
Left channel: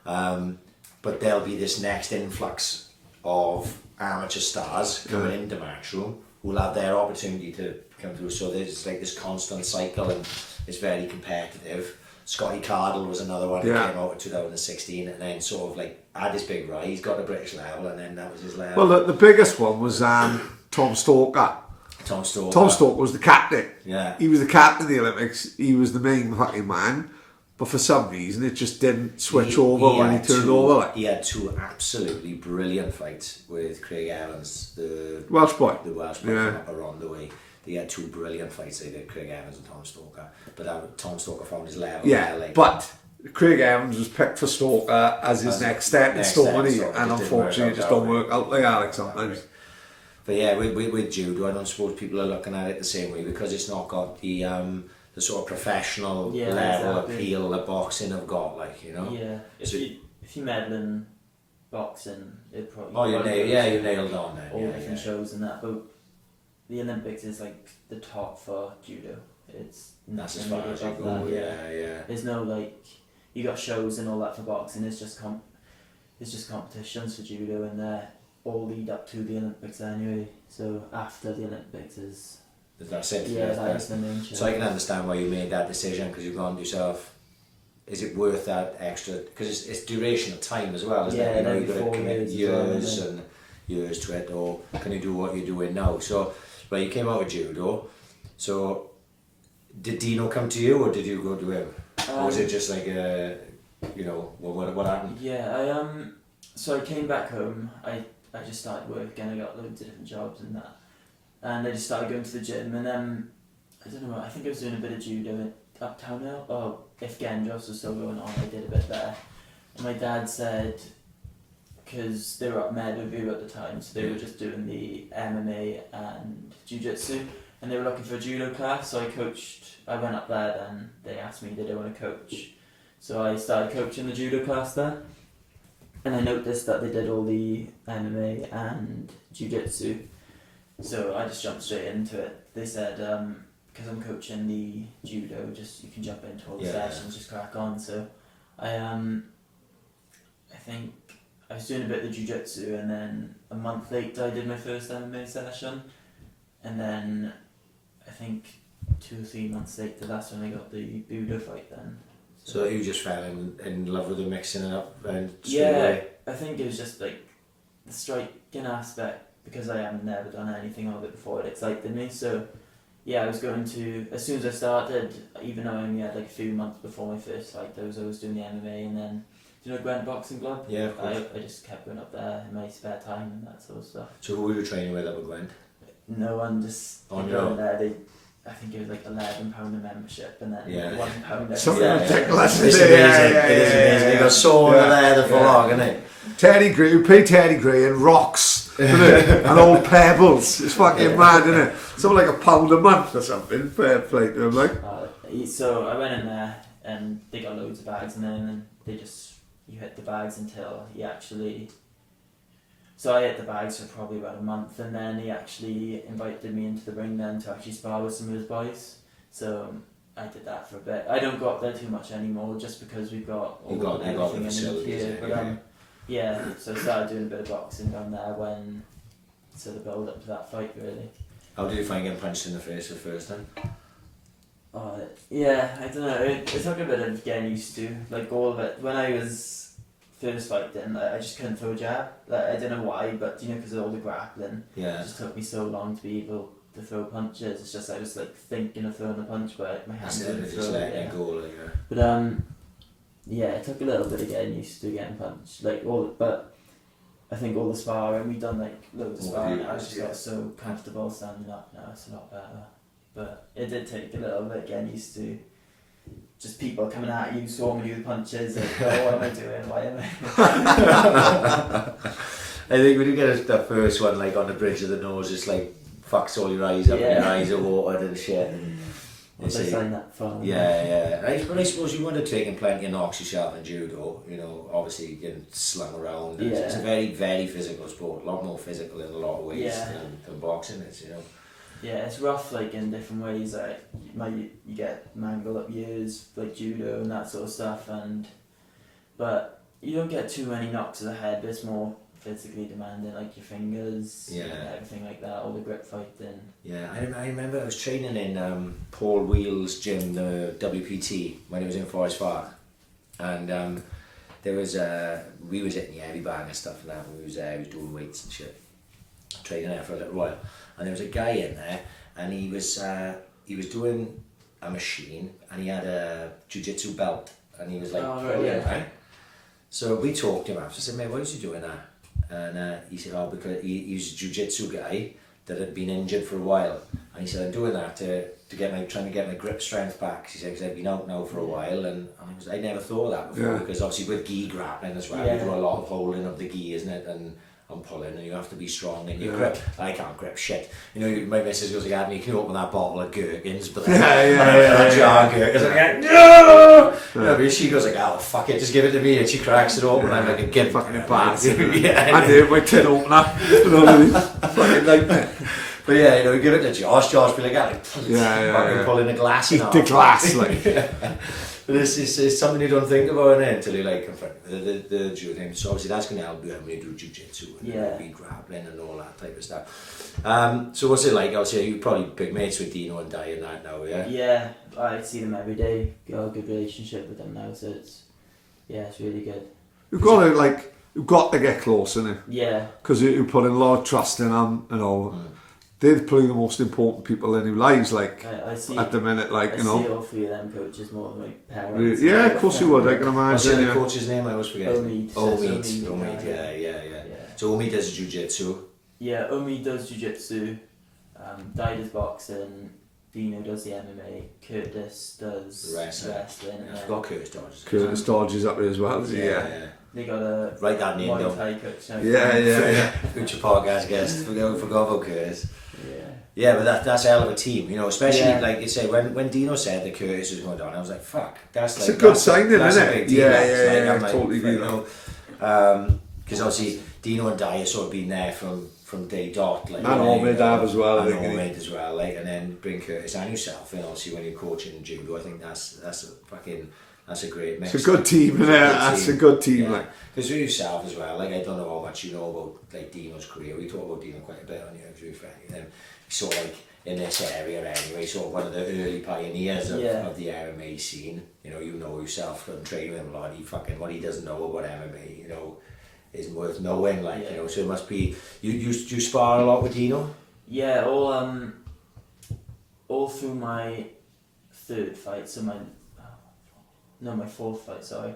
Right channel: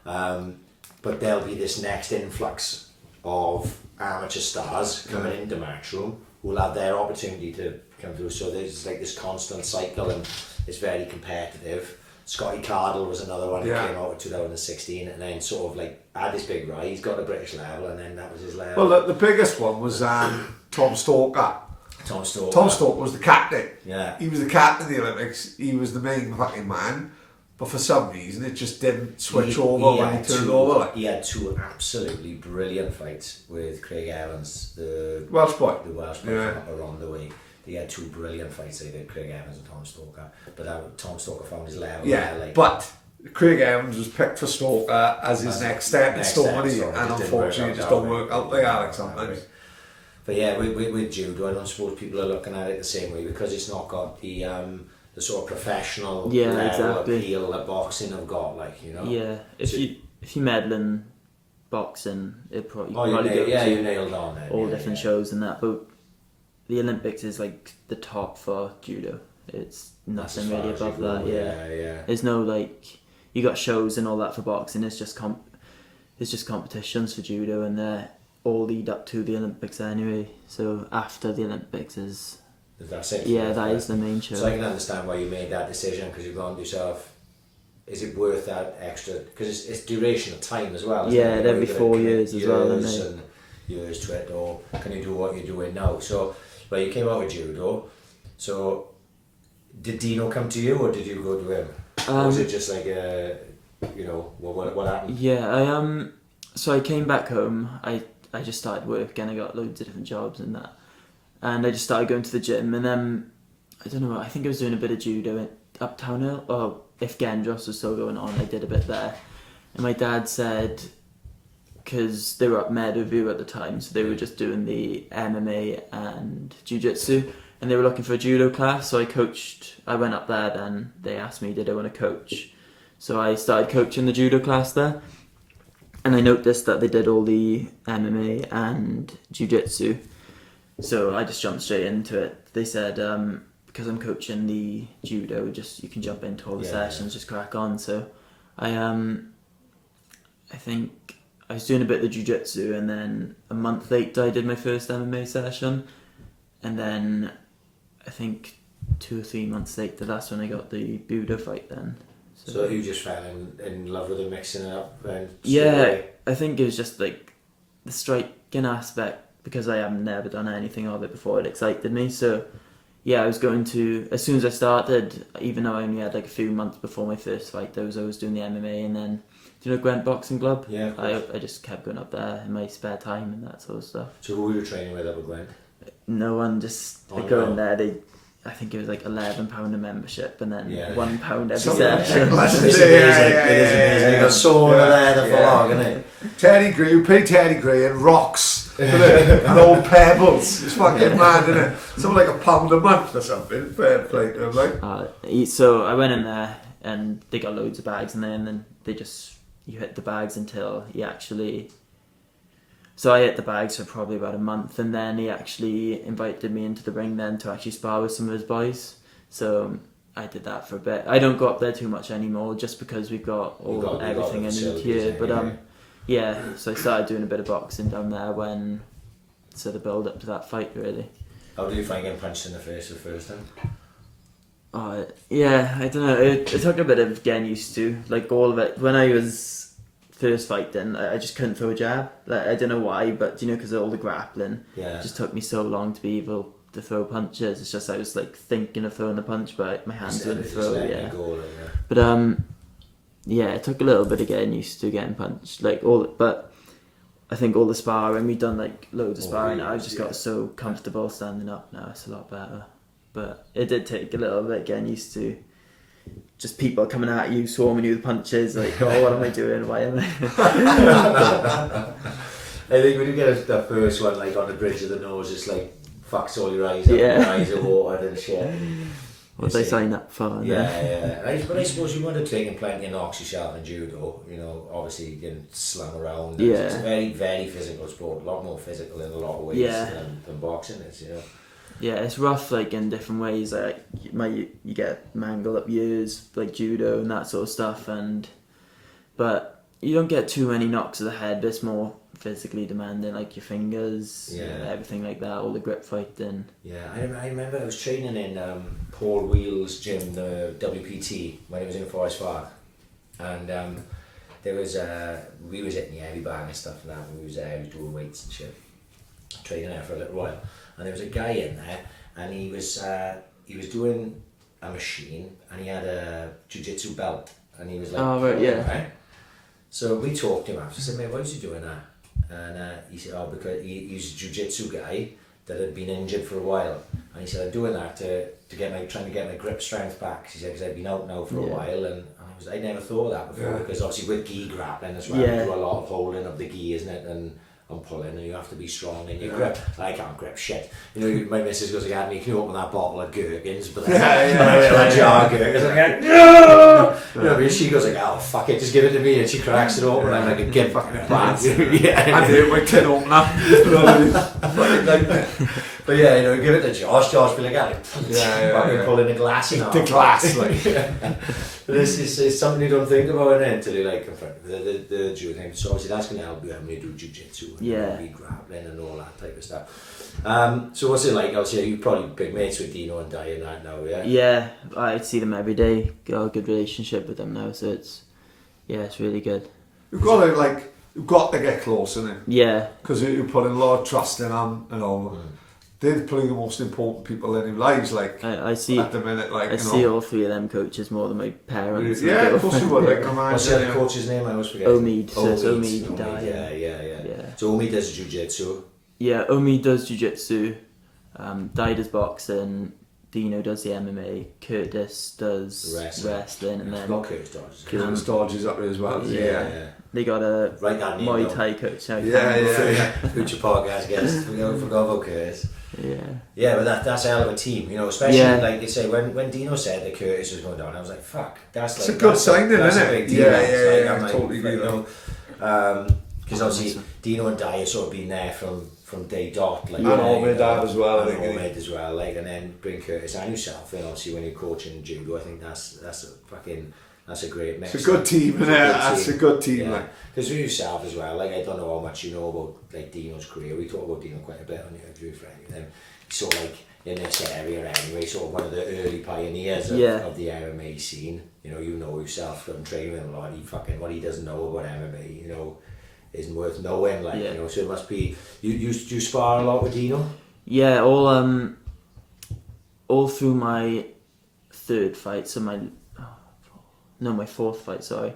But there'll be this next influx of amateur stars coming into Matchroom who'll have their opportunity to come through. So there's like this constant cycle, and it's very competitive. Scotty Cardle was another one that came out in 2016, and then sort of like had this big rise, got a British level, and then that was his level. Well, the biggest one was Tom Stalker. Tom Stalker was the captain. Yeah. He was the captain of the Olympics. He was the main fucking man. But for some reason, it just didn't switch over when he turned over. Like. He had two absolutely brilliant fights with Craig Evans, the Welsh boy. The Welsh boy from up around the way. They had two brilliant fights, they did, Craig Evans and Tom Stalker. But Tom Stalker found his level. Yeah, like, but Craig Evans was picked for Stalker as his next stepping stone, and unfortunately it just don't work out like Alex sometimes. But yeah, with Judo, I don't suppose people are looking at it the same way, because it's not got the sort of professional level appeal that boxing have got, like, you know. Yeah, if you medal in boxing, it probably you nailed on then. All different shows and that, but the Olympics is like the top for Judo. It's nothing really above that. Yeah. There's no like, you got shows and all that for boxing. It's just competitions for Judo, and they're all lead up to the Olympics anyway. So after the Olympics is. That's it. Yeah, that is the main show. So I can understand why you made that decision, because you've gone to yourself, is it worth that extra? Because it's duration of time as well, isn't it? Yeah, there'll be 4 years as well. And years to it, or can you do what you're doing now? So, well, you came out with Judo. So, did Dino come to you, or did you go to him? Or was it just like what happened? Yeah, so I came back home. I just started work again. I got loads of different jobs and that. And I just started going to the gym, and then, I don't know, I think I was doing a bit of judo at Uptown Hill, or if Gendros was still going on, I did a bit there. And my dad said, because they were up Meadowview at the time, so they were just doing the MMA and Jiu-Jitsu, and they were looking for a judo class, so I went up there, then they asked me, did I want to coach? So I started coaching the judo class there, and I noticed that they did all the MMA and Jiu-Jitsu. So I just jumped straight into it. They said, because I'm coaching the judo, you can jump into all the sessions, just crack on. So I think I was doing a bit of the jiu-jitsu, and then a month later I did my first MMA session, and then I think 2 or 3 months later, that's when I got the Budo fight then. So you just fell in love with the mixing it up? And I think it was just like the striking aspect, because I have never done anything of it before, it excited me. So yeah, I was going to, as soon as I started, even though I only had like a few months before my first fight, I was always doing the MMA, and then, do you know Gwent Boxing Club? Yeah, of course. I just kept going up there in my spare time and that sort of stuff. So who were you training with up at Gwent? No one, just they go in there, I think it was like £11 a membership, and then £1 every session. It's amazing. You got sauna there, the full isn't it? Teddy Gray, we pay Teddy Gray and rocks, and old pebbles. It's fucking mad, isn't it? Something like £1 a month or something. Fair play to him, like. So I went in there, and they got loads of bags, and then they just, you hit the bags until you actually. So I hit the bags for probably about a month, and then he actually invited me into the ring then to actually spar with some of his boys. So I did that for a bit. I don't go up there too much anymore, just because we've got everything I need here. But so I started doing a bit of boxing down there the build up to that fight really. How do you find getting punched in the face the first time? I don't know. It took a bit of getting used to, like all of it. When I was first fighting, I just couldn't throw a jab. Like, I don't know why, but because of all the grappling, it just took me so long to be able to throw punches. It's just I was like thinking of throwing a punch, but my hands didn't throw it. But it took a little bit of getting used to getting punched. But I think all the sparring, we've done like loads of sparring. I've just got so comfortable standing up now. It's a lot better. But it did take a little bit getting used to just people coming at you, swarming you with punches. Like, oh, what am I doing? Why am I? I think when you get that first one, like on the bridge of the nose, it's like fucks all your eyes up, and your eyes are watered and shit. And What they sign up for? Yeah. But I suppose you would have taken plenty of knocks yourself in judo. You know, obviously getting slung around. Yeah. It's a very, very physical sport. A lot more physical in a lot of ways than boxing is. You know. Yeah, it's rough, like in different ways. Like you get mangled up ears, like judo and that sort of stuff, but you don't get too many knocks to the head. But it's more physically demanding, like your fingers, everything like that, all the grip fighting. Yeah, I remember I was training in Paul Wheel's gym, the WPT, when it was in Forest Park, and there was we was hitting the heavy bag and stuff like that. We was doing weights and shit, training there for a little while. And there was a guy in there, and he was doing a machine, and he had a jiu-jitsu belt, and he was like, right? So we talked to him after. I said, mate, why was he doing that? And he said, oh, because he's a jiu-jitsu guy that had been injured for a while, and he said, I'm doing that trying to get my grip strength back. He said, because I've been out now for a while, and I never thought of that before, because obviously with gi grappling as well, there's a lot of holding of the gi, isn't it? And pulling, and you have to be strong in your grip. I can't grip shit. You know, my missus goes like, "Me, can you open that bottle of gherkins?" But then a jar of gherkins, and I'm like, no. You know, but she goes like, "Oh fuck it, just give it to me," and she cracks it open. I'm like, a "Get fucking advanced." I do my tin opener. Fucking nightmare. But yeah, you know, give it to Josh. Josh be like, fucking pulling the glass in half. The glass, like. But it's something you don't think about until you like confront the judo thing. So obviously that's going to help you when you do jiu-jitsu and be grappling and all that type of stuff. So what's it like? Obviously you're probably big mates with Dino and Di and that now, yeah? Yeah, I see them every day. Got a good relationship with them now, so it's really good. You've got to get close, innit? Yeah. Because you put in a lot of trust in them and all. They're probably the most important people in your lives, like, I see, at the minute, like, I see all three of them coaches more than my parents. Yeah, of course you would, I can imagine. What's the other coach's name? I always forget. Omid. Omid, yeah. So Omid does jiu-jitsu. Yeah, Omid does jiu-jitsu, Di does boxing, Dino does the MMA, Curtis does wrestling, and then... Curtis Dodge up here as well, yeah. They got a Write that name Muay Thai coach now. Yeah. Future podcast guest. Forgot about Curtis. Yeah, but that's a hell of a team, you know, especially like you say, when Dino said that Curtis was going down, I was like, fuck, that's a good signing, isn't it? A big deal. I totally agree. Because obviously Dino and Di have sort of been there from day dot, like, and Omid as well, and Omid as well, like, and then bring Curtis and yourself, and obviously when you're coaching judo, I think that's a great mix. It's a good team, isn't it? That's a good team, like. Because with yourself as well, like, I don't know how much you know about like Dino's career. We talk about Dino quite a bit on your interview, friend. He's sort of like in this area anyway, sort of one of the early pioneers of the MMA scene. You know yourself from training with him a lot. What he doesn't know about MMA, you know, isn't worth knowing. Like, you know, so it must be. You spar a lot with Dino? Yeah, all through my third fight, so my fourth fight, sorry.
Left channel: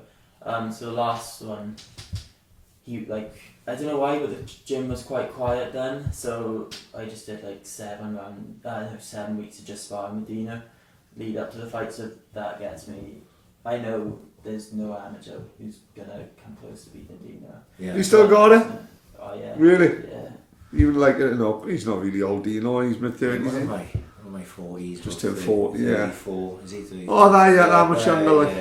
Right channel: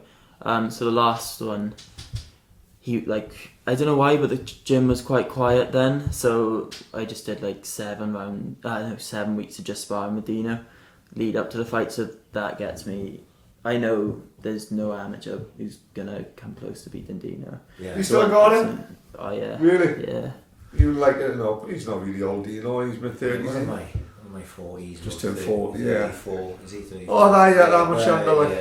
So the last one, I don't know why, but the gym was quite quiet then, so I just did like 7 weeks of just sparring with Dino, lead up to the fight, so that gets me, I know there's no amateur who's gonna come close to beating Dino. Yeah. You still got it? Oh yeah. Really? Yeah. You he's not really old Dino, he's mid-30s. What am I? My 40s. Just turned 40, yeah. 34. Is he 34? Oh, that much younger, like.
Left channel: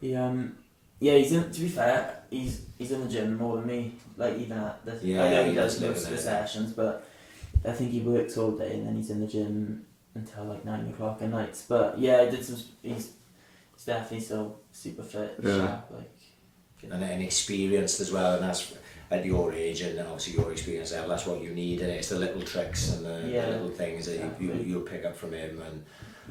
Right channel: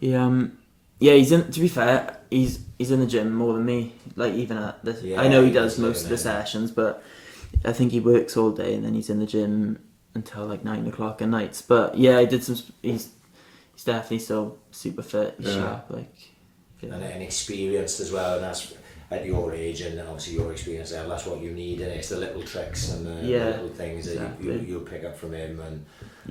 Yeah. He's in. To be fair, he's in the gym more than me. Like, even at this, I know he does most of the sessions, but I think he works all day and then he's in the gym until like 9 o'clock at nights. But yeah, I did some. He's definitely still super fit, sharp, like. And experienced as well, and that's. At your age and obviously your experience there, that's what you need, and it's the little tricks and the little things that you'll pick up from him and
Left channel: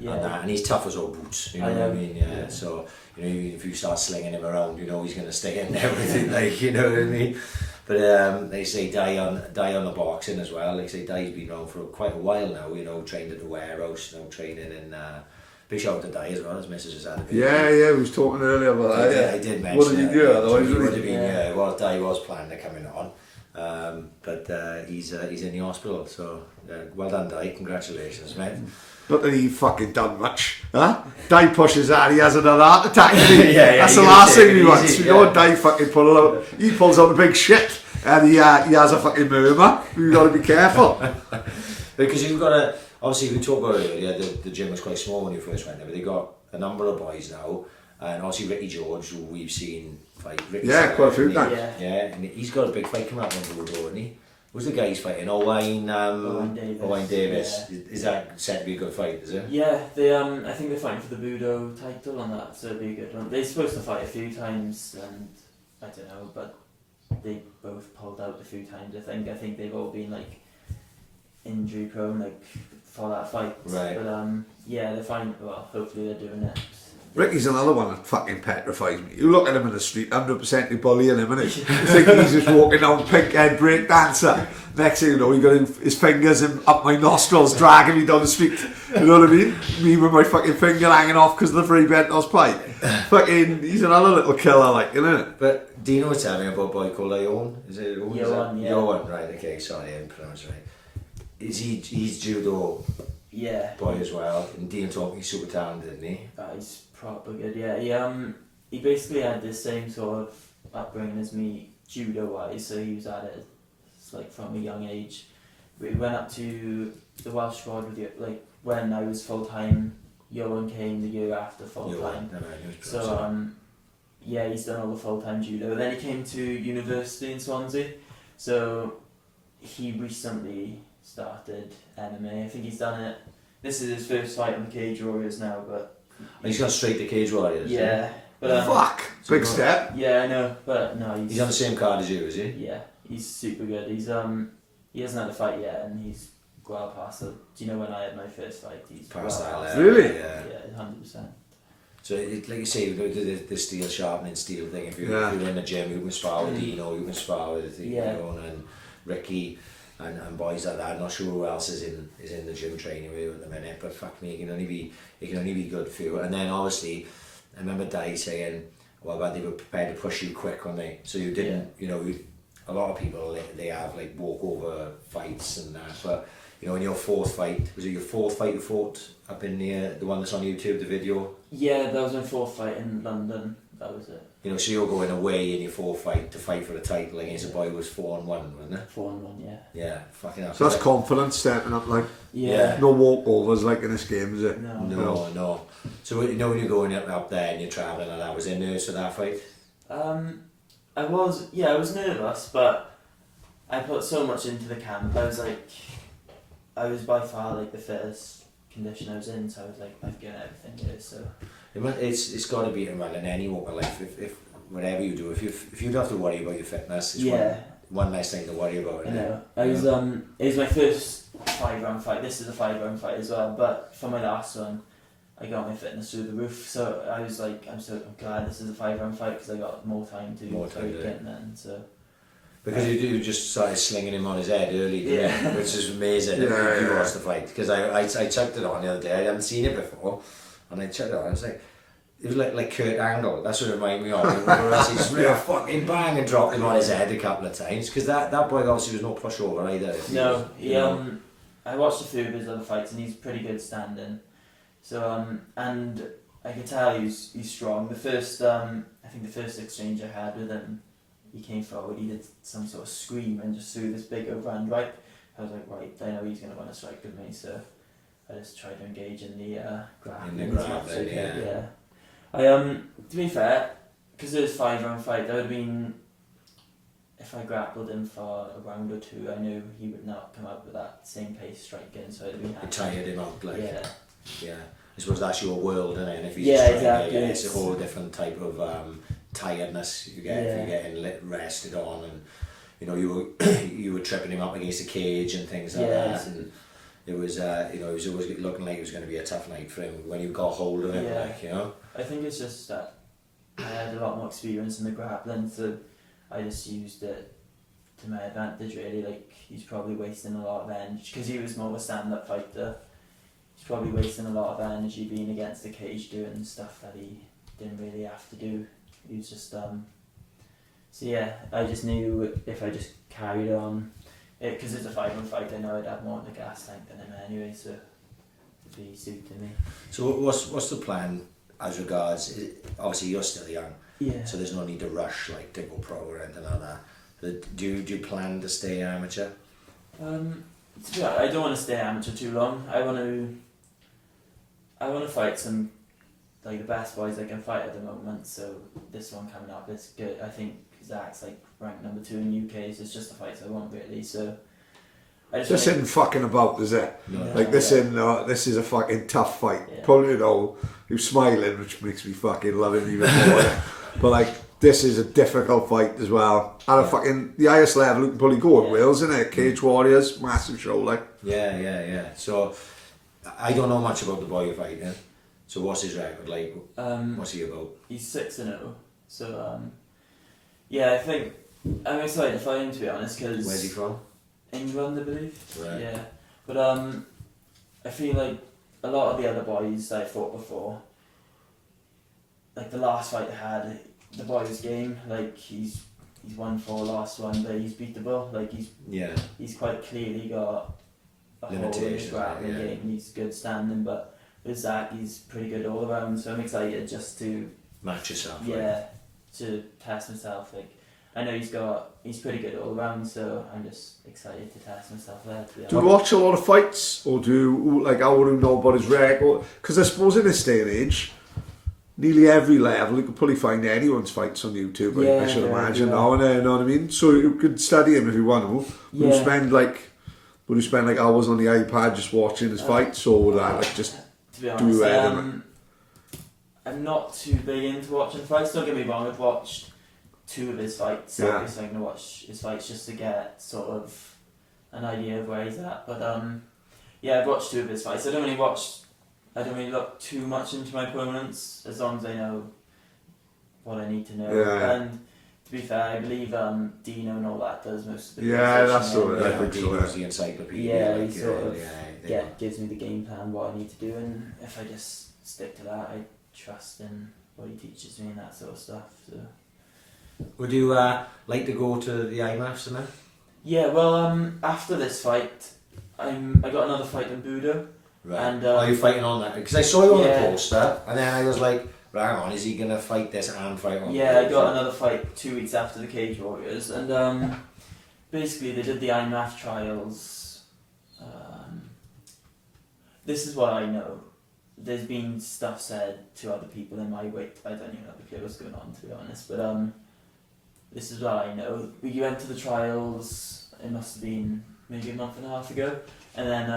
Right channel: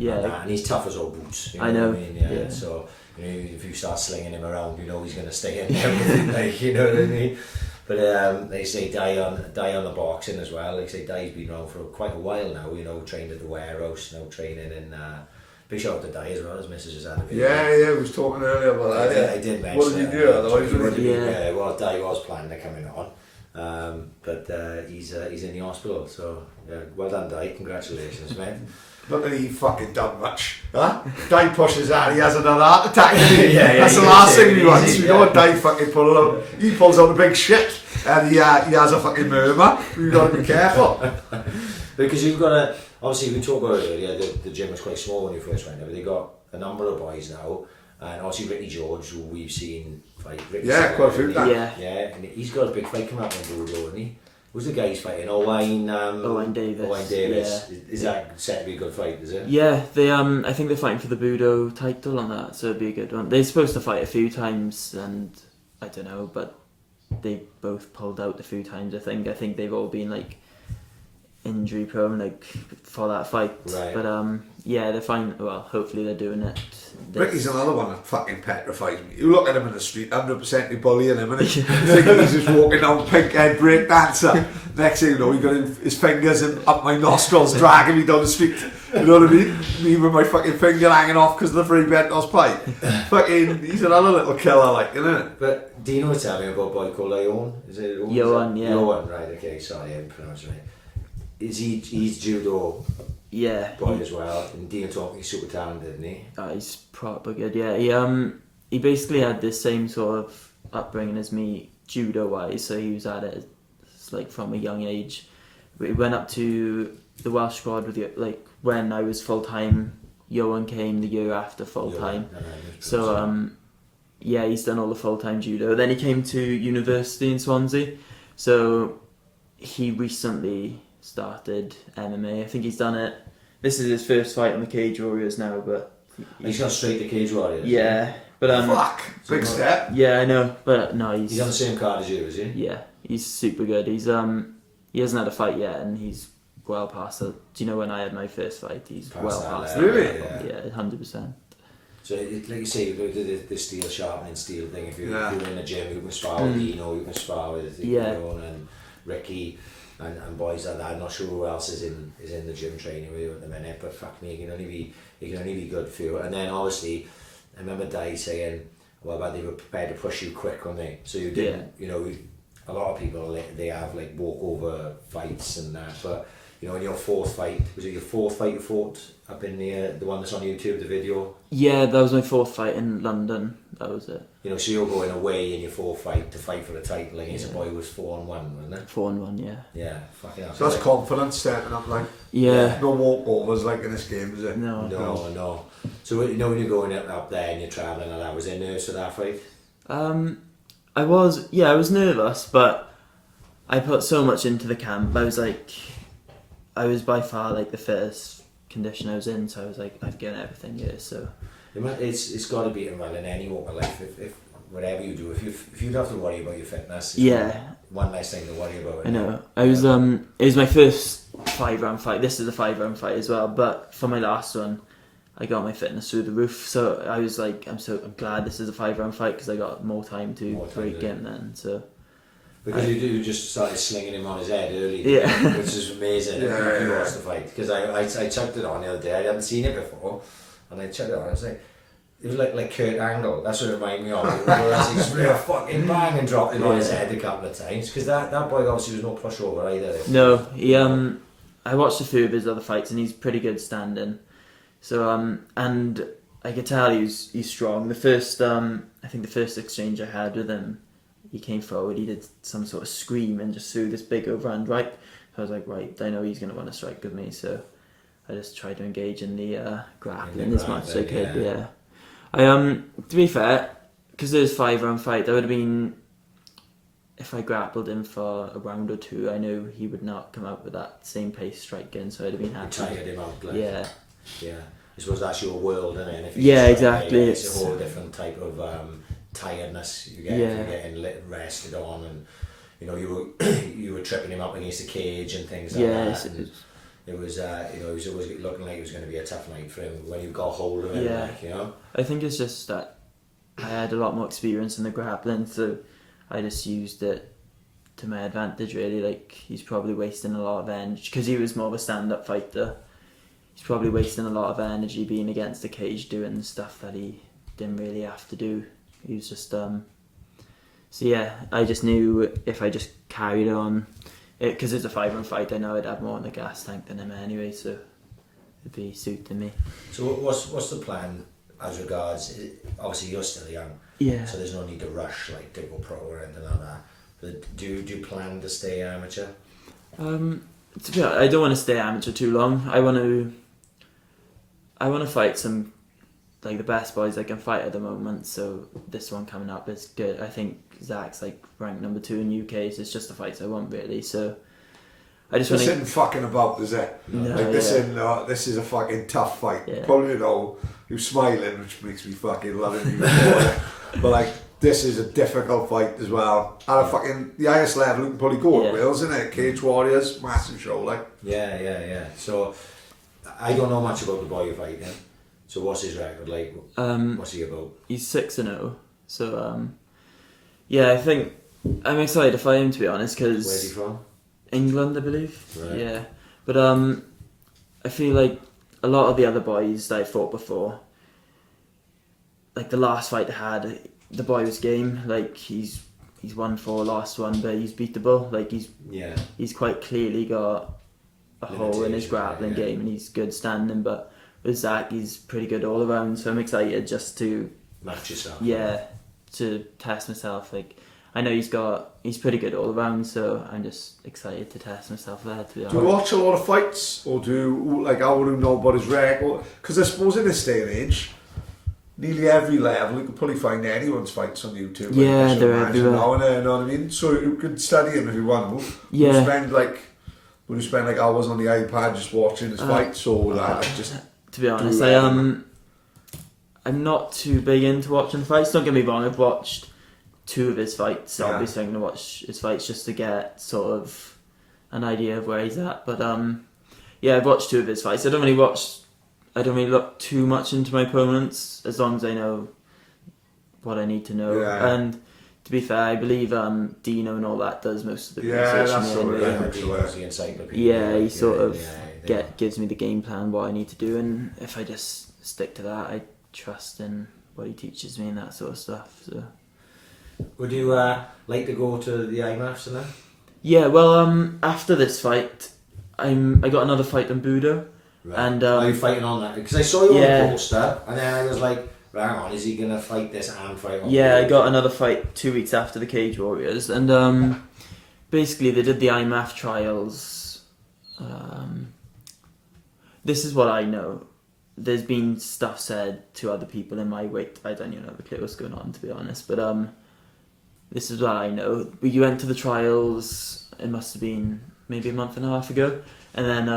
that, and he's tough as all boots, you know, what I mean? Yeah. So, you know, if you start slinging him around, you know he's going to stay in there with it, like, you know what I mean? But they say Di on the boxing as well. They say Di's been around for quite a while now, you know, trained at the warehouse, now training in big shout out to Di as well, his missus has had a big we was talking earlier about that. I did mention what did you do otherwise? Well, Di was planning to come in on, But he's in the hospital, so well done, Di. Congratulations, mate. Not that he fucking done much, huh? Di pushes out, he has another heart attack. Yeah, that's you the can last take thing it he wants. easy, You know what Di fucking he pulls out a big shit, and he has a fucking murmur. You've got to be careful. Because you've got to, obviously we talked about it earlier, the gym was quite small when you first went there, but they've got a number of boys now, and obviously Ricky George, who we've seen fight. Ricky's Quite a few yeah. Yeah. Yeah, and he's got a big fight coming up on Judo, hasn't he? Who's the guy he's fighting? Owain Davis. Owain Davis. Yeah. Is that set to be a good fight, is it? Yeah, they I think they're fighting for the Budo title on that, so it'd be a good one. They're supposed to fight a few times, and I don't know, but they both pulled out a few times. I think they've all been like injury prone, like for that fight. Right. But yeah, they're fine. Well, hopefully they're doing it. Ricky's another one that fucking petrifies me. You look at him in the street, 100% you're bullying him, and you think he's just walking down pink-head break dancer. Next thing you know, he got his fingers up my nostrils, dragging me down the street. You know what I mean? Me with my fucking finger hanging off because of the free Bentos pie. Fucking, he's another little killer, like, isn't it? But Dino was telling me about a boy called Ion. Is it Ion? Johan, yeah. Johan, right, okay, sorry, I didn't pronounce it right. He's judo Yeah. boy as well, and Dino told me he's super talented, isn't he? He's proper good. Yeah, he basically had the same sort of upbringing as me, judo wise. So he was at it like from a young age. We went up to the Welsh squad with like when I was full time. Johan came the year after full time. So yeah, he's done all the full time judo. Then he came to university in Swansea. So he recently started MMA. I think he's done it. This is his first fight on the Cage Warriors now, but he's gone straight to Cage Warriors. yeah. But Fuck! Big step. yeah, I know, but no, He's on the same card as you, is he? yeah, he's super good. He's he hasn't had a fight yet, and he's well past it. Do you know when I had my first fight? He's Past that well past level, Really? it. Yeah, 100%. So, like you say, you do the steel sharpening steel thing. If you're in the gym, you can spar with Dino, you can spar with Ion and Ricky and boys like that. I'm not sure who else is in the gym training with you at the minute, but fuck me, it can only be good for you. And then obviously, I remember Dai saying, well, but they were prepared to push you quick, weren't they? So you didn't, you know, a lot of people, they have like walkover fights and that, but you know, in your fourth fight, was it your fourth fight you fought up in the one that's on YouTube, the video? Yeah, that was my fourth fight in London. That was it. You know, so you're going away in your fourth fight to fight for the title against a boy who was 4-1, wasn't it? 4-1, yeah. Yeah, fucking hell. So that's confidence stepping up, like. Yeah. No walkovers like in this game, is it? No. So you know when you're going up there and you're travelling and that, was there nerves for that fight? I was nervous, but I put so much into the camp. I was by far like the first condition I was in, so I was like, I've given everything here, so. It's got to be in any walk of life. If whatever you do, if you don't have to worry about your fitness, it's one less thing to worry about. I know. I was it was my first 5-round fight. This is a 5-round fight as well. But for my last one, I got my fitness through the roof. So I was like, I'm glad this is a 5-round fight because I got more time to tweak in then. So. Because you just started slinging him on his head early, which is amazing. You watched the fight because I checked it on the other day. I hadn't seen it before. And I checked it out, I was like, it was like Kurt Angle. That's what it reminded me of. Whereas he's real fucking bang and dropped him on his head a couple of times. Because that boy obviously was no pushover either. No, he I watched a few of his other fights and he's pretty good standing. So and I could tell he's strong. The first I think the first exchange I had with him, he came forward, he did some sort of scream and just threw this big overhand right. I was like, right, I know he's going to want to strike with me, so I just tried to engage in the grappling as much as I could. Yeah. To be fair, because there's 5-round fight, that would have been, if I grappled him for a round or two, I knew he would not come out with that same pace striking, so I'd have been happy. Tired him out, like. Yeah. I suppose that's your world, isn't it? And if exactly. It's a whole different type of tiredness you get if you're getting rested on, and you know you were tripping him up against the cage and things like that. And it was it was always looking like it was going to be a tough night for him when you got hold of him. Like, you know. I think it's just that I had a lot more experience in the grappling, so I just used it to my advantage. Really, like he's probably wasting a lot of energy because he was more of a stand-up fighter. He's probably wasting a lot of energy being against the cage doing stuff that he didn't really have to do. He was just So yeah, I just knew if I just carried on, because it's a 5-round fight, I know I'd have more in the gas tank than him anyway, so it'd be suiting me. So what's the plan as regards? Obviously, you're still young, Yeah. so there's no need to rush like to go pro or anything like that. But do you plan to stay amateur? To be honest, I don't want to stay amateur too long. I want to fight some like the best boys I can fight at the moment. So this one coming up is good. I think Zach's like ranked number 2 in UK. So it's just the fights I want really. So I just this isn't fucking about, is it? No, like this this is a fucking tough fight. Yeah. Probably you're smiling, which makes me fucking love it even more. But like this is a difficult fight as well. At a fucking the highest level you can probably go at Wales, isn't it? Cage Warriors, massive show like. Yeah. So I don't know much about the boy you're fighting. So what's his record like? What's he about? He's 6-0. So yeah, I think I'm excited to fight him, to be honest. Cause Where's he from? England, I believe. Right. Yeah, but I feel like a lot of the other boys that I fought before, like the last fight I had, the boy was game. Like he's won 4, lost 1, but he's beatable. Like he's quite clearly got a hole in his grappling game, and he's good standing. But with Zach, he's pretty good all around. So I'm excited just to match yourself. Yeah, to test myself. Like I know he's pretty good all around, so I'm just excited to test myself there. To be honest. Do you watch a lot of fights, or how would you know about his record? Because I suppose in this day and age, nearly every level you could probably find anyone's fights on YouTube. Yeah, I should they're imagine everywhere. now, you know what I mean. So you could study him if you want to. Yeah. Would you spend like hours on the iPad just watching his fights, or would I like just? To be honest, I'm not too big into watching fights. Don't get me wrong, I've watched 2 of his fights. Yeah. Obviously, I'm gonna watch his fights just to get sort of an idea of where he's at. But yeah, I've watched 2 of his fights. I don't really look too much into my opponents as long as I know what I need to know. Yeah. And to be fair, I believe Dino and all that does most of the Yeah, research. that's all right. I think so. He's the encyclopedia. Yeah, he sort of yeah. gives me the game plan, what I need to do, and if I just stick to that, I trust in what he teaches me and that sort of stuff. So Would you like to go to the IMMAFs and that? yeah, well, after this fight, I got another fight in Budo. Right. And are you fighting on that? Because I saw you on Yeah. the poster, and then I was like, hang on, is he gonna fight this and fight on? Yeah, I got another fight 2 weeks after the Cage Warriors, and basically they did the IMMAF trials. This is what I know. There's been stuff said to other people in my weight. I don't even know the clue what's going on, to be honest. But this is what I know. We went to the trials. It must have been maybe a month and a half ago, and then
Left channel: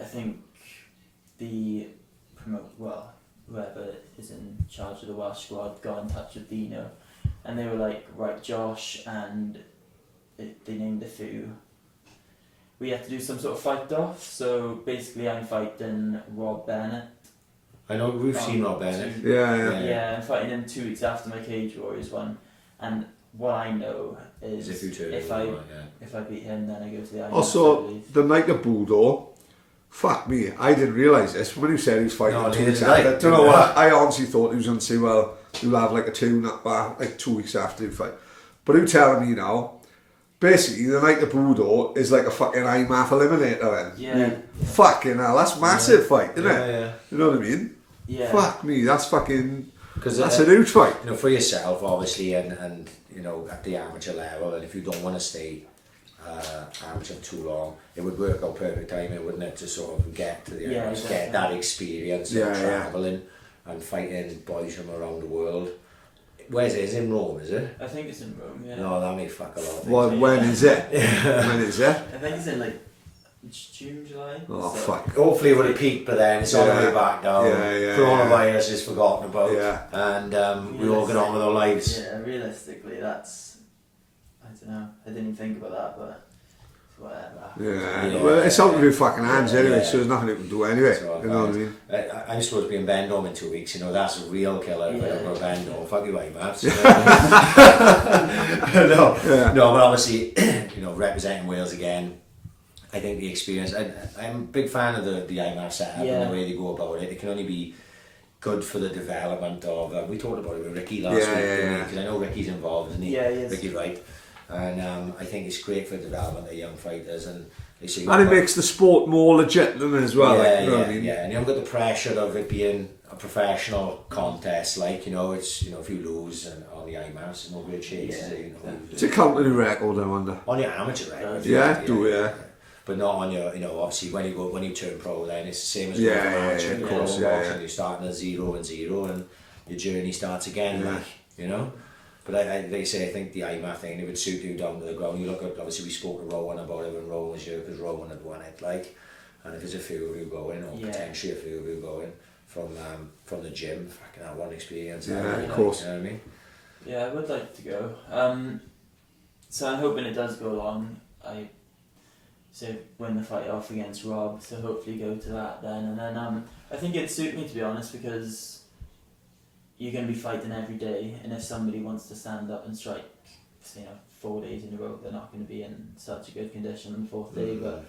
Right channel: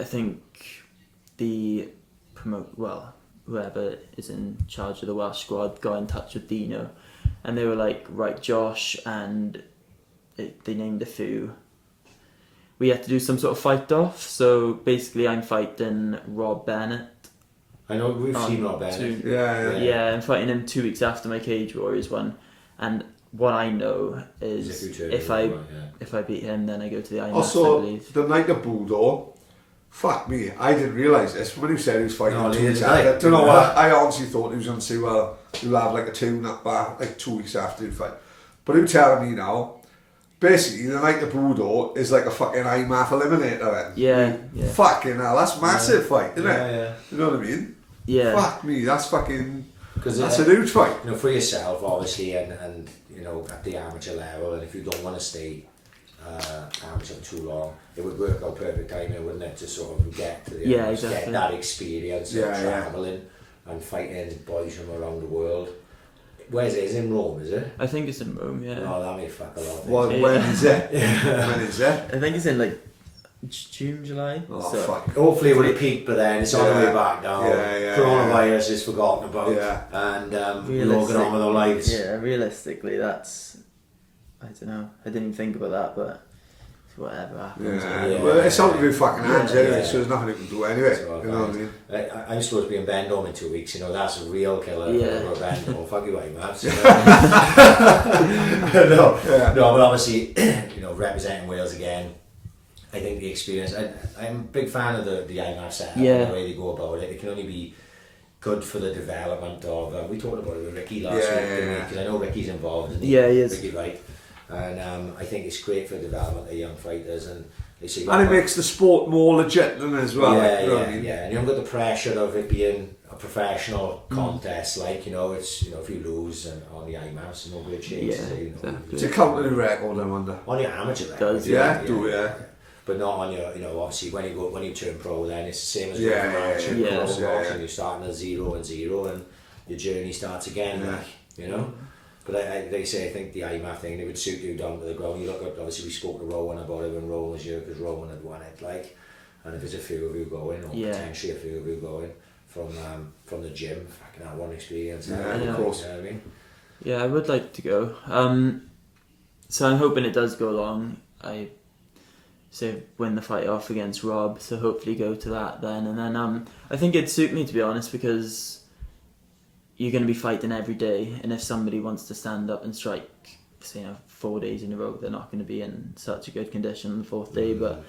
I think whoever is in charge of the Welsh squad got in touch with Dino, and they were like, right, Josh, and they named a few. We had to do some sort of fight off, so basically I'm fighting Rob Bennett. I know we've seen Rob Bennett. Yeah. I'm fighting him 2 weeks after my Cage Warriors one, and what I know is if I beat him, then I go to the IMMAF. Also, the night of Budo, fuck me, I didn't realise this. When he said he was fighting 2 weeks after, I don't know what. I honestly thought he was going to say, well, you'll have like a 2 weeks after the fight. But who's telling me now? Basically, the night of Budo is like a fucking IMMAF eliminator then. Yeah. Fucking hell, that's massive fight, isn't it? Yeah. You know what I mean? Yeah. Fuck me, that's fucking... Because that's a huge fight. You know, for yourself, obviously, and you know, at the amateur level, and if you don't want to stay amateur for too long, it would work out perfect timing, wouldn't it? To sort of get to the get that experience of travelling and fighting boys from around the world. Where's it? It's in Rome, is it? I think it's in Rome, yeah. No, that may fuck a lot of things. Well, when is it? When is it? I think it's in like June, July. Oh, so. fuck. Hopefully it would have peaked, but then it's on the way back now. Coronavirus is forgotten about, and we all get on with our lives. Yeah, realistically, that's... I don't know. I didn't even think about that, but whatever happens. Well, it's out of your fucking hands anyway, so there's nothing you can do anyway. So, you know what I mean? I'm supposed to be in Vendome in 2 weeks, you know, that's a real killer for Vendome. Fuck you, IMMAF. No, but obviously, you know, representing Wales again, I think the experience, I'm a big fan of the IMMAF setup and the way they go about it. It can only be good for the development of. We talked about it with Ricky last week, didn't we? Because I know Ricky's involved, isn't he? Yeah, he is. Ricky Wright, and I think it's great for the development of young fighters, and it makes the sport more legitimate as well. Yeah, you know what I mean? And you haven't got the pressure of it being a professional contest. Like it's if you lose and on the IMMAF, it's no great chance. Exactly. It's a company record, I wonder. On your amateur record, Yeah. But not on your, obviously when you turn pro, then it's the same as of course, You're starting at 0-0, and your journey starts again. But they say, I think the IMMAF thing, it would suit you down to the ground. You look at, obviously we spoke to Rowan about it when Rowan was here, because Rowan had won it, and if there's a few of you going, or potentially a few of you going from the gym, fucking that one experience. Of course. You know what I mean? Yeah, I would like to go. So I'm hoping it does go along. I say win the fight off against Rob, so hopefully go to that then. And then I think it'd suit me, to be honest, because you're going to be fighting every day, and if somebody wants to stand up and strike, say 4 days in a row, they're not going to be in such a good condition on the fourth day. But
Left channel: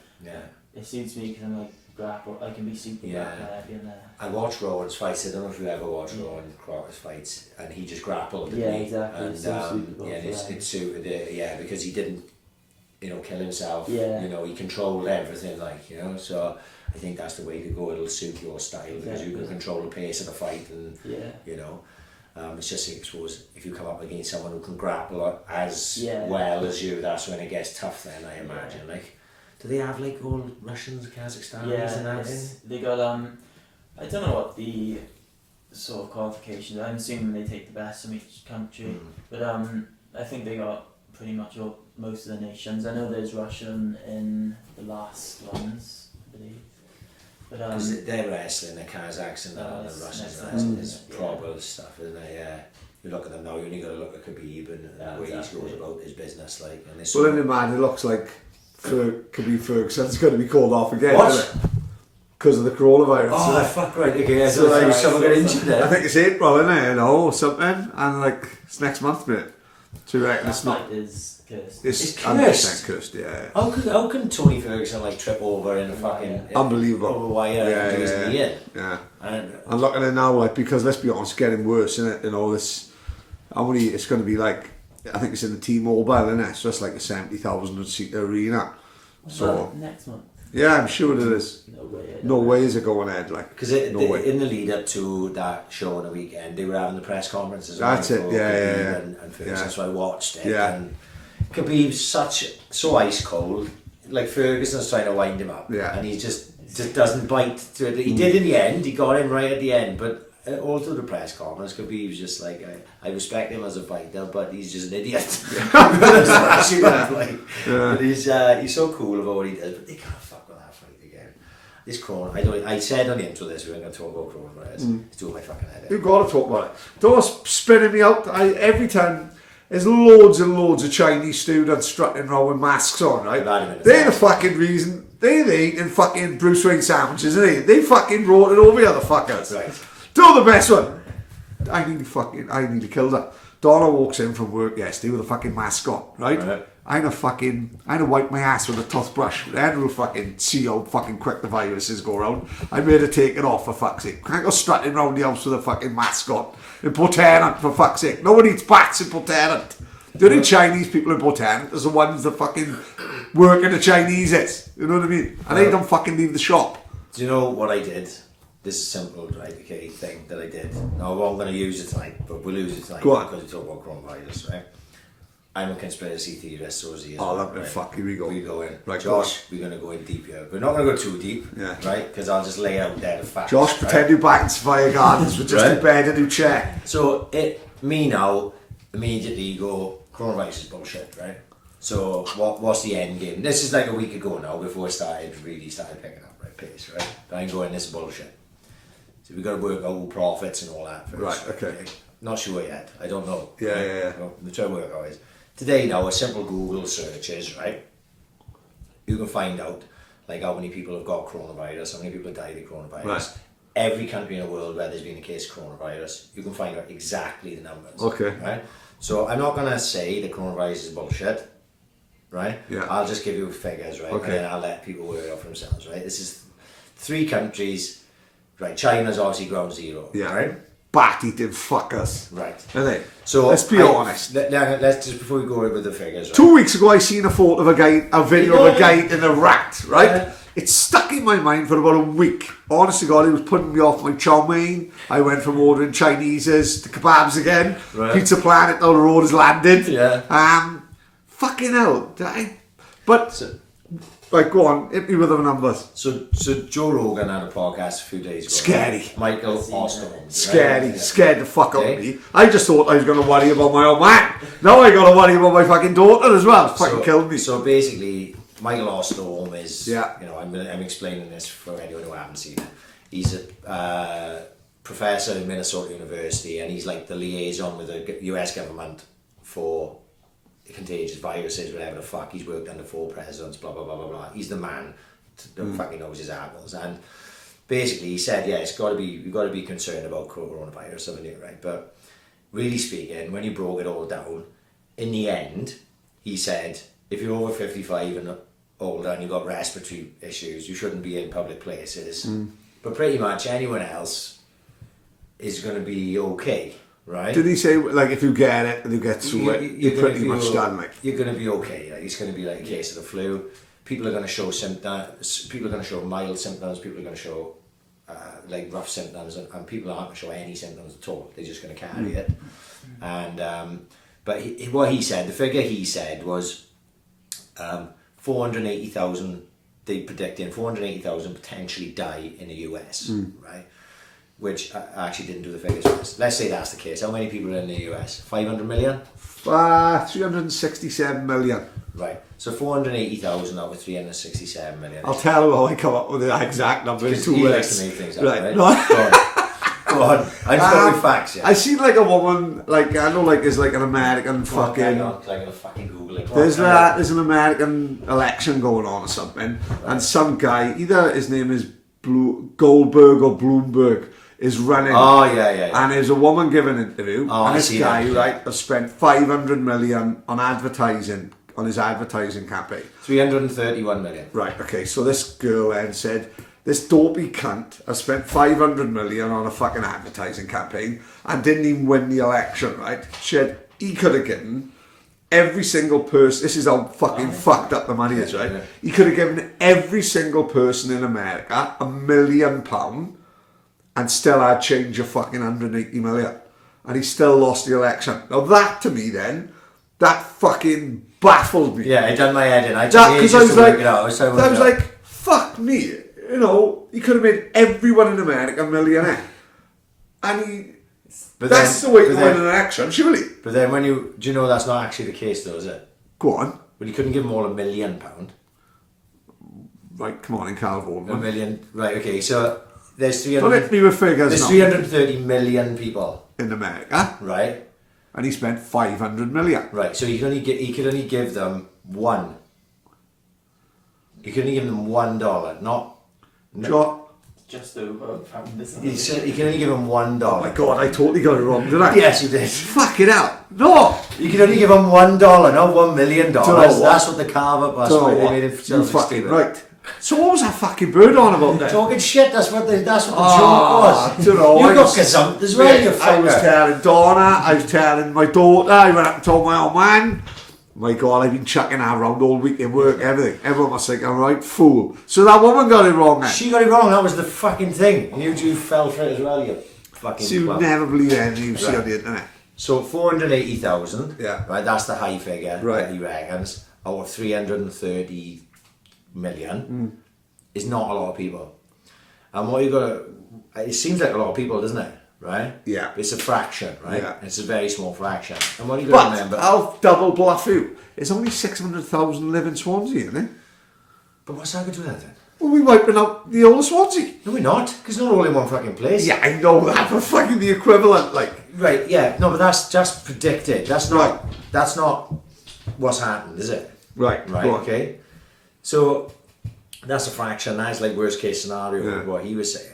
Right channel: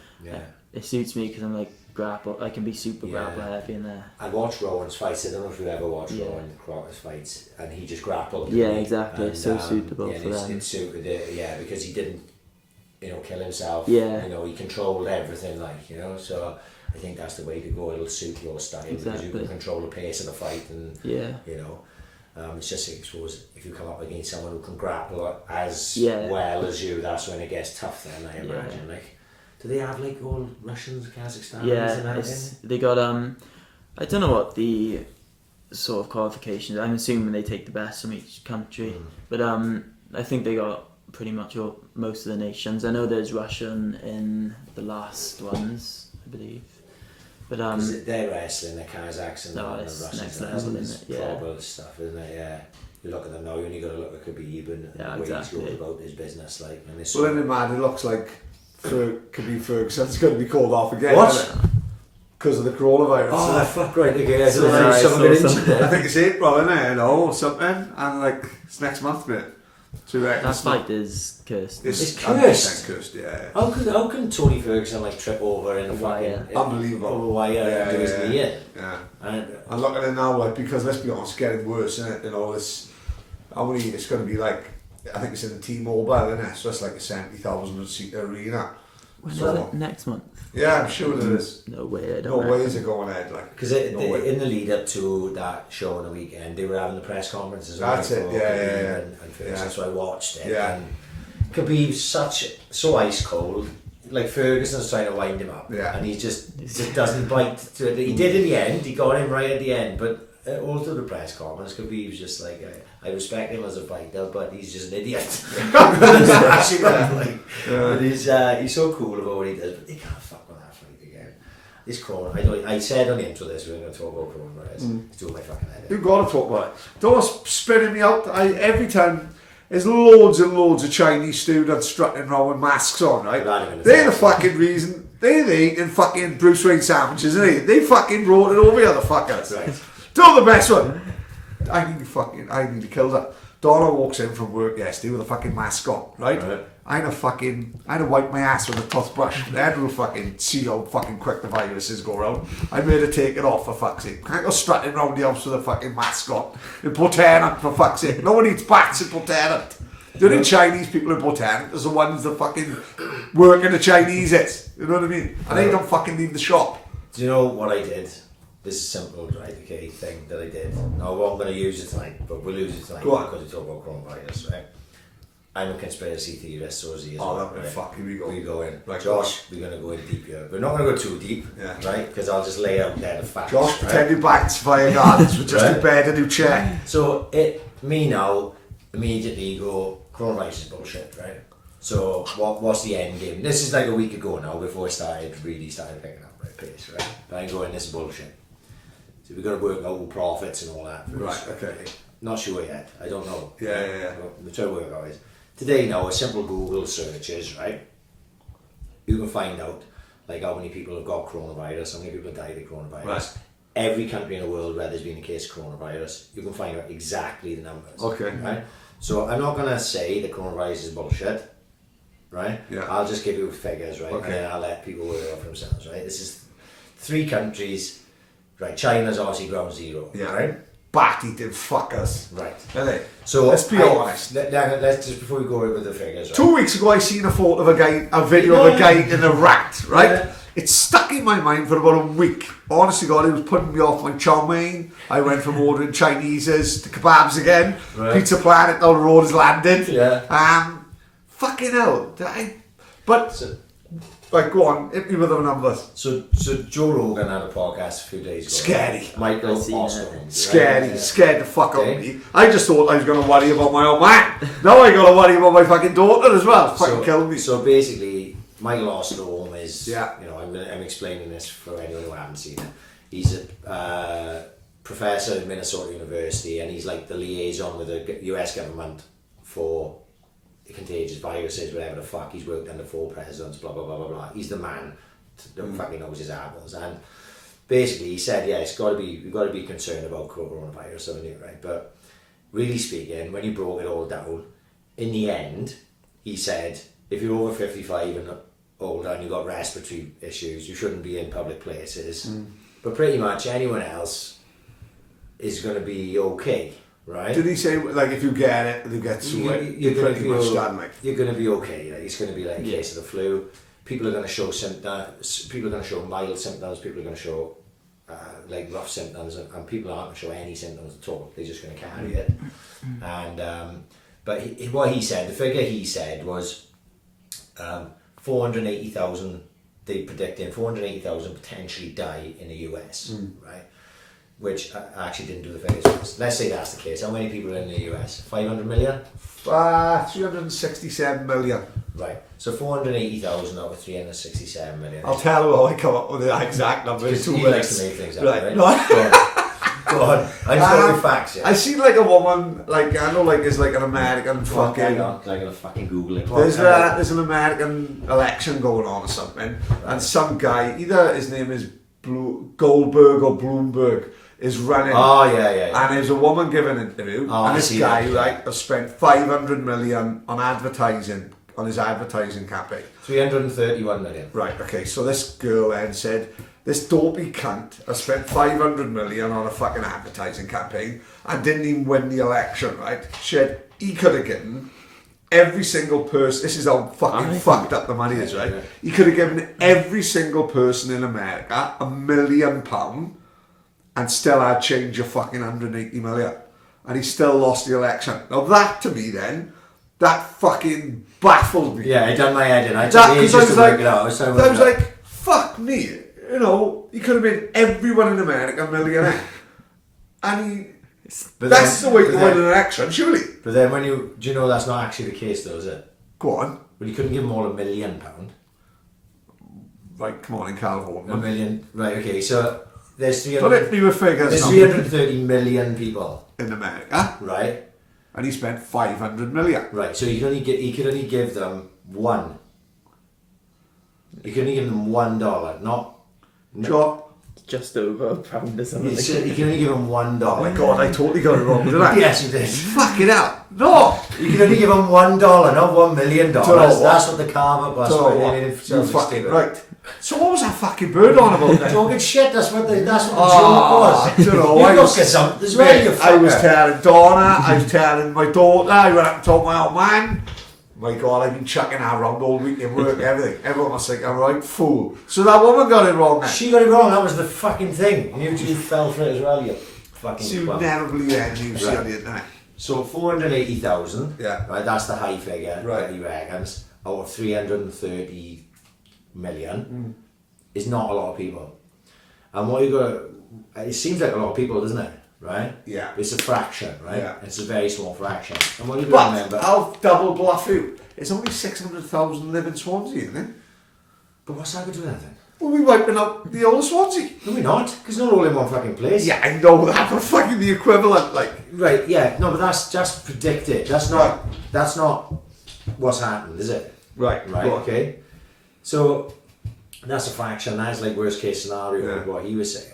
it suits me because I'm like grapple. I can be super grapple heavy in there. I watched Rowan's fights. I don't know if you ever watched Rowan Crotter's fights, and he just grappled. Yeah, exactly. And, it's so suitable for it suited it. Because he didn't, kill himself. Yeah. He controlled everything. So I think that's the way to go. It'll suit your style because you can control the pace of the fight, and it's just, I suppose, if you come up against someone who can grapple as well as you, that's when it gets tough. Then I imagine, do they have all Russians, Kazakhstan? They got I don't know what the sort of qualifications. I'm assuming they take the best from each country, but I think they got pretty much most of the nations. I know there's Russian in the last ones, I believe. But because they're wrestling, the Kazakhs and the Russians wrestling, it's proper stuff, isn't it? Yeah. You look at them now, you only got to look at Khabib and the way he goes about his business, and this. Well, then, man, it looks like Khabib Ferguson's going to be called off again, what? isn't it? Because of the coronavirus. Oh, fuck right again. I think it's April, isn't it? Or something, and it's next month, mate. That fight is cursed. It's cursed. 100% cursed, yeah. How can Tony Ferguson trip over in a fucking unbelievable over wire and do his knee in? Yeah. And look at it now, because let's be honest, it's getting worse, isn't it? This, it's going to be I think it's in the T-Mobile, isn't it? So it's like a 70,000 seat arena. Next month? Yeah, I'm sure it is. No way. No way is it going ahead. Because in the lead up to that show on the weekend, they were having the press conferences. That's it. Yeah. And Ferguson, so I watched it. Yeah. And Khabib's so ice cold. Ferguson's trying to wind him up. Yeah. And he just doesn't bite. He did in the end. He got him right at the end, but. All through the press conference, Khabib's just I respect him as a fighter, but he's just an idiot. But he's so cool about what he does, but they can't fuck with that fight again. This corona, I said on the intro this, we're going to talk about coronavirus. It's doing my fucking head in. You've got to talk about it. Don't spinning me out. Every time there's loads and loads of Chinese students strutting around with masks on, right? They're the fucking reason. They're eating fucking Bruce Wayne sandwiches, isn't they? They fucking brought it over here, the fuckers. Right. Do the best one. I nearly killed her. Donna walks in from work yesterday with a fucking mask on, right? I had to wipe my ass with a toothbrush. Then we'll fucking see how fucking quick the viruses go around. I made her take it off, for fuck's sake. Can't go strutting around the house with a fucking mask on. In Portenant, for fuck's sake. No one eats bats in Portenant. The only Chinese people in Portenant is the ones that fucking work in the Chineses. You know what I mean? And they don't fucking leave the shop. Do you know what I did? This is simple, right? Okay, thing that I did. Now, I'm going to use it tonight, but we'll use it tonight because we talk about coronavirus, right? I'm a conspiracy theorist, so is he as well. Right? Fuck, here we go. We go in. Right, Josh, we're going to go in deep here. We're not going to go too deep, right? Because I'll just lay out there the facts. Josh, pretend you're back in Sophia Gardens with just a bed and a new chair. So, me now, immediately go, coronavirus is bullshit, right? So, what's the end game? This is like a week ago now, before it really started picking up, right? Pace, right? But I'm going, this is bullshit. So we've got to work out profits and all that first. Right, okay. Not sure yet. I don't know. Yeah. We're trying to work out is. Today now, a simple Google search is, right? You can find out how many people have got coronavirus, how many people have died of coronavirus. Right. Every country in the world where there's been a case of coronavirus, you can find out exactly the numbers. Okay. Right? So I'm not going to say the coronavirus is bullshit, right? Yeah. I'll just give you figures, right? Okay. And then I'll let people work it out for themselves, right? This is 3 countries Right, China's obviously ground zero. Yeah. Right? Bat-eating fuckers. Right. Are they? So let's be honest. Let's just, before we go over the figures. Right? 2 weeks ago, I seen a photo of a video of a guy in a rat, right? Yeah. It stuck in my mind for about a week. Honestly, God, it was putting me off my chow mein. I went from ordering Chinese's to kebabs again. Right. Pizza Planet down the road has landed. Yeah. Fucking hell. Right, go on, hit me with the numbers. So Joe Rogan had a podcast a few days ago. Scary. Right? Michael Osterholm. Scary, right? scared the fuck out of me. I just thought I was going to worry about my own man. Now I got to worry about my fucking daughter as well. Fucking killed me. So basically, Michael Osterholm is, Yeah. you know, I'm explaining this for anyone who hasn't seen it. He's a professor at Minnesota University, and he's like the liaison with the US government for contagious viruses, whatever the fuck. He's worked under 4 presidents, blah blah blah blah blah. He's the man that fucking knows his apples. And basically, he said, yeah, we've got to be concerned about coronavirus, something new, right? But really speaking, when he broke it all down, in the end, he said, if you're over 55 and older and you've got respiratory issues, you shouldn't be in public places. But pretty much anyone else is going to be okay. Right? Did he say, like, if you get it, you get through it, you're pretty much done, like? You're going to be okay. Like, it's going to be like a case of the flu. People are going to show symptoms. People are going to show mild symptoms. People are going to show like rough symptoms, and people aren't going to show any symptoms at all. They're just going to carry it. And but what he said, the figure he said was 480,000. They predicting 480,000 potentially die in the US, right? Which I actually didn't do the figures for this. Let's say that's the case. How many people are in the US? 500 million? 367 million. Right. So 480,000 out of 367 million. I'll tell you how I come up with the exact number. Because he likes to make things up, right? No. Go on. I'm just with facts, yeah. I seen like a woman, like, I know, like, is like an American fucking... Like a fucking Google it. There's an American election going on or something, and some guy, either his name is Goldberg or Bloomberg, is running. Oh, yeah. And there's a woman giving an interview, and this guy, right, has spent 500 million on advertising, on his advertising campaign. 331 million. Right, okay, so this girl then said, this dopey cunt has spent 500 million on a fucking advertising campaign and didn't even win the election, right? He could have given every single person, this is how fucking fucked up the money is, right? Yeah. He could have given every single person in America £1 million and still had change of fucking 180 million. And he still lost the election. Now that to me then, that fucking baffled me. Yeah, it done my head in. I was like, fuck me. You know, he could have made everyone in America a millionaire. And that's the way to win an election, surely. But then do you know that's not actually the case though, is it? Go on. But he couldn't give them all £1 million. Right, come on in California. $1 million, right, okay, so there's 330 million people in America. Right. And he spent 500 million. Right, so he could only give them one. He could only give them $1, not... Just over £1 or something. You can only give him $1. Oh my god, I totally got it wrong, didn't I? Yes, you did. Fuck it out. No! You can only give him $1, not $1 million. That's what the carve-up was. They made it fucking right. So what was that fucking bird on about then? Talking shit, that's what the joke was. I don't know. You got gazumped as well, you fucker. I was telling Donna, I was telling my daughter, I went up and told my old man. My God, I've been chucking that around all week in work, everything. Everyone must think I'm right fool. So that woman got it wrong then. She got it wrong, that was the fucking thing. And you fell for it as well, you fucking So you never believe anything you see on the internet. So 480,000, yeah, right, that's the high figure right. that he reckons, out of 330 million is not a lot of people. And what you got to, it seems like a lot of people, doesn't it? Right? Yeah. It's a fraction, right? Yeah. It's a very small fraction. And what you got to remember... I'll double bluff you. It's only 600,000 live in Swansea, isn't it? But what's that going to do then? Well, we're wiping out the whole of Swansea. No, we're not, because not all in one fucking place. Yeah, I know that, but fucking the equivalent, like... Right, yeah, no, but that's just predicted. That's not what's happened, is it? Right, right, okay. So, that's a fraction. That's like worst case scenario, what he was saying.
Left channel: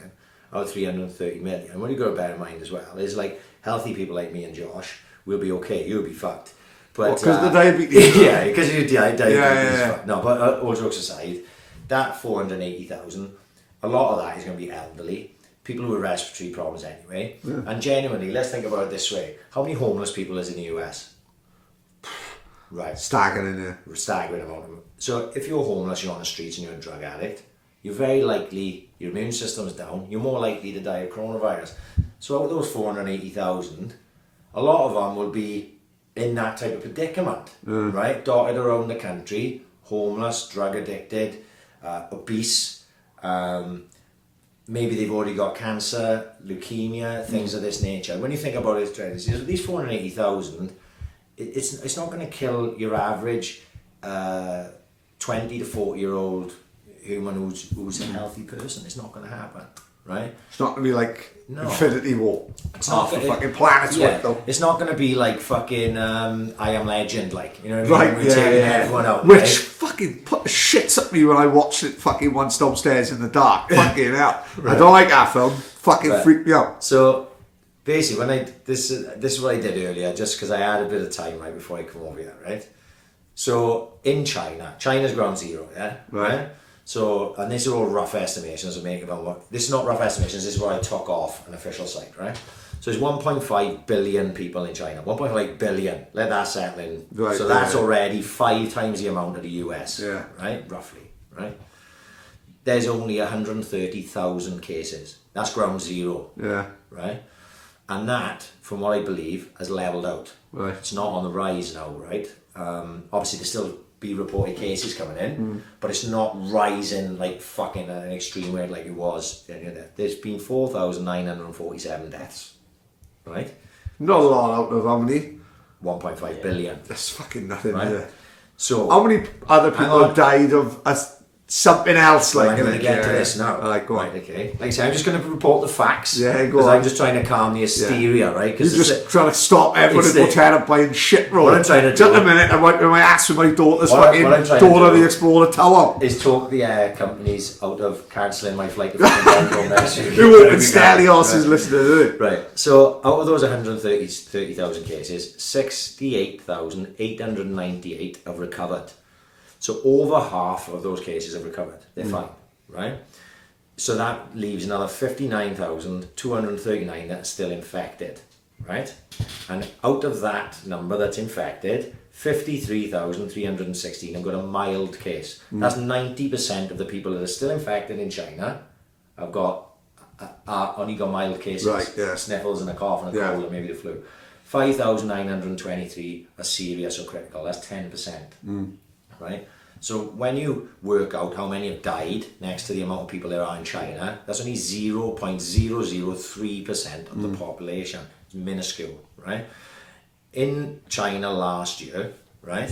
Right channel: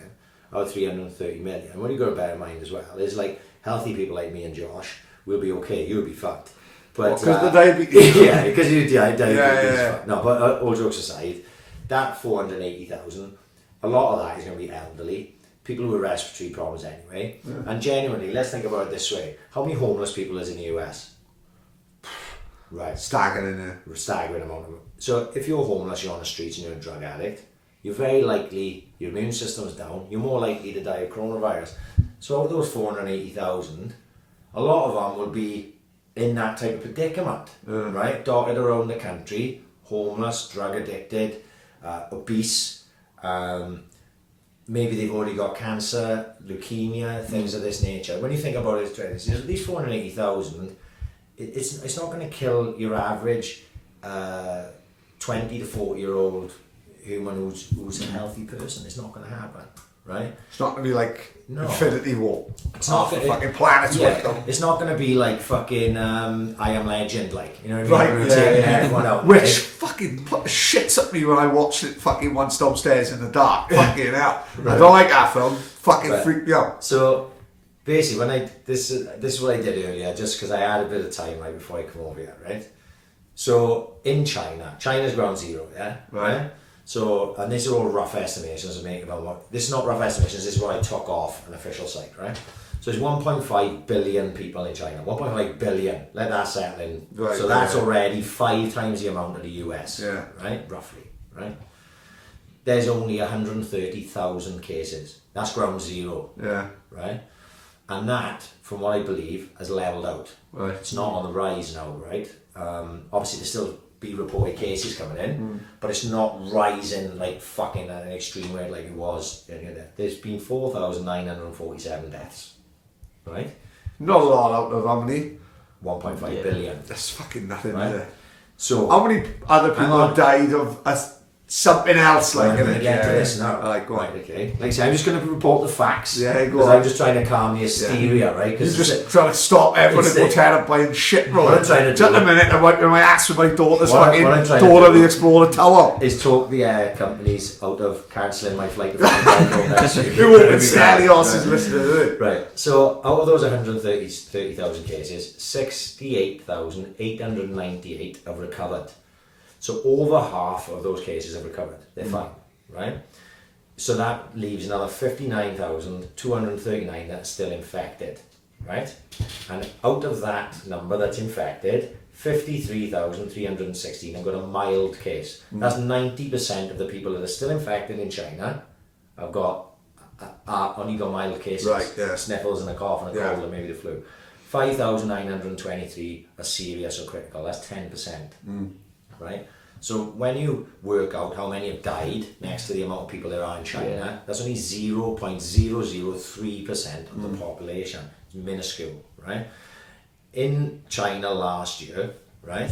Out of 330 million. What you got to bear in mind as well is like healthy people like me and Josh will be okay. You'll be fucked. But because the diabetes. Yeah, because you diabetes. Yeah. No, but all jokes aside, that 480,000, a lot of that is going to be elderly people with respiratory problems anyway. Yeah. And genuinely, let's think about it this way. How many homeless people is in the US? Right. Staggering amount of them. So if you're homeless, you're on the streets and you're a drug addict, you're very likely, your immune system's down, you're more likely to die of coronavirus. So out of those 480,000, a lot of them will be in that type of predicament, right? Dotted around the country, homeless, drug addicted, obese, maybe they've already got cancer, leukemia, things of this nature. When you think about it, at least 480,000, it's not going to kill your average 20 to 40-year-old human who's a healthy person. It's not going to happen, right? It's not going to be like Infinity War. It's not the fucking planet's worth though. It's not going to be like fucking I Am Legend, like, you know what I mean? Right, Everyone out, which right? fucking shits at me when I watched it fucking once downstairs in the dark. Fucking hell. Right. I don't like that film. Fucking freaked me out. So basically, when this is what I did earlier, just because I had a bit of time right before I come over here, right? So in China's ground zero, yeah, right. So, and these are all rough estimations I'm making about what. This is not rough estimations. This is what I took off an official site, right? So there's 1.5 billion people in China. 1.5 billion. Let that settle in. Right, so that's already 5 times the amount of the US, right? Roughly, right? There's only 130,000 cases. That's ground zero, right? And that, from what I believe, has leveled out. Right. It's not on the rise now, right? Obviously, there's still be reported cases coming in, but it's not rising like fucking at an extreme rate like it was. There's been 4,947 deaths, right? Not a lot out of how many? 1.5 billion. That's fucking nothing, right? Is it? So how many other people have died of something else? Like, I'm going to get to this now. Go on. Right, okay. Like I say, I'm just going to report the facts. Yeah, go on. Because I'm just trying to calm the hysteria, right? You're just trying to stop everyone in the hotel buying shit roll. What I'm trying to do... Just a minute, I went to my ass with my daughter's fucking Dora the Explorer Tower. Is talk the air companies out of cancelling my flight to fucking Hong Kong next year. Who wouldn't Stelios is listening to it. Right, so out of those 130,000 cases, 68,898 have recovered. So over half of those cases have recovered. They're fine, right? So that leaves another 59,239 that's still infected, right? And out of that number that's infected, 53,316 have got a mild case. That's 90% of the people that are still infected in China have got only got mild cases. Right, yeah. Sniffles and a cough and a cold and maybe the flu. 5,923 are serious or critical. That's 10%. Right? So when you work out how many have died next to the amount of people there are in China, that's only 0.003% of the population. It's minuscule, right? In China last year, right,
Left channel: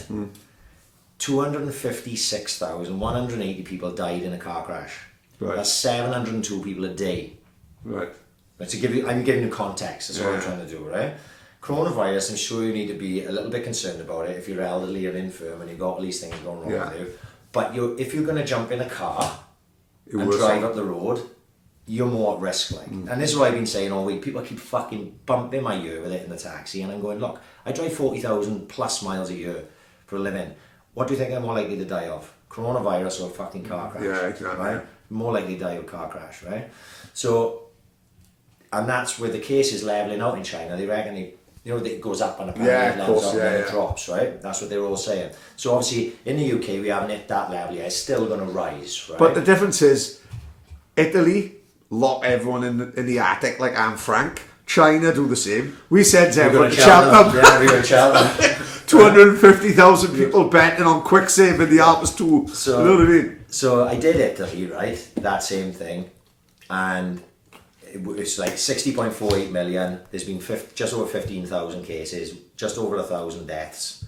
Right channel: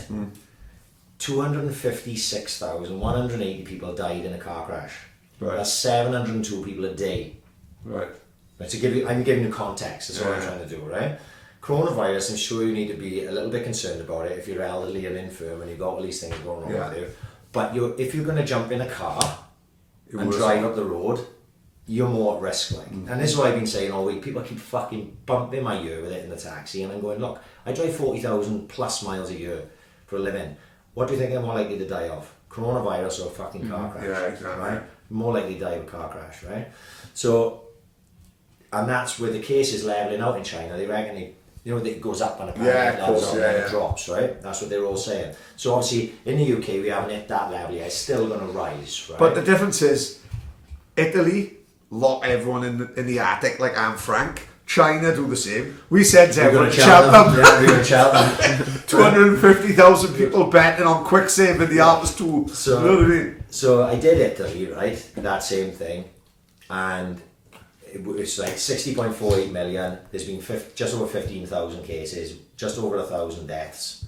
256,180 people died in a car crash. Right. That's 702 people a day. Right. But I'm giving you context, that's what I'm trying to do, right? Coronavirus, I'm sure you need to be a little bit concerned about it if you're elderly or infirm and you've got all these things going wrong with you. But if you're going to jump in a car and drive up the road, you're more at risk. Like. And this is what I've been saying all week. People keep fucking bumping my ear with it in the taxi, and I'm going, look, I drive 40,000 plus miles a year for a living. What do you think I'm more likely to die of? Coronavirus or a fucking car crash? Yeah, exactly. Right? More likely to die of a car crash, right? So, and that's where the case is leveling out in China. They reckon it goes up and apparently it levels out and then it drops, right? That's what they're all saying. So obviously in the UK we haven't hit that level yet. It's still going to rise, right? But the difference is, Italy lock everyone in the attic like Anne Frank. China do the same. We said to everyone, Cheltenham. Yeah, we're going to Cheltenham. 250,000 people betting on quick save in the Alps too. So, you know what I mean? So I did Italy, right? That same thing. And it's like 60.48 million. There's been just over 15,000 cases, just over 1,000 deaths.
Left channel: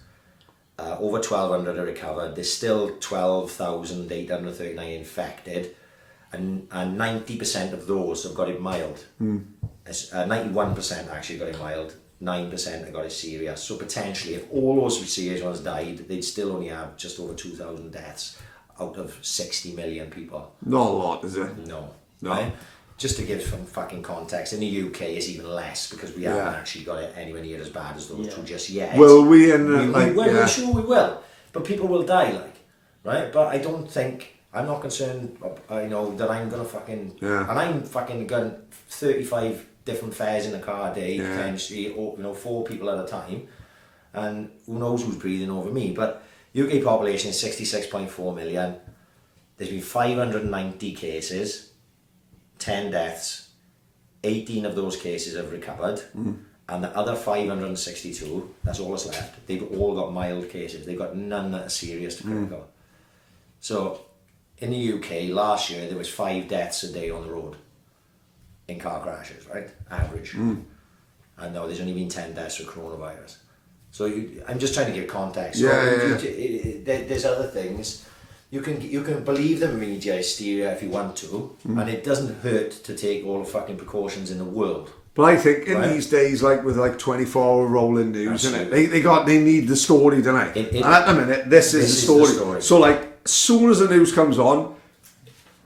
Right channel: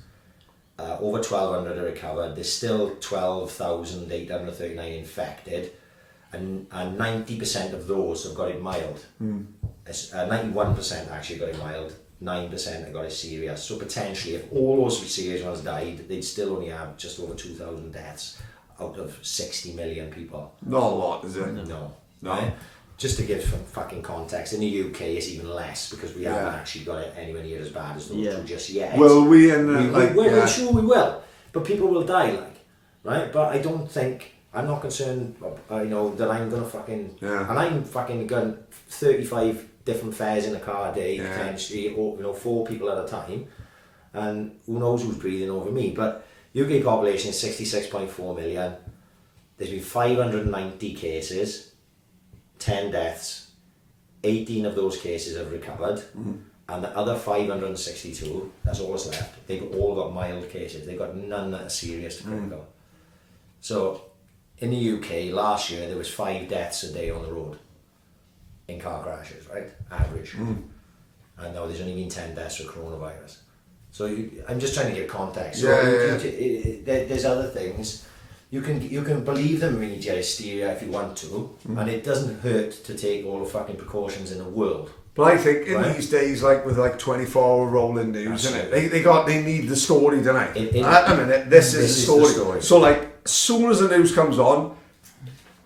Over 1,200 are recovered. There's still 12,839 infected, and 90% of those have got it mild. 91% actually got it mild. 9% have got it serious. So potentially, if all those serious ones died, they'd still only have just over 2,000 deaths out of 60 million people. Not a lot, is it? No. Right? Just to give some fucking context, in the UK it's even less because we haven't actually got it anywhere near as bad as those two just yet. Will we? We're sure we will, but people will die, right? But I don't think I'm not concerned, that I'm gonna fucking, Yeah. and I'm fucking got 35 different fares in a car a day, Yeah. potentially, or 4 people at a time, and who knows who's breathing over me. But UK population is 66.4 million. There's been 590 cases, 10 deaths. 18 of those cases have recovered, and the other 562, that's all that's left, they've all got mild cases. They've got none that are serious to critical. So in the UK last year there was 5 deaths a day on the road in car crashes, right? Average. And now there's only been 10 deaths with coronavirus. So I'm just trying to give context. So there's other things. You can believe the media hysteria if you want to, and it doesn't hurt to take all the fucking precautions in the world. But I think in these days, like with 24-hour rolling news, innit, they need the story, don't they? And at the minute, this is the story. So like, as soon as the news comes on,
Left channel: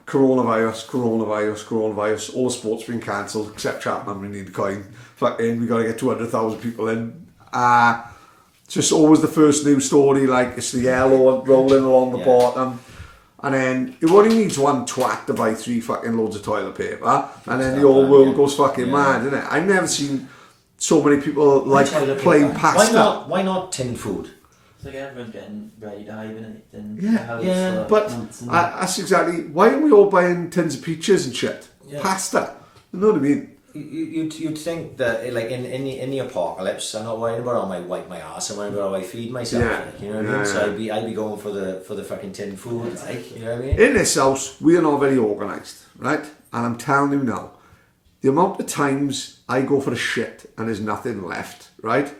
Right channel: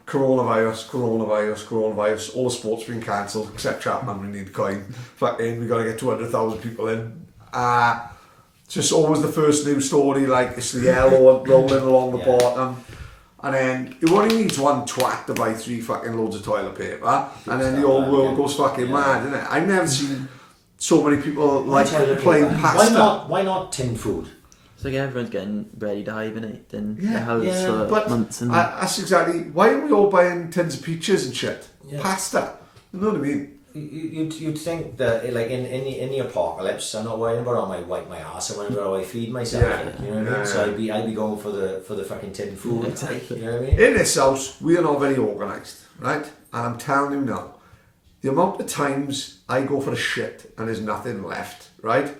coronavirus, all the sport's been cancelled except Chapman. We need the coin. Fucking, we got to get 200,000 people in. Just always the first news story, like it's the yellow rolling along the bottom, and then it only needs one twat to buy 3 fucking loads of toilet paper, and then the whole world goes fucking mad, innit? I've never seen so many people like playing pasta. Why not tin food? It's like everyone's getting ready to hibernate. Then But that's exactly why are we all buying tins of peaches and shit? Pasta, you know what I mean? You'd think that like in the apocalypse, I'm not worrying about how I wipe my ass. I'm worrying about how I feed myself. You know what I mean? So I'd be going for the fucking tin food. You know what I mean? In this house, we are not very organised, right? And I'm telling you now, the amount of times I go for a shit and there's nothing left, right?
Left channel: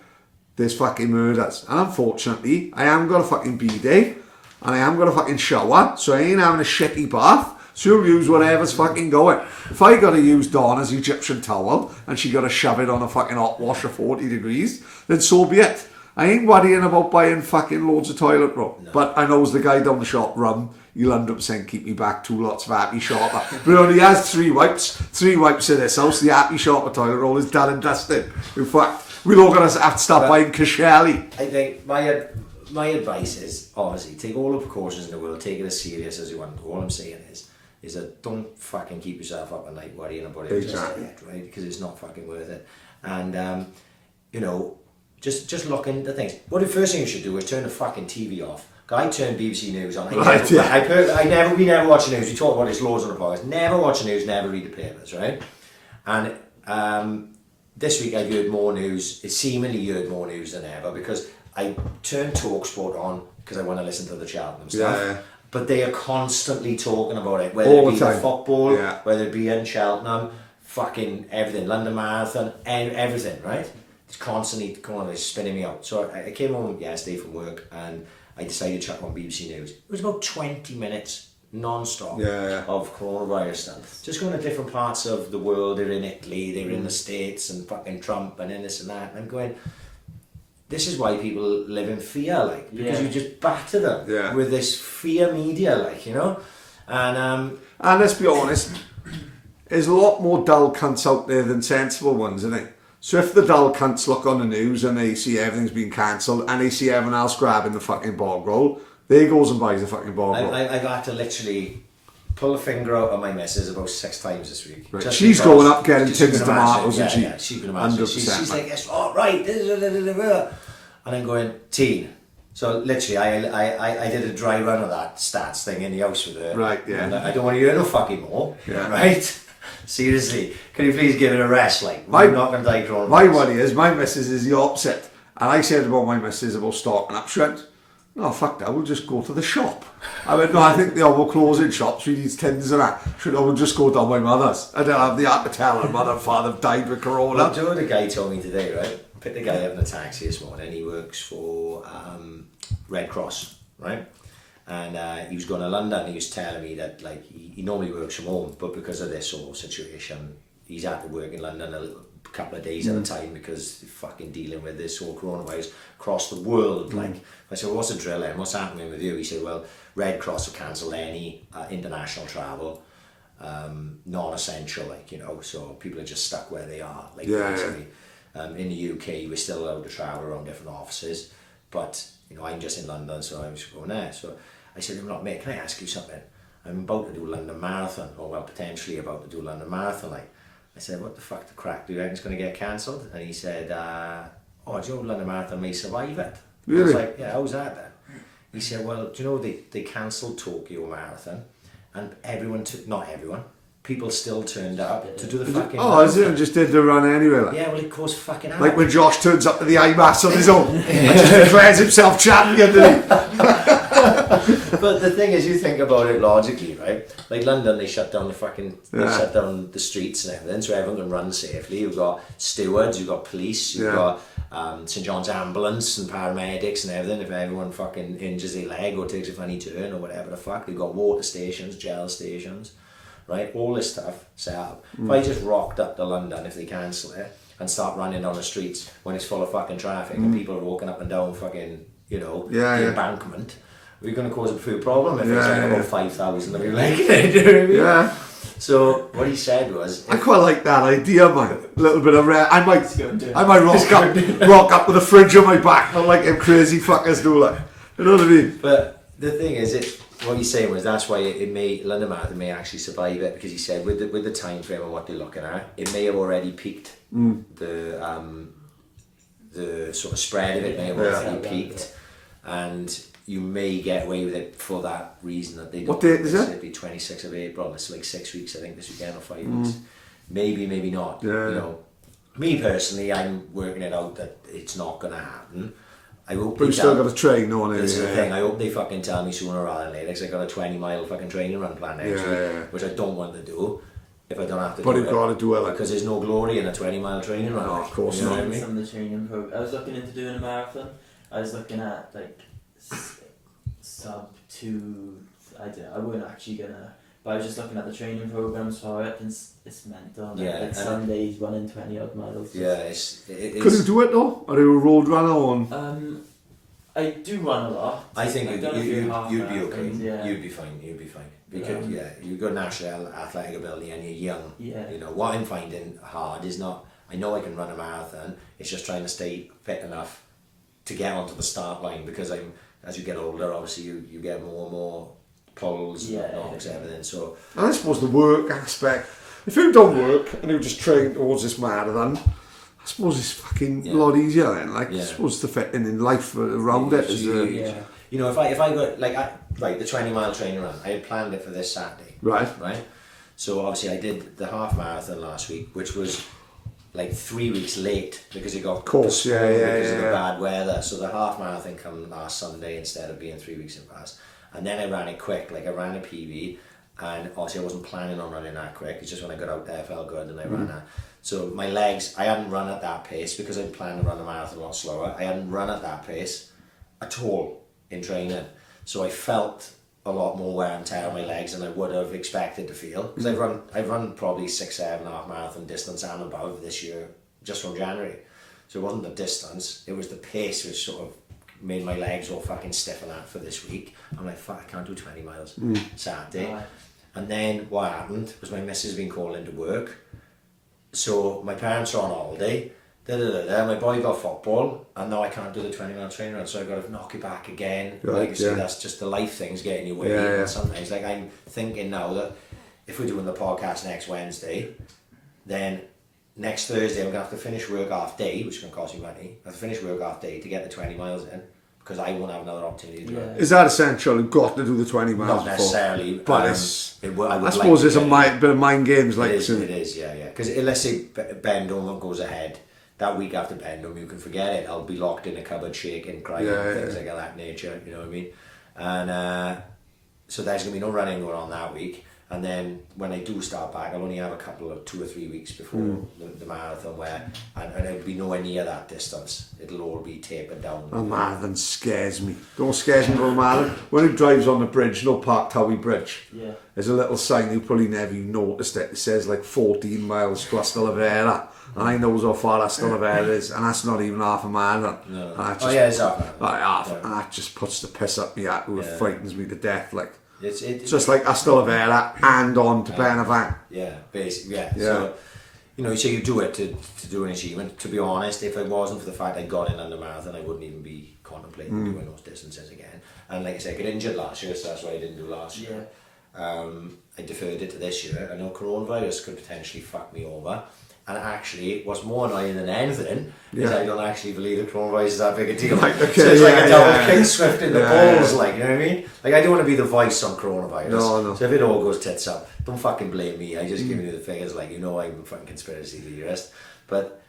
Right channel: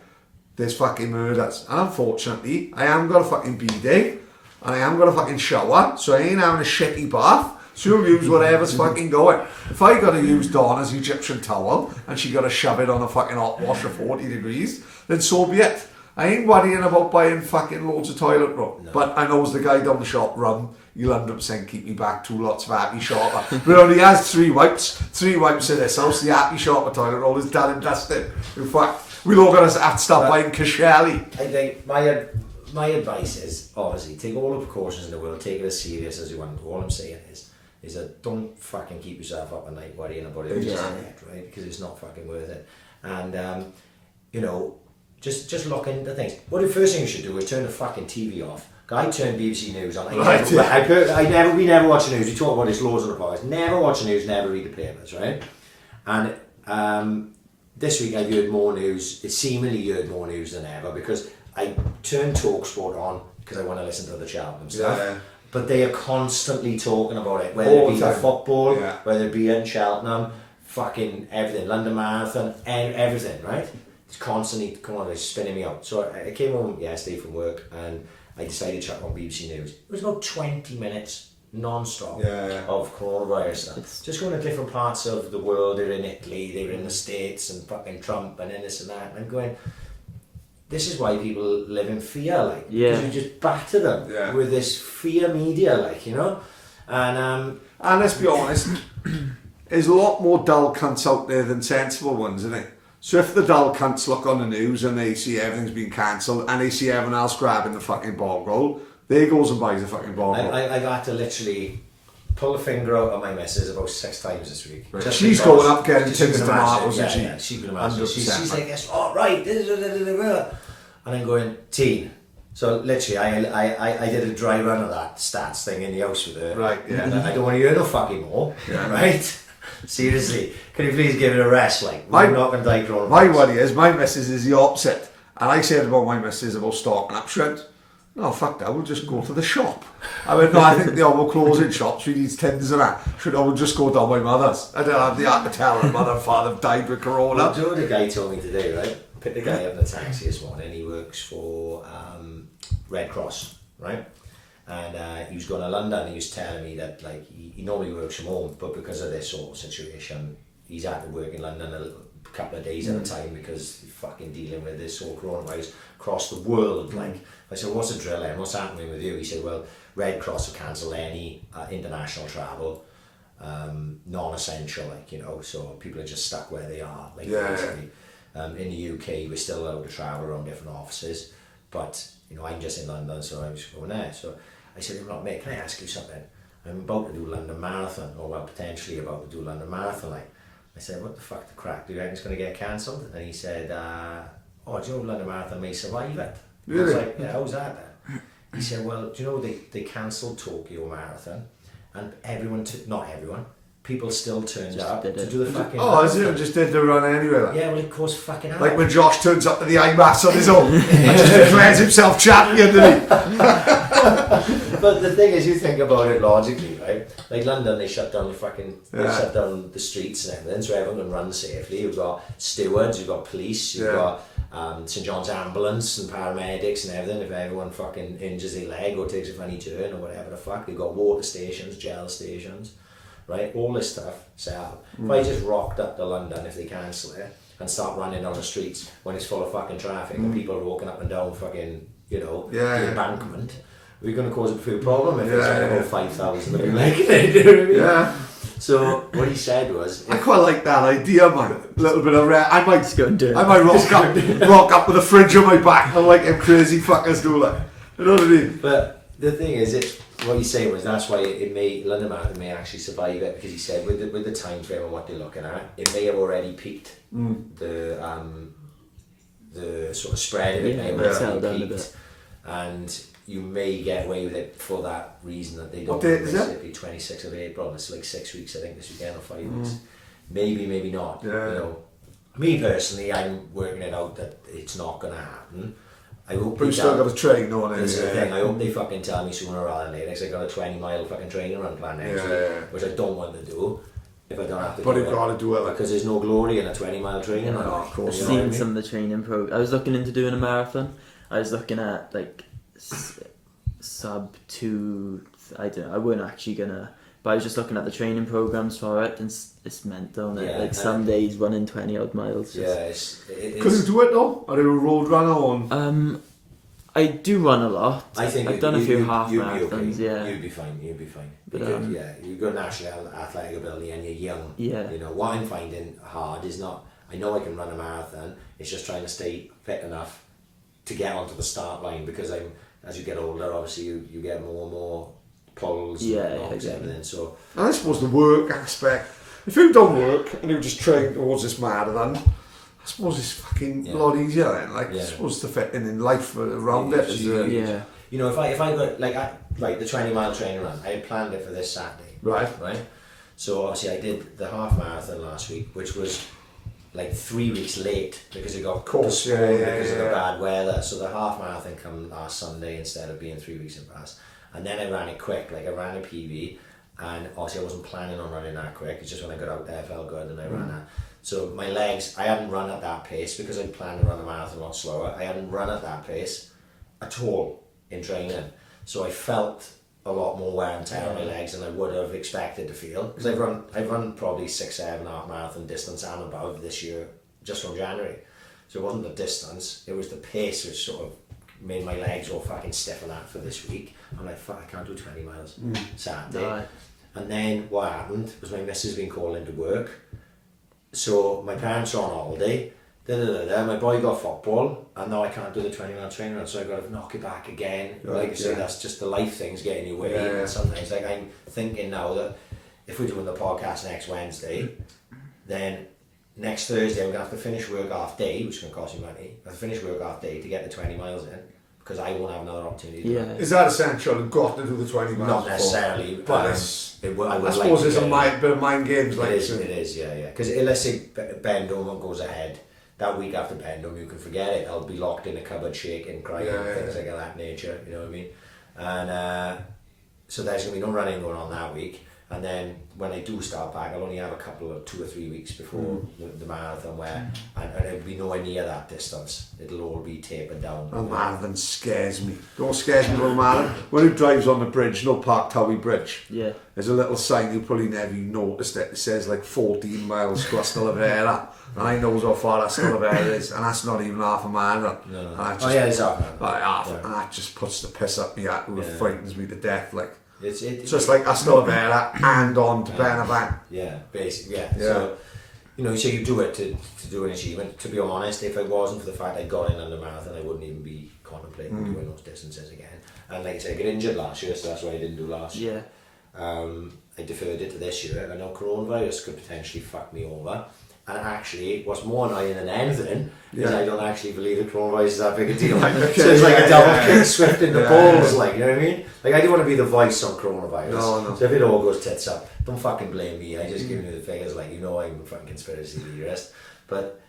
There's fucking murders. And unfortunately, I am got a fucking bidet and I am got a fucking shower, so I ain't having a shitty bath. So you'll use whatever's fucking going. If I got to use Donna's Egyptian towel and she got to shove it on a fucking hot wash of 40 degrees, then so be it. I ain't worrying about buying fucking loads of toilet roll. No. But I knows the guy down the shop, Rum, he'll 100% keep me back 2 lots of Happy Sharper. But only has 3 wipes. 3 wipes in this house. The Happy Sharper toilet roll is done and dusted. In fact, we're all going to have to stop buying Kashelli. I think my advice is, obviously, take all the precautions in the world, take it as serious as you want. All I'm saying is that don't fucking keep yourself up at night worrying about it just yet, right? Because it's not fucking worth it. And just look into things. Well, the first thing you should do is turn the fucking TV off. I turn BBC News on. We never watch the news. We talk about this loads on the podcast. Never watch the news, never read the papers, right? And this week I've heard more news. It seemingly heard more news than ever because I turned TalkSport on because I want to listen to the Cheltenham stuff. Yeah. But they are constantly talking about it, whether it be the football, whether it be in Cheltenham, fucking everything, London Marathon, and everything, right? It's constantly spinning me out. So I came home yesterday from work and I decided to check on BBC News. It was about 20 minutes non-stop of coronavirus stuff. Just going to different parts of the world. They're in Italy, they're in the States, and fucking Trump, and then this and that. And I'm going, this is why people live in fear, because you just batter them with this fear media, and let's be honest, there's a lot more dull cunts out there than sensible ones, isn't it? So if the dull cunts look on the news and they see everything's been cancelled and they see everyone else grabbing the fucking bog roll, they goes and buys the fucking bog roll. I've had to literally pull a finger out of my missus about 6 times this week. Right. She's going up getting tins of tomatoes, and she can imagine. She's like, oh right, and I'm going, teen. So literally, I did a dry run of that stats thing in the house with her. Right, yeah. And I don't want to hear no fucking more. Yeah. Right? Seriously, can you please give it a rest? We're not going to die coronavirus. My worry is, my missus is the opposite. And I said about my missus about stocking up. She went, no, fuck that, we'll just go to the shop. I went, no, I think they all closing shops. We need tins of that. She went, I will just go down my mother's. I don't have the heart to tell her mother and father died with corona. Well, do you know what the guy told me today, right? Picked the guy up in a taxi this morning. He works for Red Cross, right? And he was going to London. He was telling me that he normally works from home, but because of this whole situation, he's had to work in London a couple of days at a time because he's fucking dealing with this whole coronavirus across the world. I said, what's the drill then? What's happening with you? He said, well, Red Cross have cancelled any international travel, non-essential, so people are just stuck where they are. Basically. In the UK, we're still allowed to travel around different offices, but I'm just in London, so I was going there. So I said, mate, can I ask you something? I'm about to do London Marathon, or well, potentially about to do London Marathon. Like, I said, what the fuck the crack? Do you reckon it's going to get cancelled? And he said, oh, do you know London Marathon may survive it? Really? I was like, yeah, how's that then? He said, well, do you know they cancelled Tokyo Marathon, and everyone, not everyone, people still turned up to do the fucking is it? Just did the run anyway. Like. Yeah, well, it caused fucking havoc. Like when Josh turns up to the IMMAF on his own and just declares himself champion, doesn't he? But the thing is, you think about it logically, right? Like London, they shut down they shut down the streets and everything, so everyone can run safely. You've got stewards, you've got police, you've got St John's ambulance and paramedics and everything. If everyone fucking injures their leg or takes a funny turn or whatever the fuck, they've got water stations, gel stations, right? All this stuff set up. If I just rocked up to London, if they cancel it, and start running on the streets when it's full of fucking traffic and people are walking up and down fucking, the embankment, we're going to cause a few problem if it's like about 5,000 of you making it, you know what I mean? Yeah. So what he said was, I quite like that idea, man. A little bit of I might go and do it. I might rock up with a fridge on my back, and like them crazy fuckers do, like, you know what I mean? but the thing is, what he's saying was that's why London Marathon may actually survive it, because he said with the time frame and what they're looking at, it may have already peaked. The sort of spread of it may have already peaked, and you may get away with it for that reason that they don't. What date is it? It'll be 26th of April. It's like 6 weeks, I think, this weekend, or 5 weeks. Maybe not. Yeah. Me personally, I'm working it out that it's not going to happen. I hope But you still got to train on it. This is the thing. I hope they fucking tell me sooner rather than later, because I got a 20-mile fucking training run planned next week, which I don't want to do if I don't have to. But do you've got to do it, like, because there's no glory in a 20-mile training run. No, of course You know I've what I seen mean? some of the training programs. I was looking into doing a marathon. I was looking at like sub 2. I weren't actually gonna, but I was just looking at the training programs for it, and it's mental. Yeah, Like some days running 20 odd miles. Yeah, it's Could you do it though? Are you a road runner on? I do run a lot. I think I've done a few half you'd be marathons. okay. Yeah. You'd be fine. Because you've got national athletic ability and you're young. Yeah. What I'm finding hard is not. I know I can run a marathon. It's just trying to stay fit enough to get onto the start line, because as you get older, obviously you get more and more pulls, knocks, everything. So And I suppose the work aspect. If you don't work and you just train towards this marathon, I suppose it's fucking a lot easier then. Like, I suppose the fitting in life around it is. if I got the 20-mile training run, I had planned it for this Saturday. Right. So obviously I did the half marathon last week, which was like 3 weeks late because it got postponed because of the bad weather. So the half marathon come last Sunday instead of being 3 weeks in past. And then I ran it quick, like I ran a PB, and obviously I wasn't planning on running that quick. It's just when I got out there I felt good and I ran that. So my legs, I hadn't run at that pace because I'd planned to run a marathon a lot slower. I hadn't run at that pace at all in training. So I felt a lot more wear and tear on my legs than I would have expected to feel. Because I've run probably 6-7 half marathon distance and above this year, just from January. So it wasn't the distance, it was the pace which sort of made my legs all fucking stiff and that for this week. I'm like, fuck, I can't do 20 miles Saturday. Right. And then what happened was my missus had been calling to work. So my parents are on holiday. My boy got football, and now I can't do the 20-mile training run, so I've got to knock it back again. Like I say, that's just the life things getting in your way. And sometimes, like, I'm thinking now that if we're doing the podcast next Wednesday, then next Thursday I'm going to have to finish work half day, which is going to cost me money. I have to finish work half day to get the 20 miles in, because I won't have another opportunity to do it. Is that essential? You've got to do the 20 miles. Not necessarily, but I suppose it's a bit of mind games. Like it is, yeah. Because let's say Bendham goes ahead, that week after Bendham, you can forget it. I'll be locked in a cupboard shaking, crying, things like that nature, you know what I mean? And so there's going to be no running going on that week. And then when I do start back, I'll only have a couple of 2 or 3 weeks before the marathon where, and it'll be nowhere near that distance. It'll all be tapered down. A marathon scares me. Don't scares me about a marathon. When he drives on the bridge, no Park Towie Bridge, there's a little sign, you probably never noticed it. It says like 14 miles to Stavera. And I know how far that Stavera is, and that's not even half a marathon. No. It's half. And that just puts the piss up me at, it frightens me to death. Like, it's just like Stavera and on to Benavent. Yeah, basically, So, so you do it to do an achievement. To be honest, if it wasn't for the fact I got in under marathon, I wouldn't even be contemplating doing those distances again. And like I said, I got injured last year, so that's why I didn't do last year. I deferred it to this year. I know coronavirus could potentially fuck me over. And actually, what's more annoying than anything is I don't actually believe that coronavirus is that big a deal. Right, okay, so it's like a double kick swift in the balls, yeah. like, you know what I mean? Like, I don't want to be the voice on coronavirus. No. So if it all goes tits up, don't fucking blame me. I just giving you the figures, like, you know, I'm a fucking conspiracy theorist. But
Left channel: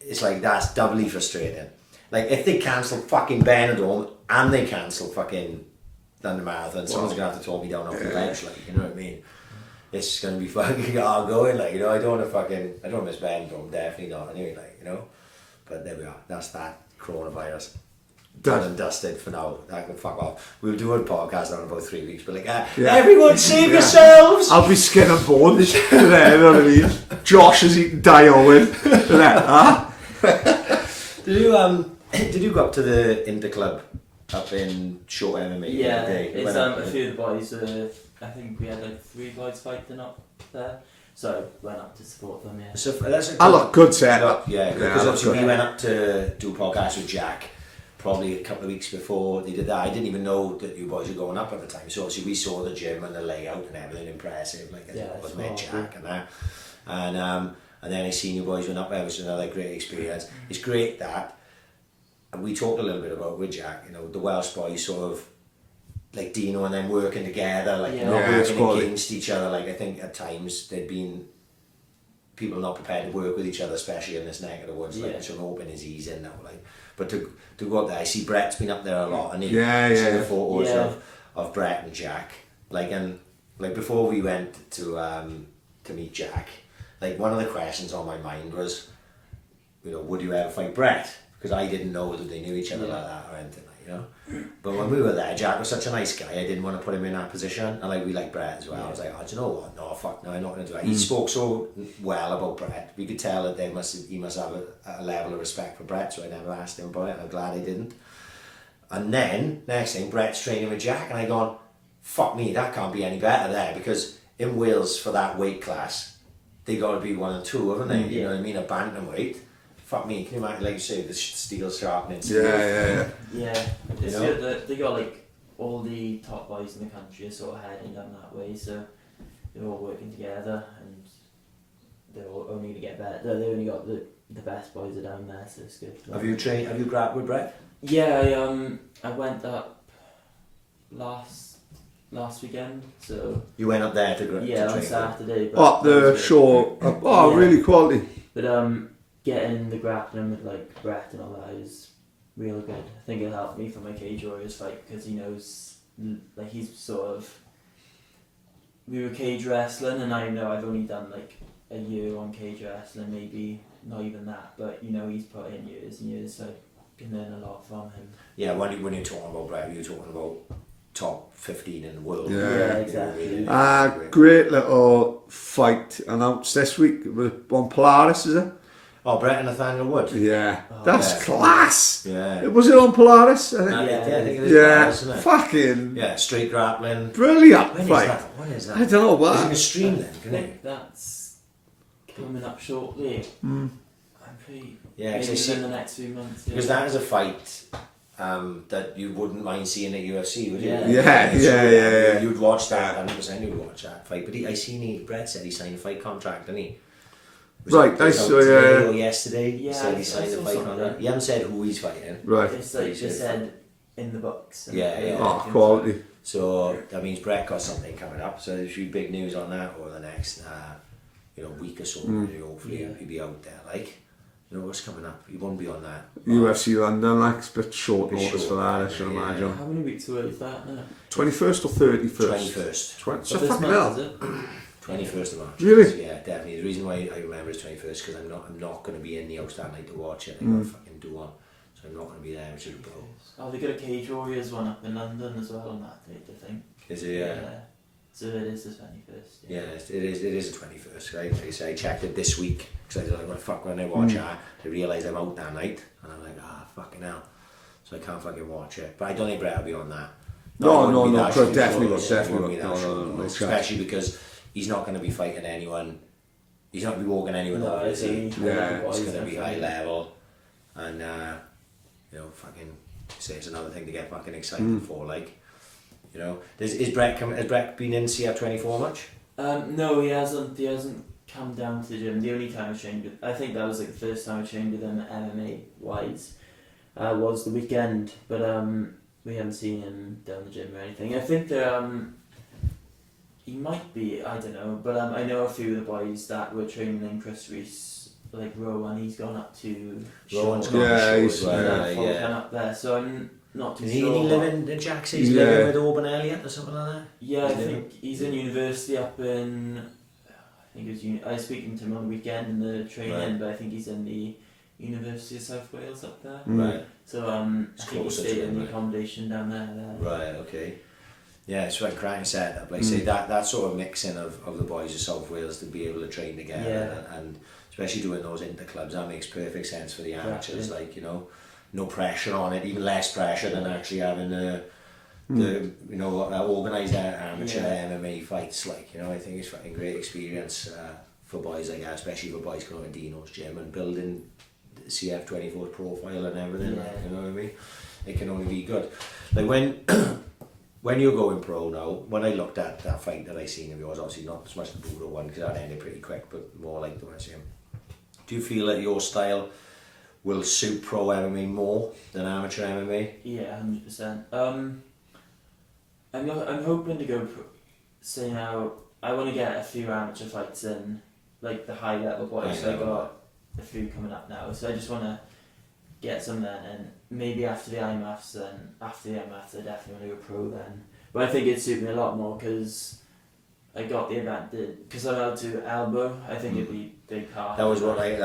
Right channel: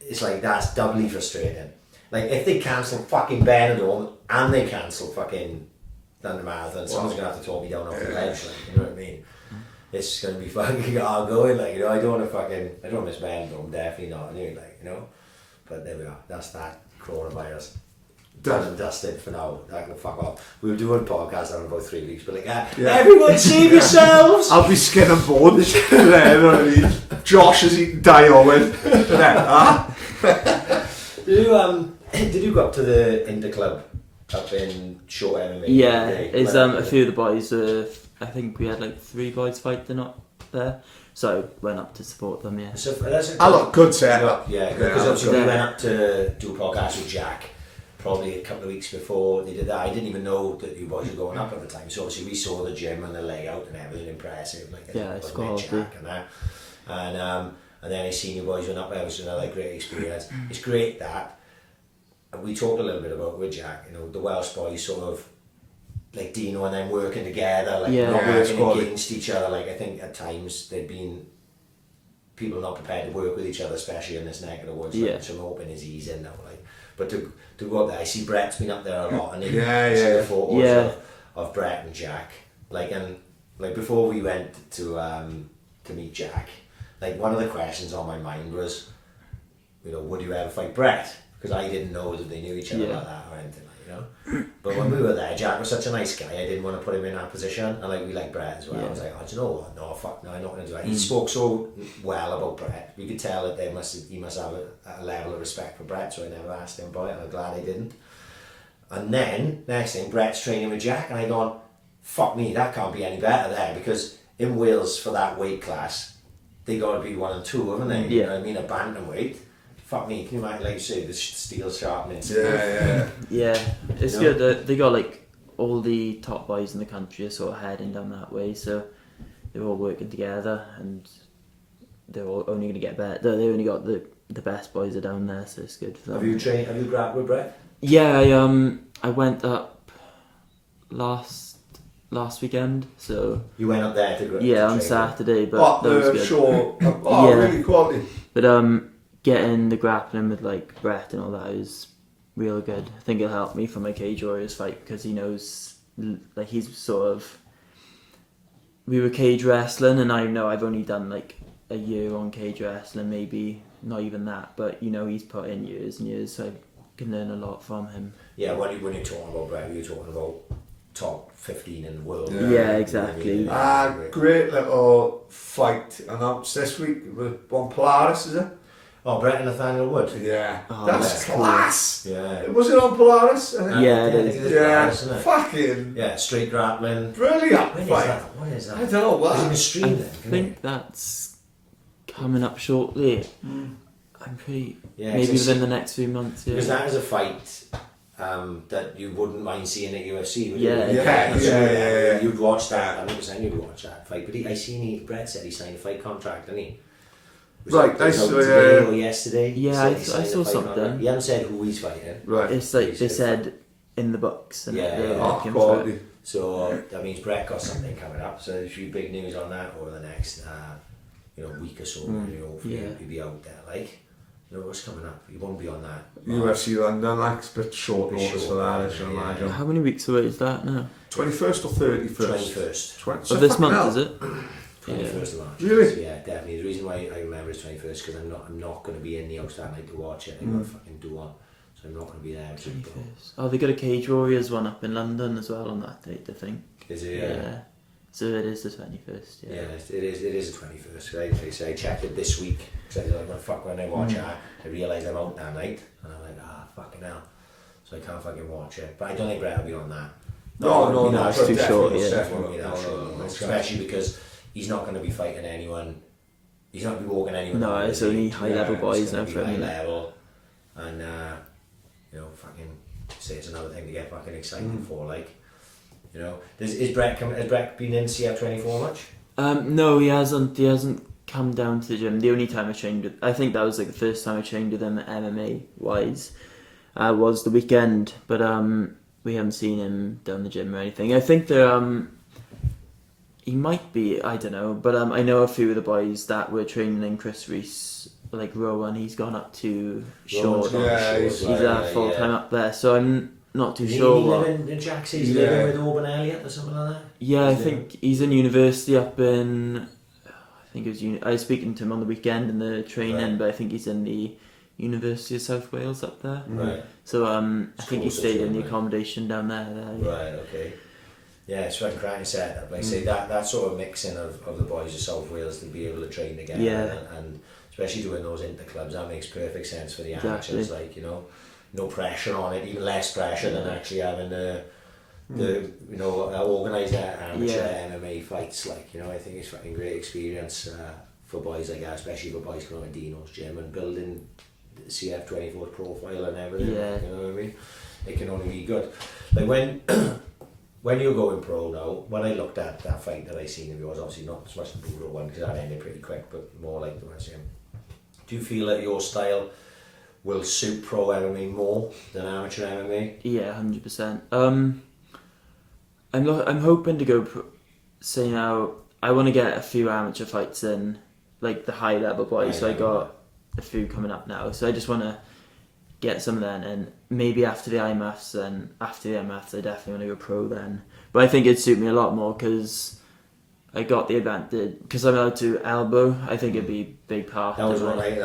it's like, that's doubly frustrating. Like, if they cancel fucking Benidorm and they cancel fucking London Marathon, someone's going to have to talk me down off the ledge, like, you know what I mean? It's going to be fucking hard going, like, you know, I don't want to miss Benidorm, definitely not, anyway, like, you know, but there we are, that's that coronavirus. Done and dusted for now, I can fuck off. We'll do a podcast in about 3 weeks, but like, everyone save yourselves! I'll be skin and bones, you know what I mean? Josh is eating Diowen, Did you go up to the Interclub up in Short MMA? Yeah, it's a few of the boys, I think we had like 3 boys fighting up there, so I went up to support them, yeah. So that's I look good setup. Yeah, because obviously we went up to do a podcast with Jack probably a couple of weeks before they did that. I didn't even know that you boys were going up at the time, so obviously we saw the gym and the layout and everything impressive, like I met Jack and that. And then I seen you boys went up there, which was another great experience. It's great that, and we talked a little bit about with Jack, you know, the Welsh boys sort of, like Dino and them working together, like not working against each other. Like I think at times there'd been people not prepared to work with each other, especially in this neck of the woods. Like, so I'm hoping is easing now. Like, but to go up there, I see Brett's been up there a lot, and see the photos of Brett and Jack. Like before we went to meet Jack, like one of the questions on my mind was, you know, would you ever fight Brett? Because I didn't know that they knew each other like that or anything, like, you know. But when we were there, Jack was such a nice guy. I didn't want to put him in that position, and like we like Brett as well. I was like, oh, do you know what? No, fuck, no, I'm not going to do that. He spoke so well about Brett. We could tell that he must have a level of respect for Brett. So I never asked him about it, and I'm glad I didn't. And then next thing, Brett's training with Jack, and I gone, fuck me, that can't be any better there, because in Wales for that weight class, they got to be 1 and 2, haven't they? You know what I mean? A bantamweight. Fuck me, can you imagine, like you say, the steel sharpening? Yeah, it's good. They got like all the top boys in the country are sort of heading down that way, so they're all working together, and they're all only going to get better. They only got the best boys are down there, so it's good for them. Have you grabbed with Brett? Yeah, I went up last weekend, so you went up there to train on Saturday. But the show, really quality. But getting the grappling with like Brett and all that is real good. I think it'll help me for my Cage Warriors fight, because he knows, like, he's sort of, we were cage wrestling, and I know I've only done like a year on cage wrestling, maybe not even that, but you know, he's put in years and years, so I can learn a lot from him. Yeah, when you're talking about Brett, you're talking about top 15 in the world. Yeah, exactly. Great little fight announced this week on Polaris, is it? Oh, Brett and Nathaniel Wood. Yeah, that's class. Yeah, was it on Polaris? I think. I think it is Polaris, isn't it? Fucking straight grappling. Brilliant. When is that? What is that? I don't know what. Is it in a stream then? I think that's coming up shortly. I'm pretty. Yeah, maybe within the next few months. Yeah. Because that is a fight that you wouldn't mind seeing at UFC, would you? Yeah. You'd watch that. 100% you'd watch that fight. But Brett said he signed a fight contract, didn't he? I saw today or yesterday. Yeah, he signed a fight contract. He hasn't said who he's fighting. Right. It's like they said in the books. Quality. So that means Brett got something coming up. So there should be big news on that over the next week or so. Hopefully he'll be out there. Like, you know what's coming up. He won't be on that. UFC London, like, it's a bit short notice for that, I should imagine. How many weeks away is that now? 21st or 31st? 21st. So this month, is it? 21st of March. Really? Yeah, definitely. The reason why I remember it's 21st because I'm not going to be in the house that night to watch it. I'm going to fucking do one, so I'm not going to be there. They got a Cage Warriors one up in London as well on that date, I think. Is it? Yeah. So it is the 21st. Yeah, it is the 21st. I checked it this week because I was like, when I watch it, I realised I'm out that night, and I'm like, fucking hell. So I can't fucking watch it. But I don't think Brett will be on that. No, definitely. Especially because he's not going to be fighting anyone. He's not going to be walking anyone. No, it's only high level boys. It's going to be high level, and fucking say it's another thing to get fucking excited for. Like, You know, has Brett been in CF24 much? No, he hasn't. He hasn't come down to the gym. The only time I trained with, I think that was like the first time I trained with him MMA wise, was the weekend. But we haven't seen him down the gym or anything. I think that he might be. I don't know. But I know a few of the boys that were training in Chris Reese, like Rowan. He's gone up to Rowan's Shore. gone to Shore He's full time up there. So I'm not too sure. He living in Jackson? He's living with Auburn Elliott or something like that? Yeah, I think he's in university up in. I think it was. I was speaking to him on the weekend in the training, but I think he's in the University of South Wales up there. Right. So I think he stayed in the accommodation down there. Right. Okay. Yeah, it's right. Cracking setup. Like say that sort of mixing of the boys of South Wales to be able to train together and especially doing those interclubs, that makes perfect sense for the amateurs. Like, you know, no pressure on it, even less pressure than actually having the organised amateur MMA fights. Like, you know, I think it's a fucking great experience for boys like that, especially for boys coming to Dino's gym and building the CF24 profile and everything. Yeah. You know what I mean? It can only be good. Like when you're going pro now, when I looked at that fight that I seen of yours, obviously not as much the Budo one because that ended pretty quick, but more like the one I see him. Do you feel that your style will suit pro MMA more than amateur MMA? Yeah, 100%. I'm hoping to go. Say now, I want to get a few amateur fights in, like the high level boys. So I got a few coming up now. So I just want to get some then, and maybe after the IMMAFs, then after the IMMAFs, I definitely want to go pro then. But I think it'd suit me a lot more because I got the advantage because I'm allowed to elbow. I think it'd be a big part. That was what I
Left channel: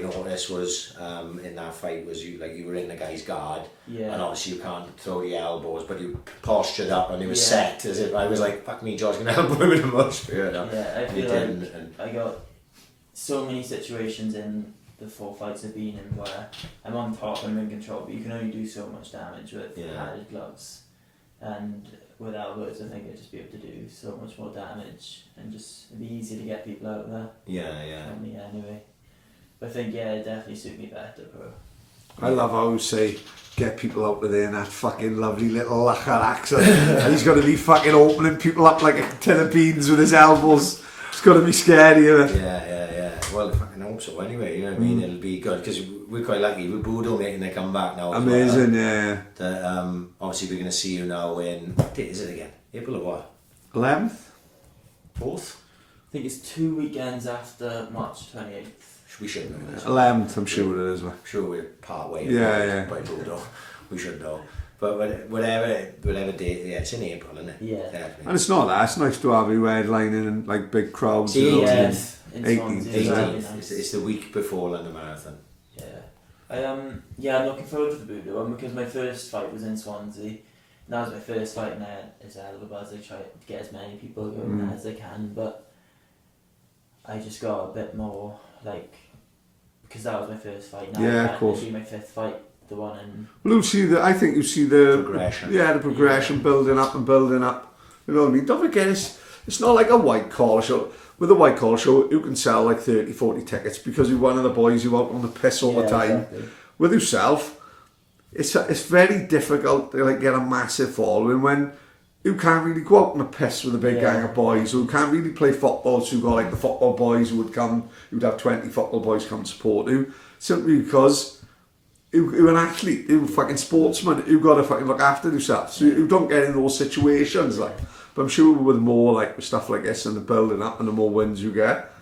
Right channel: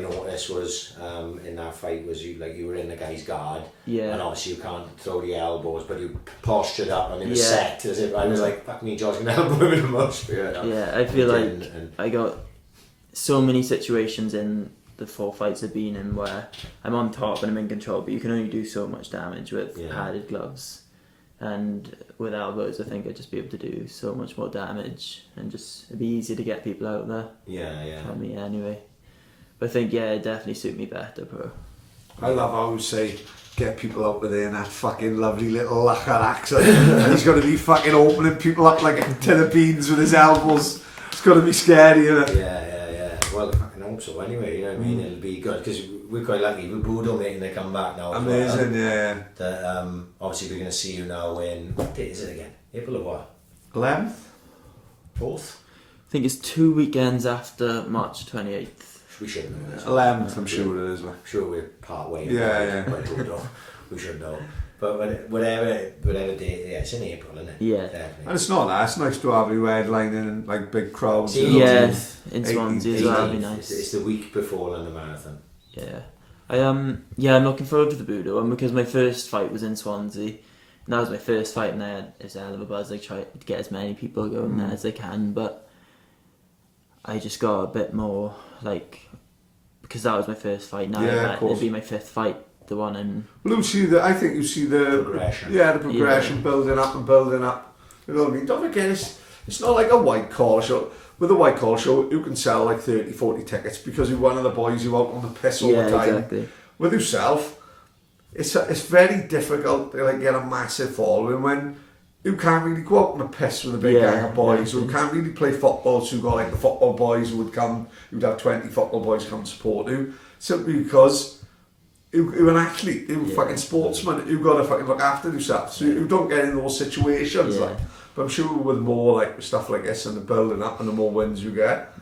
noticed was in that fight was you were in the guy's guard, and obviously you can't throw the elbows, but you postured up and it was set as if I was like, fuck me, George can elbow him in the mush. Yeah, I feel like I got so many situations in the 4 fights I've been in where I'm on top and I'm in control, but you can only do so much damage with padded gloves. And with elbows, I think I'd just be able to do so much more damage and just it'd be easier to get people out there. For me anyway. But I think it'd definitely suit me better, bro. I love how you say get people out of there in that fucking lovely little Lachar accent. And he's got to be fucking opening people up like a tin of beans with his elbows. It's got to be scary, isn't it? Yeah. Well, I fucking hope so anyway, you know what I mean? It'll be good because we're quite lucky with Budo making their comeback now. Amazing, yeah. That, obviously, we're going to see you now in, what date is it again? April of what? 11th? 4th? I think it's 2 weekends after March 28th. We should know this. 11th, I'm sure it is. I'm sure we're part way. By Budo. We should know. But whatever date, it's in April, isn't it? Yeah. Definitely. And it's not that. It's nice to have you headlining and like big crowds. In Swansea as well, would be nice. It's the week before London Marathon. Yeah. I'm looking forward to the Budo one because my first fight was in Swansea. And that was my first fight and I had a hell of a buzz. I tried to get as many people going there as I can, but I just got a bit more because that was my first fight. Now it'll be my 5th fight. The one in. Well, I think you see the progression. Yeah, the progression building up and building up. You know what I mean? Don't forget, it's not like a white collar show. With a white collar show, you can sell like 30, 40 tickets because you're one of the boys who out on the piss all the time. Exactly. With yourself, it's very difficult to get a massive following when you can't really go out on the piss with a big gang of boys who can't really play football. So you've got like the football boys who would come. You'd have 20 football boys come support you simply because. You're an athlete, you're a fucking sportsman, you've got to fucking look after yourself. So you don't get in those situations. But I'm sure with more stuff like this and the building up and the more wins you get,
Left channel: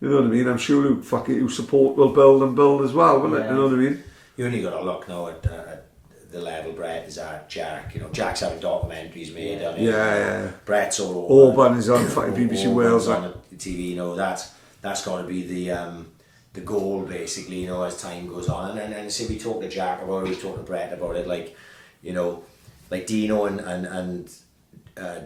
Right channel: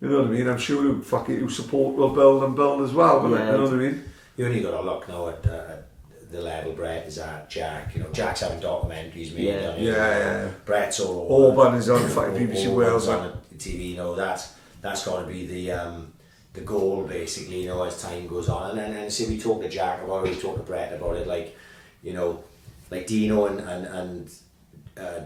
you know what I mean? I'm sure your support will build and build as well, won't it? You know what I mean? You only got to look now at the level Brett is at, Jack. You know, Jack's having documentaries made on it. Yeah. Brett's all over. Auburn is on fucking BBC Wales on the TV. You know, that's got to be the goal basically, you know, as time goes on. And see, we talk to Jack about it, we talk to Brett about it, like, you know, like Dino and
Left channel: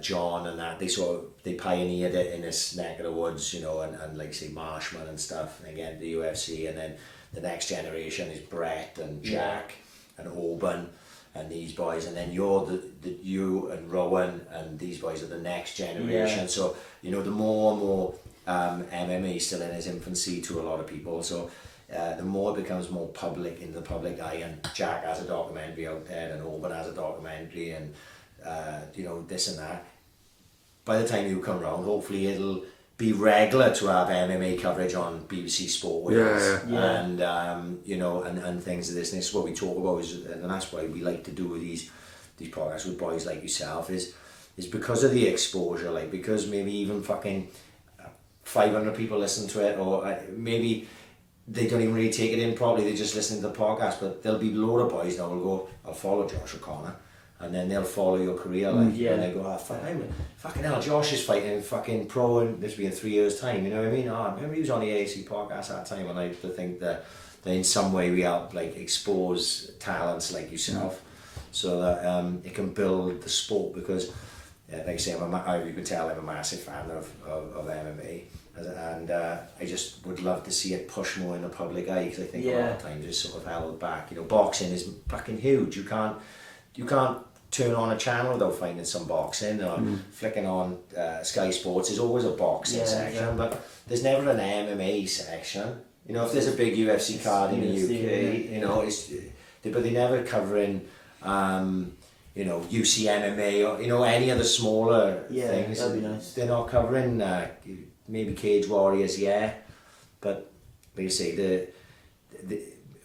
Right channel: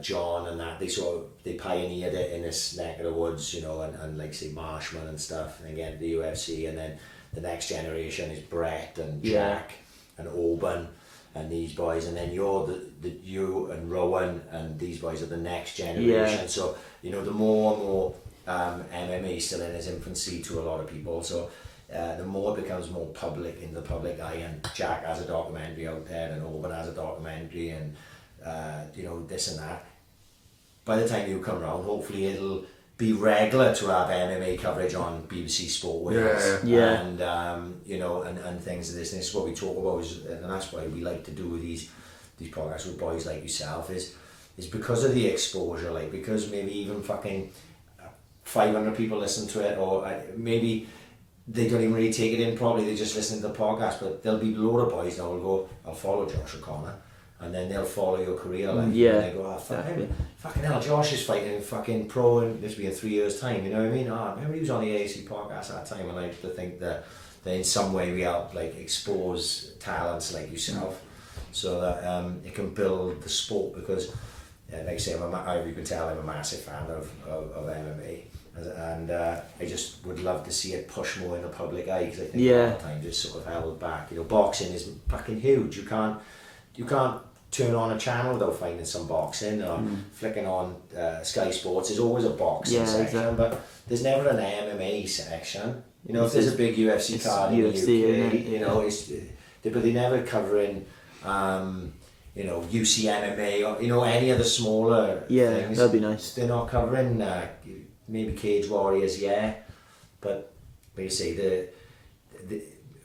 John and that, they pioneered it in this neck of the woods, you know, and like say Marshman and stuff, and again the UFC, and then the next generation is Brett and Jack and Auburn and these boys, and then you're you and Rowan and these boys are the next generation. So, you know, the more and more MMA still in its infancy to a lot of people, so the more it becomes more public in the public eye, and Jack has a documentary out there and Auburn has a documentary, and this and that. By the time you come round, hopefully it'll be regular to have MMA coverage on BBC Sport Wales, and and things of this. And this is what we talk about, and that's why we like to do these podcasts with boys like yourself. Is because of the exposure, like because maybe even fucking 500 people listen to it, or maybe they don't even really take it in properly. They just listen to the podcast. But there'll be a load of boys now will go, I'll follow Josh O'Connor. And then they'll follow your career, like, and they go, fucking hell, Josh is fighting fucking pro in this will be in 3 years' time, you know what I mean? I remember he was on the AAC podcast at that time, and I used to think that in some way we help, like, expose talents like yourself, so that it can build the sport, because, like I say, you can tell I'm a massive fan of MMA, and I just would love to see it push more in the public eye, because I think a lot of times it's sort of held back. Boxing is fucking huge. You can't turn on a channel without finding some boxing, or flicking on Sky Sports. There's always a boxing section, but there's never an MMA section. If there's a big UFC card in the UK, but they never covering, UC MMA or any of the smaller things. That'd be nice. They're not covering maybe Cage Warriors, but like you say, the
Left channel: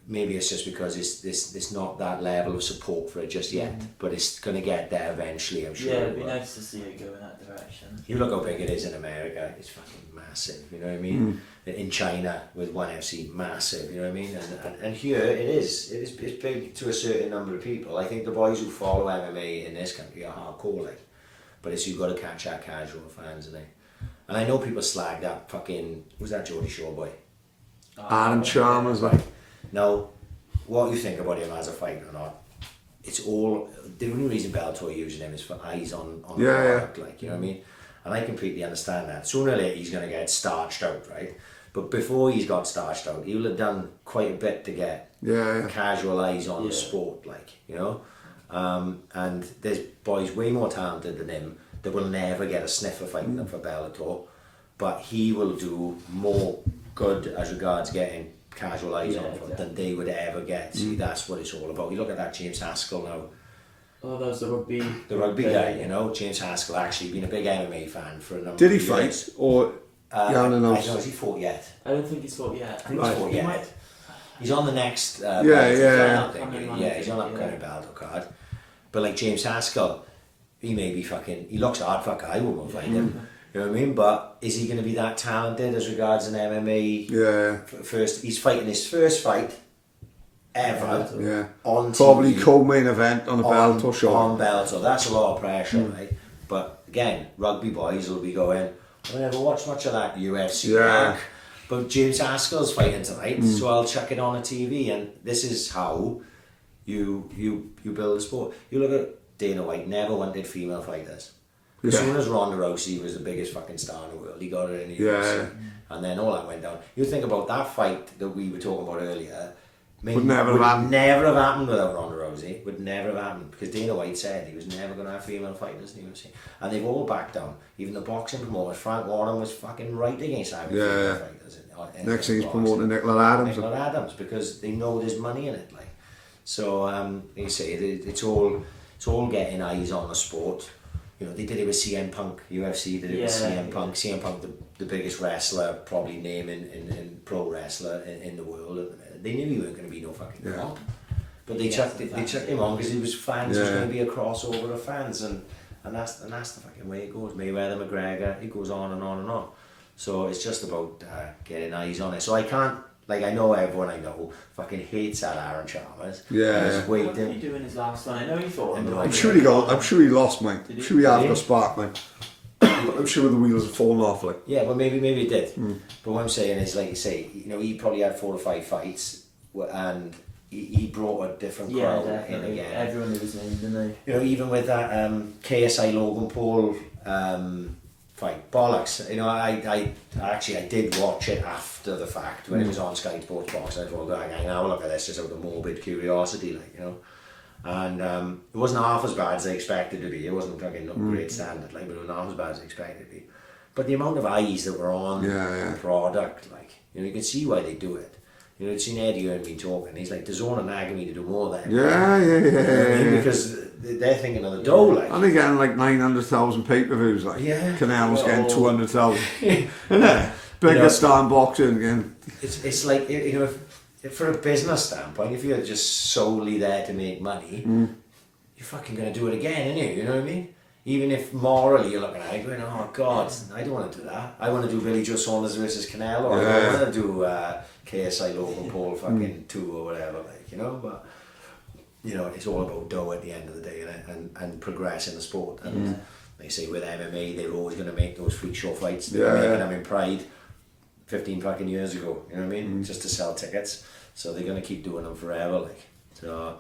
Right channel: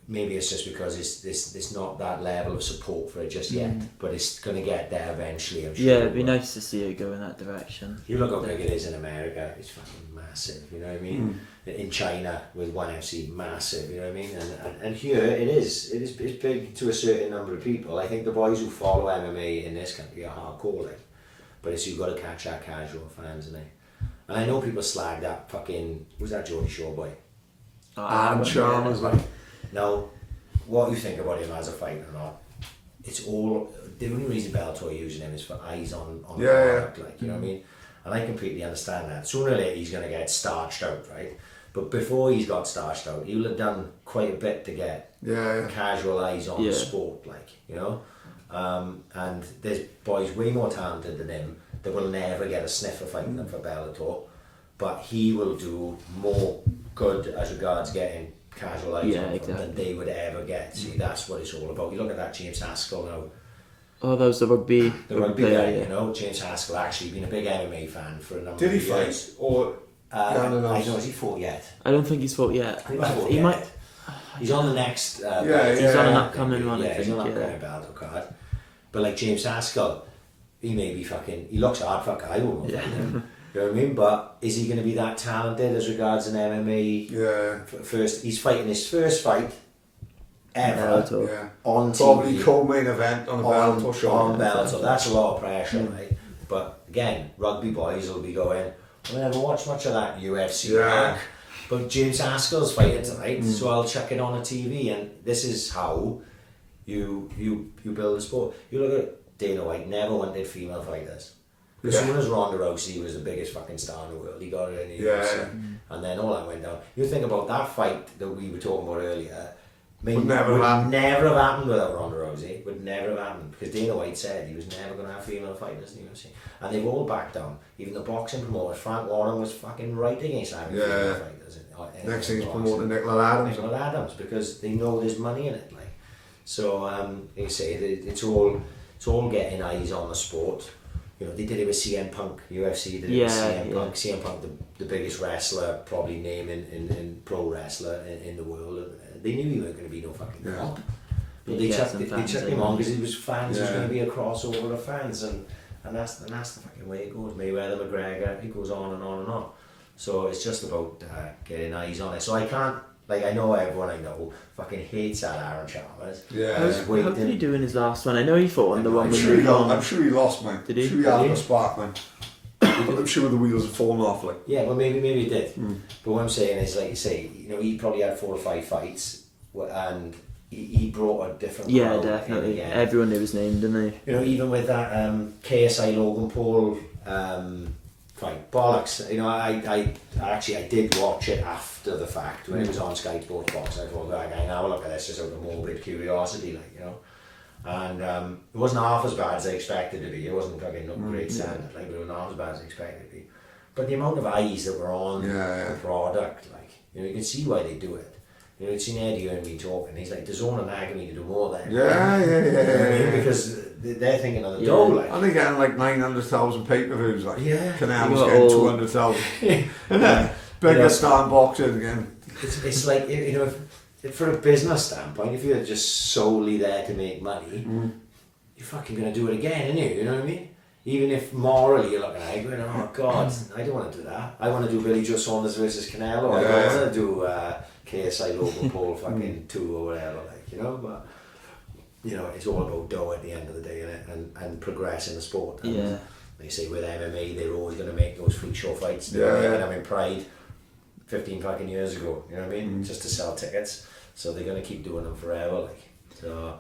maybe it's just because it's not that level of support for it just yet, but it's going to get there eventually, I'm sure. Yeah, it'd be nice to see it go in that direction. You look how big it is in America, it's fucking massive, you know what I mean? In China with ONE FC, massive, you know what I mean? And here it's big to a certain number of people. I think the boys who follow MMA in this country are hardcore, like, but it's you've got to catch our casual fans, and I know people slag that fucking, who's that Geordie Shore boy? Aaron Chalmers, like. Now, what you think about him as a fighter or not, it's all, the only reason Bellator using him is for eyes on the product, like, you know what I mean? And I completely understand that. Sooner or later he's going to get starched out, right? But before he's got starched out, he will have done quite a bit to get casual eyes on the sport, like, and there's boys way more talented than him that will never get a sniff of fighting for Bellator, but he will do more good as regards getting casual eyes on them than they would ever get. See, that's what it's all about. You look at that James Haskell now. Oh, that was the rugby guy, James Haskell actually been a big MMA fan for a number of years. Did he fight? Or I don't know, has he fought yet? I don't think he's fought yet. I think he's fought yet. He's on the next he's on an upcoming Bellator card. But like James Haskell, he may be fucking, he looks hard, fuck, I won't fight him. You know what I mean? But is he going to be that talented as regards an MMA? First, he's fighting his first fight ever on TV. Probably co-main event on a Bellator show. On Bellator, that's a lot of pressure, right? But again, rugby boys will be going, I never watched much of that UFC work, but James Haskell's fighting tonight, so I'll chuck it on a TV, and this is how you build a sport. You look at Dana White, never wanted female fighters. As soon as Ronda Rousey was the biggest fucking star in the world, he got her in the UFC, and then all that went down. You think about that fight that we were talking about earlier. Would never have happened without Ronda Rousey. Would never have happened, because Dana White said he was never going to have female fighters in the UFC, and they've all backed down. Even the boxing promoters, Frank Warren was fucking right against having female fighters. Next thing he's promoting Nicola Adams, because they know there's money in it. Like, so you say it's all getting eyes on the sport. They did it with CM Punk, UFC did it with CM Punk. CM Punk, the biggest wrestler, probably name in pro wrestler in the world. They knew he weren't going to be no fucking comp. But they chucked him on because he was fans. It was going to be a crossover of fans, and that's the fucking way it goes. Mayweather, McGregor, it goes on and on and on. So it's just about getting eyes on it. So I can't, like, I know everyone I know fucking hates that Aaron Chalmers. How did he do in his last one? I know he fought in the one. I'm sure he lost, man. Did he? I'm sure he had a spark, man. I'm sure the wheels have fallen off, like. Yeah, well, maybe he did. But what I'm saying is, like you say, he probably had 4 or 5 fights, and he brought a different crowd. Yeah, definitely. Again. Everyone knew his name, didn't they? Even with that KSI Logan Paul fight, bollocks. I did watch it after the fact when it was on Sky Sports Box. I thought, I'm going to have a look at this just out of morbid curiosity, and it wasn't half as bad as I expected it to be. It wasn't fucking no great standard, but it wasn't half as bad as I expected it to be. But the amount of eyes that were on the product, you can see why they do it. You've seen Eddie and me talking. He's like, DAZN and nagging me to do more than. Yeah. Because they're thinking of the dough, like. And they're getting like 900,000 pay-per-views, like. Yeah. Canal's getting 200,000. Isn't it? Biggest You know, star in boxing again. It's like, you know, if for a business standpoint, if you're just solely there to make money, you're fucking going to do it again, aren't you? You know what I mean? Even if morally you're looking at it going, oh God, I don't want to do that. I want to do Billy Joe Saunders versus Canelo. I don't want to do KSI Logan Paul fucking 2 or whatever, like, you know. But, you know, it's all about dough at the end of the day, and progressing the sport. And like you say, with MMA, they're always going to make those freak show fights. They were making them in Pride 15 fucking years ago, you know what I mean? Just to sell tickets. So they're going to keep doing them forever, like. So,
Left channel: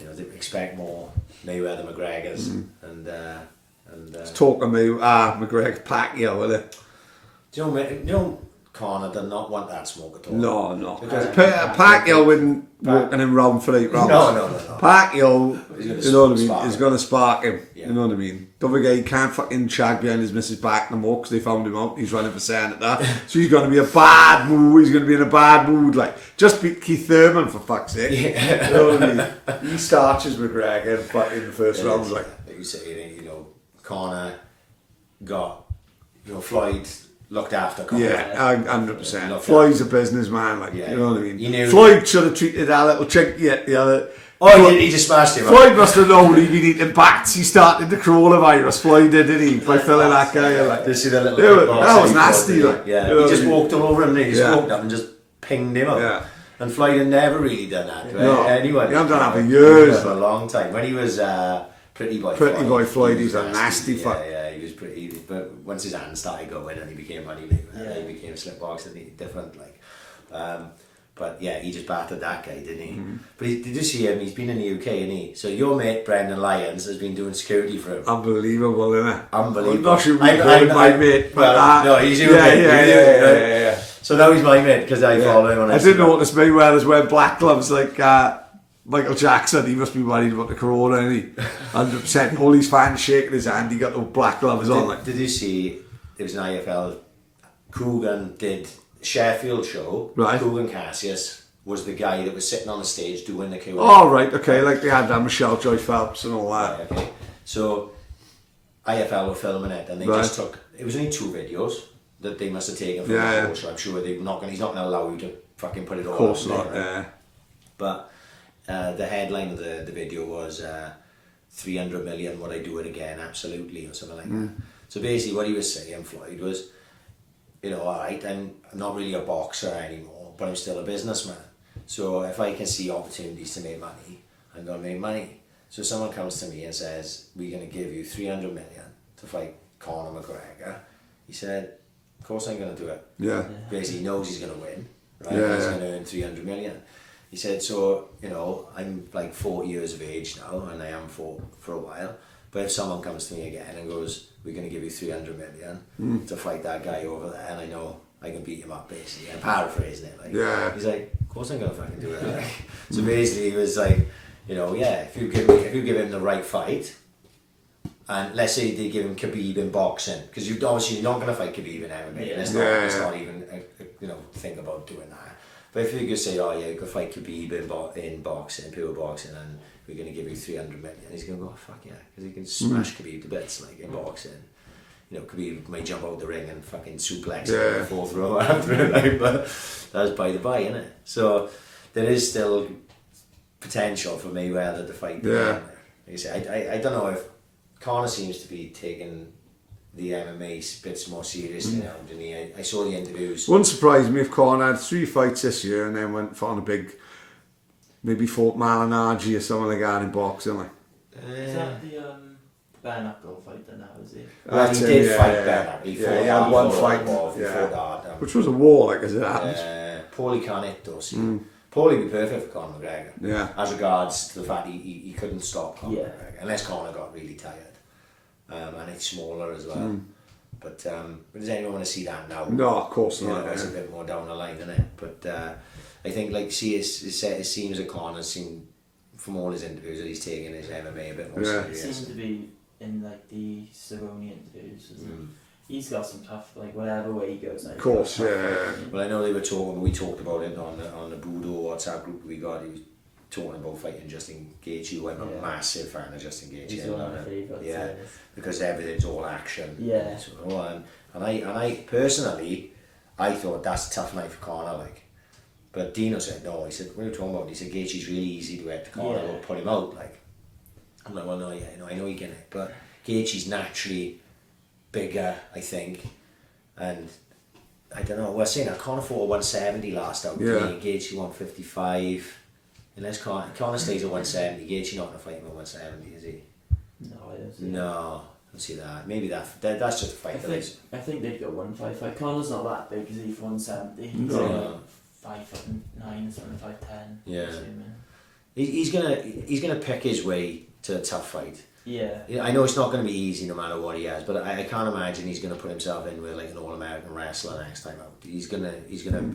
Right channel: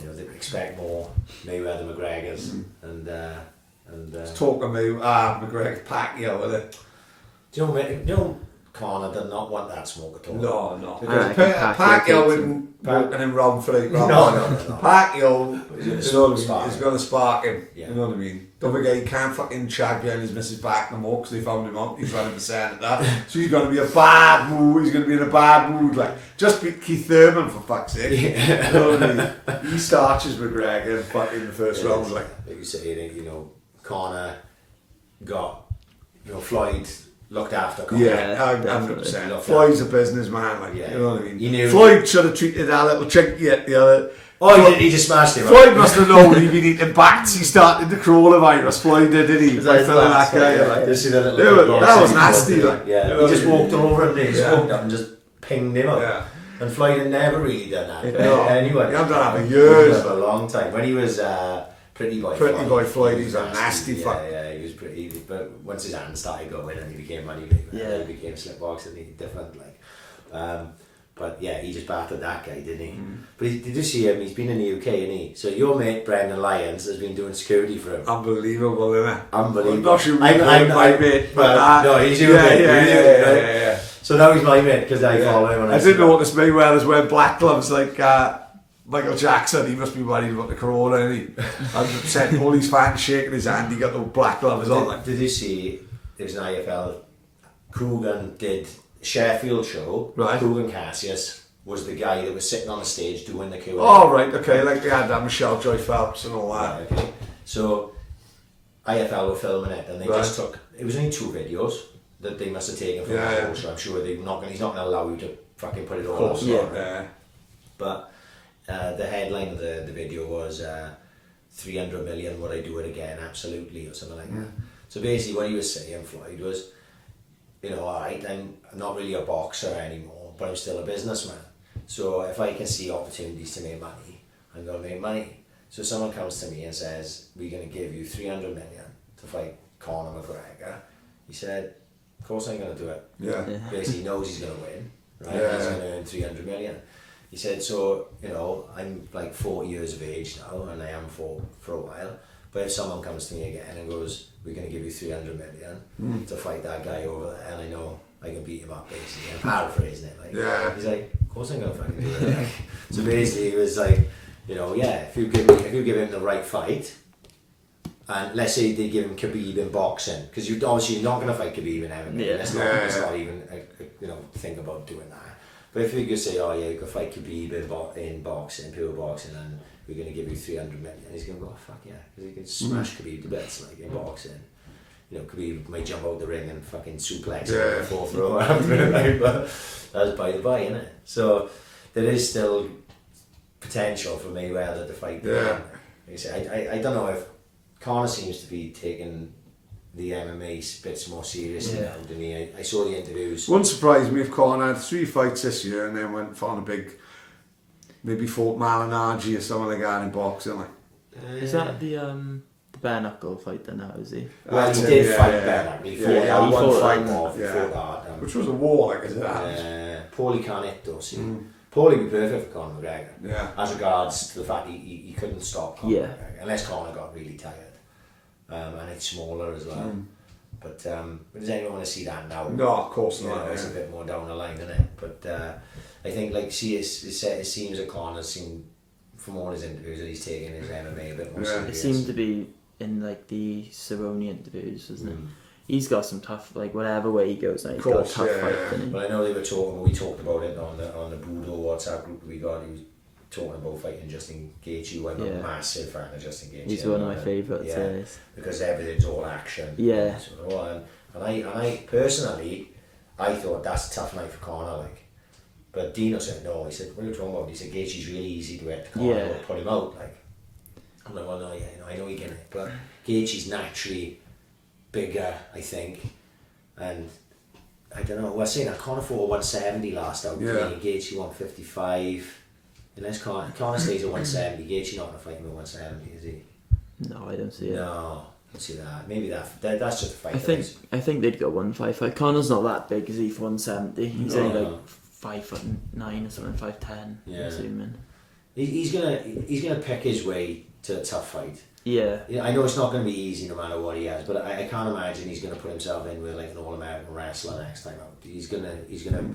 you know, they expect more Mayweather McGregor's and Talk to me, McGregor Pacquiao, with it. do you know Conor did not want that smoke at all. No. Because Pacquiao wouldn't walking in round for 8 rounds. No. Pacquiao, He's you know what I mean, spark is him. going to spark him. Yeah. You know what I mean? Don't forget, he can't fucking shag behind his missus back no more because they found him out. He's running for Senate that. So he's going to be a bad mood. He's going to be in a bad mood. Like, just beat Keith Thurman for fuck's sake. Yeah. You know what I mean? He starches McGregor but in the first round. Like you say, you know, Conor got, you know, Floyd looked after Conor. yeah, 100%. Looked Floyd's a businessman. Like, Yeah. you know what I mean? He knew- Floyd should have treated that little chinky at the other. Oh, he just smashed him. Floyd must have known he'd been eating bats. He started the coronavirus. Floyd did, didn't he? By filling that guy. Like, Did you see that little Yeah, kickboxer that was he nasty, did? like, Yeah, you know he just what I mean? walked all over him. He just Yeah. walked up and just pinged him up. Yeah. And Floyd had never really done that. Right? No, Anyone. he hadn't done that for years. For a long time. When he was Pretty Boy Floyd, he he's was a nasty fuck. Yeah, he was pretty. But once his hands started going and he became money, he became slip boxing. He different, like. But yeah, he just battered that guy, didn't he? But did you see him? He's been in the UK, isn't he? So your mate Brendan Lyons has been doing security for him. Unbelievable, isn't it? Unbelievable. I'm not sure we call him my mate, but well, no, he's your mate. Yeah. So now he's my mate because I follow him on I Instagram. didn't notice Mayweather's wearing black gloves like Michael Jackson. He must be worried about the corona, isn't he? 100%. All his fans shaking his hand. He got the black gloves on. Like. Did you see? There was an IFL. Coogan did Sheffield show. Right. Coogan Cassius was the guy that was sitting on the stage doing the Q&A. Oh, right, okay. Like they had Michelle Joy Phelps and all that. Right, okay. So IFL were filming it, and they just took. It was only 2 videos that they must have taken from the whole show. I'm sure they're not going. He's not going to allow you to fucking put it all. Of course out not. there, Yeah. right? But the headline of the video was 300 million. Would I do it again? Absolutely, or something like that. So basically, what he was saying, Floyd, was, you know, alright, I'm not really a boxer anymore, but I'm still a businessman. So if I can see opportunities to make money, I'm going to make money. So someone comes to me and says, we're going to give you 300 million to fight Conor McGregor. He said, of course I'm going to do it. Yeah. Basically, he knows he's going to win, right? Yeah. He's going to earn 300 million. He said, so, you know, I'm like 40 years of age now, and I am for a while. But if someone comes to me again and goes, we're going to give you 300 million to fight that guy over there, and I know I can beat him up, basically. I'm paraphrasing it. Like, he's like, of course I'm going to fucking do that. Like, so basically, he was like, you know, yeah, if you give him the right fight, and let's say they give him Khabib in boxing, because you're obviously not going to fight Khabib in MMA. Let's not even, you know, think about doing that. But if you could say, oh yeah, you could fight Khabib in boxing, pure boxing, and we're going to give you 300 million, he's going to go, oh, fuck yeah, because he can smash Khabib to bits, like in boxing. You know, Khabib might jump out the ring and fucking suplex him in the 4th row after it, like, but that's by the by, isn't it? So there is still potential for Mayweather to fight. Like I say, I don't know if Conor seems to be taking the MMA bits more seriously now than he. I saw the interviews. Wouldn't surprise me if Conor had 3 fights this year and then went on a big, maybe fought Malignaggi or someone like that in boxing. Like. Is that the bare knuckle fight then now, is he? Well, he did fight better. He had one fight. Which was a war, like, as it happens. Paulie can't hit though, see. Paulie would be perfect for Conor McGregor. Yeah. As regards to the fact he couldn't stop Conor McGregor, unless Conor got really tired. And it's smaller as well. But does anyone want to see that now? No, of course not. It's a bit more down the line, isn't it? But I think, like, see, it seems that Conor's seen, from all his interviews, that he's taking his MMA a bit more serious. It seemed to be in, like, the Cerrone interviews, isn't it? He's got some tough, like, whatever way he goes. Of course, Well, I know they were talking. We talked about it on the Judo WhatsApp group we got. talking about fighting Justin Gaethje, who I'm a massive fan of Justin Gaethje. He's one of my favourites. Yeah, because everything's all action. Yeah. And I personally, I thought that's a tough night for Conor, like. But Dino said no. He said, what are you talking about? He said Gaethje's really easy to hit to Conor, we'll put him out. Like, I'm like, well, no, yeah, I know he can hit, but Gaethje's naturally bigger, I think, and I don't know. We're saying that Conor fought 170 last out. Yeah. Gaethje 155. Unless Conor stays at 170, Gaethje not going to fight him at 170, is he? No, I don't see it. No, I don't see that. Maybe that's just a fight. I think they'd go 155. Conor's not that big, is he, for 170? He's only like 5'9" or something, 5'10". Yeah. He's gonna pick his way to a tough fight. Yeah. I know it's not going to be easy no matter what he has, but I can't imagine he's going to put himself in with like an All-American wrestler next time out. He's gonna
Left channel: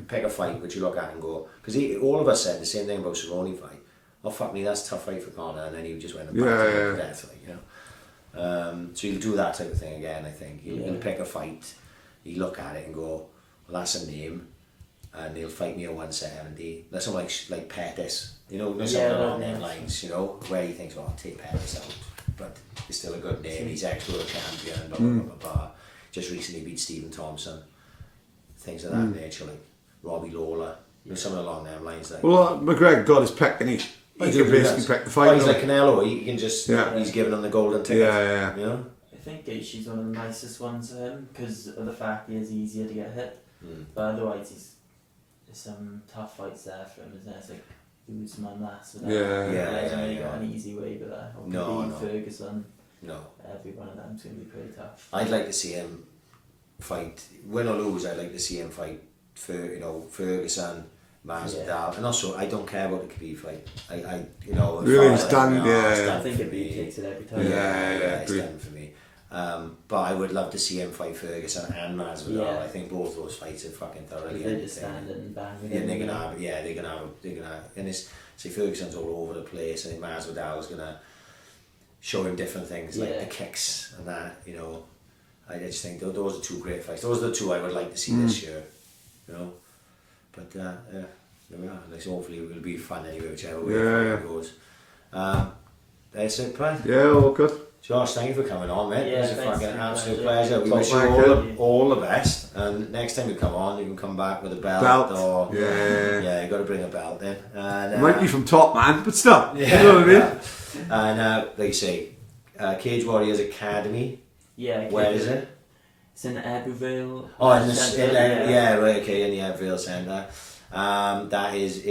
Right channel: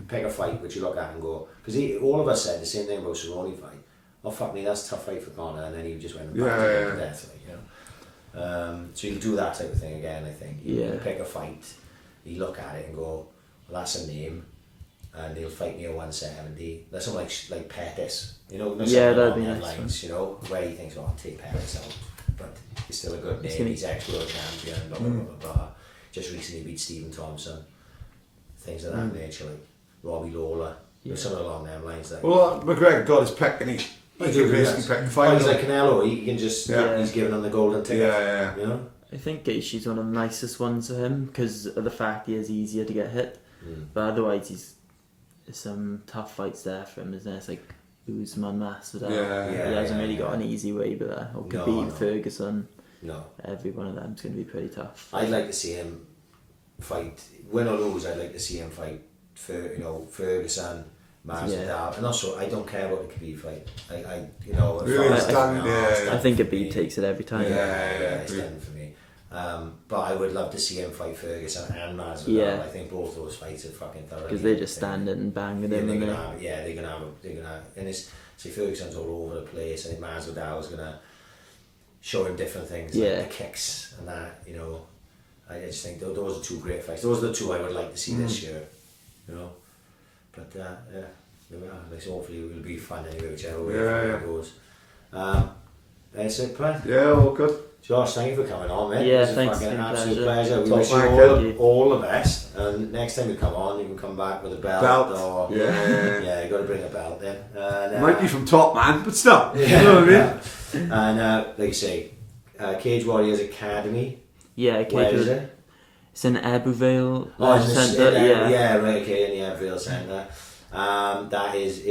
pick a fight which you look at and go, because all of us said the same thing about Cerrone fight. Oh fuck me, that's a tough fight for Conor, and then he just went and back to death, like, you know. So he'll do that type of thing again. I think he'll pick a fight, he look at it and go, well, that's a name, and he'll fight me at 170. That's something like Pettis, you know, no something along those lines, you know, where he thinks, oh, I'll take Pettis out. But he's still a good name, he's ex-world champion, blah, blah, blah, blah, blah. Just recently beat Stephen Thompson. Things of that nature, like Robbie Lawler, you know, something along them lines. Like, well, McGregor got his pick, and he can basically pick the fight. He's like Canelo, he can just, he's giving them the golden ticket. Yeah. You know? I think Gaethje's one of the nicest ones for him, because of the fact he is easier to get hit. But otherwise, there's some tough fights there for him, isn't there? It's like Usman, Masvidal. He hasn't really got an easy way, but or can beat Ferguson. No. Every one of them's going to be pretty tough. I'd like to see him fight, win or lose. I'd like to see him fight for Ferguson, Masvidal, and also I don't care about the Khabib fight. I really stand. I think Khabib takes it every time. It's done for me. But I would love to see him fight Ferguson and Masvidal. I think both those fights are fucking thoroughly. Because they just stand it and bang it. They're gonna have, and it's Ferguson's all over the place. I think Masvidal's gonna show him different things like the kicks and that. You know, I just think those are two great fights. Those are the two I would like to see this year. You know, but there we are. Like, so hopefully it will be fun anyway, whichever way it goes. That's it, Pat. Yeah, all good. Josh, thank you for coming on, mate. Yeah, it was a fucking absolute pleasure. We Top wish you all the best. And next time you come on, you can come back with a belt. Or, you got to bring a belt in. And, might be from Top Man, but still. You know what I mean? And like you say, Cage Warriors Academy. Yeah, where is it? It's in Ebervale. Oh, in right, okay, in the Ebervale Centre. That is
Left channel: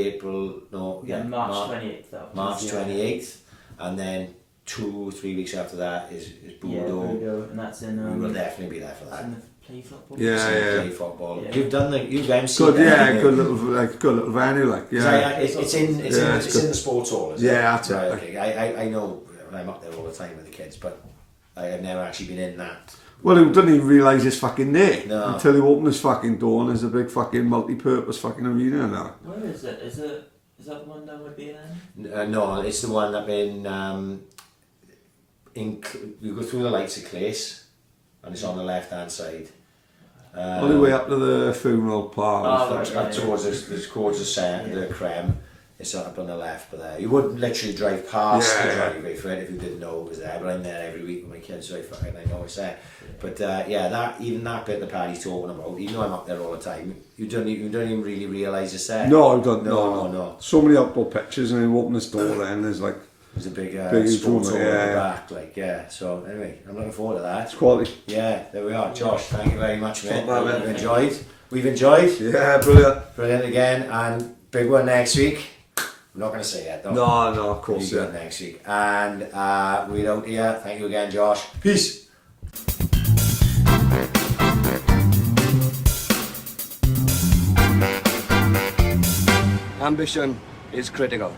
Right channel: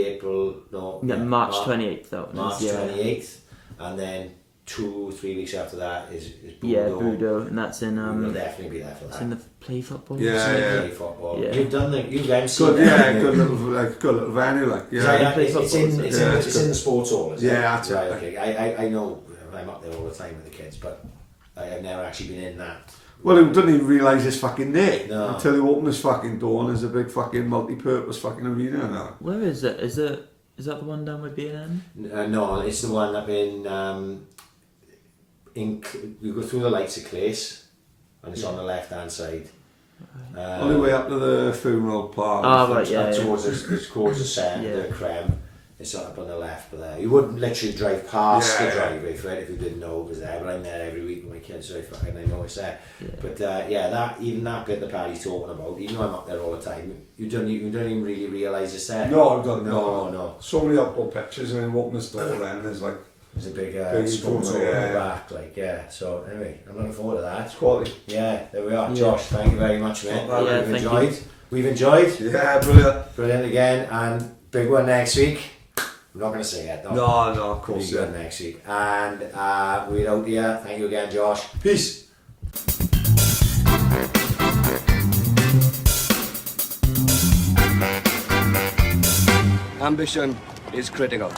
March 28th though. March 28th. And then 2-3 weeks after that is Budo. Yeah, Budo, and that's in. We will definitely be there for that. It's in the play football. Play football. Yeah. You've MC'd. Good little venue, like. Yeah. It's in the sports hall. That's right. it. Okay. I know I'm up there all the time with the kids, but I've never actually been in that. Well, he didn't even realise it's fucking there until he opened his fucking door, and there's a big fucking multi-purpose fucking arena now. Where is it? Is that the one down with BN? No, it's the one up in. You go through the lights of Clace, and it's on the left hand side. All the way up to the funeral parlour. Towards the centre, the creme. It's up on the left, but there. You wouldn't literally drive past the driveway for it if you didn't know it was there. But I'm there every week with my kids, so I know it's there. Yeah. But that bit the Paddy's talking about, even though I'm up there all the time, you don't even really realise it's there. No, I don't. No. So many upload pictures, and then open the store, then there's like. There's a big sports hall in the back, So anyway, I'm looking forward to that. It's quality. Yeah, there we are. Josh, thank you very much, mate. We've enjoyed. Yeah, brilliant. Brilliant again, and big one next week. I'm not going to say it, though. No, of course. Big one next week. And we're out here. Thank you again, Josh. Peace. Ambition is critical.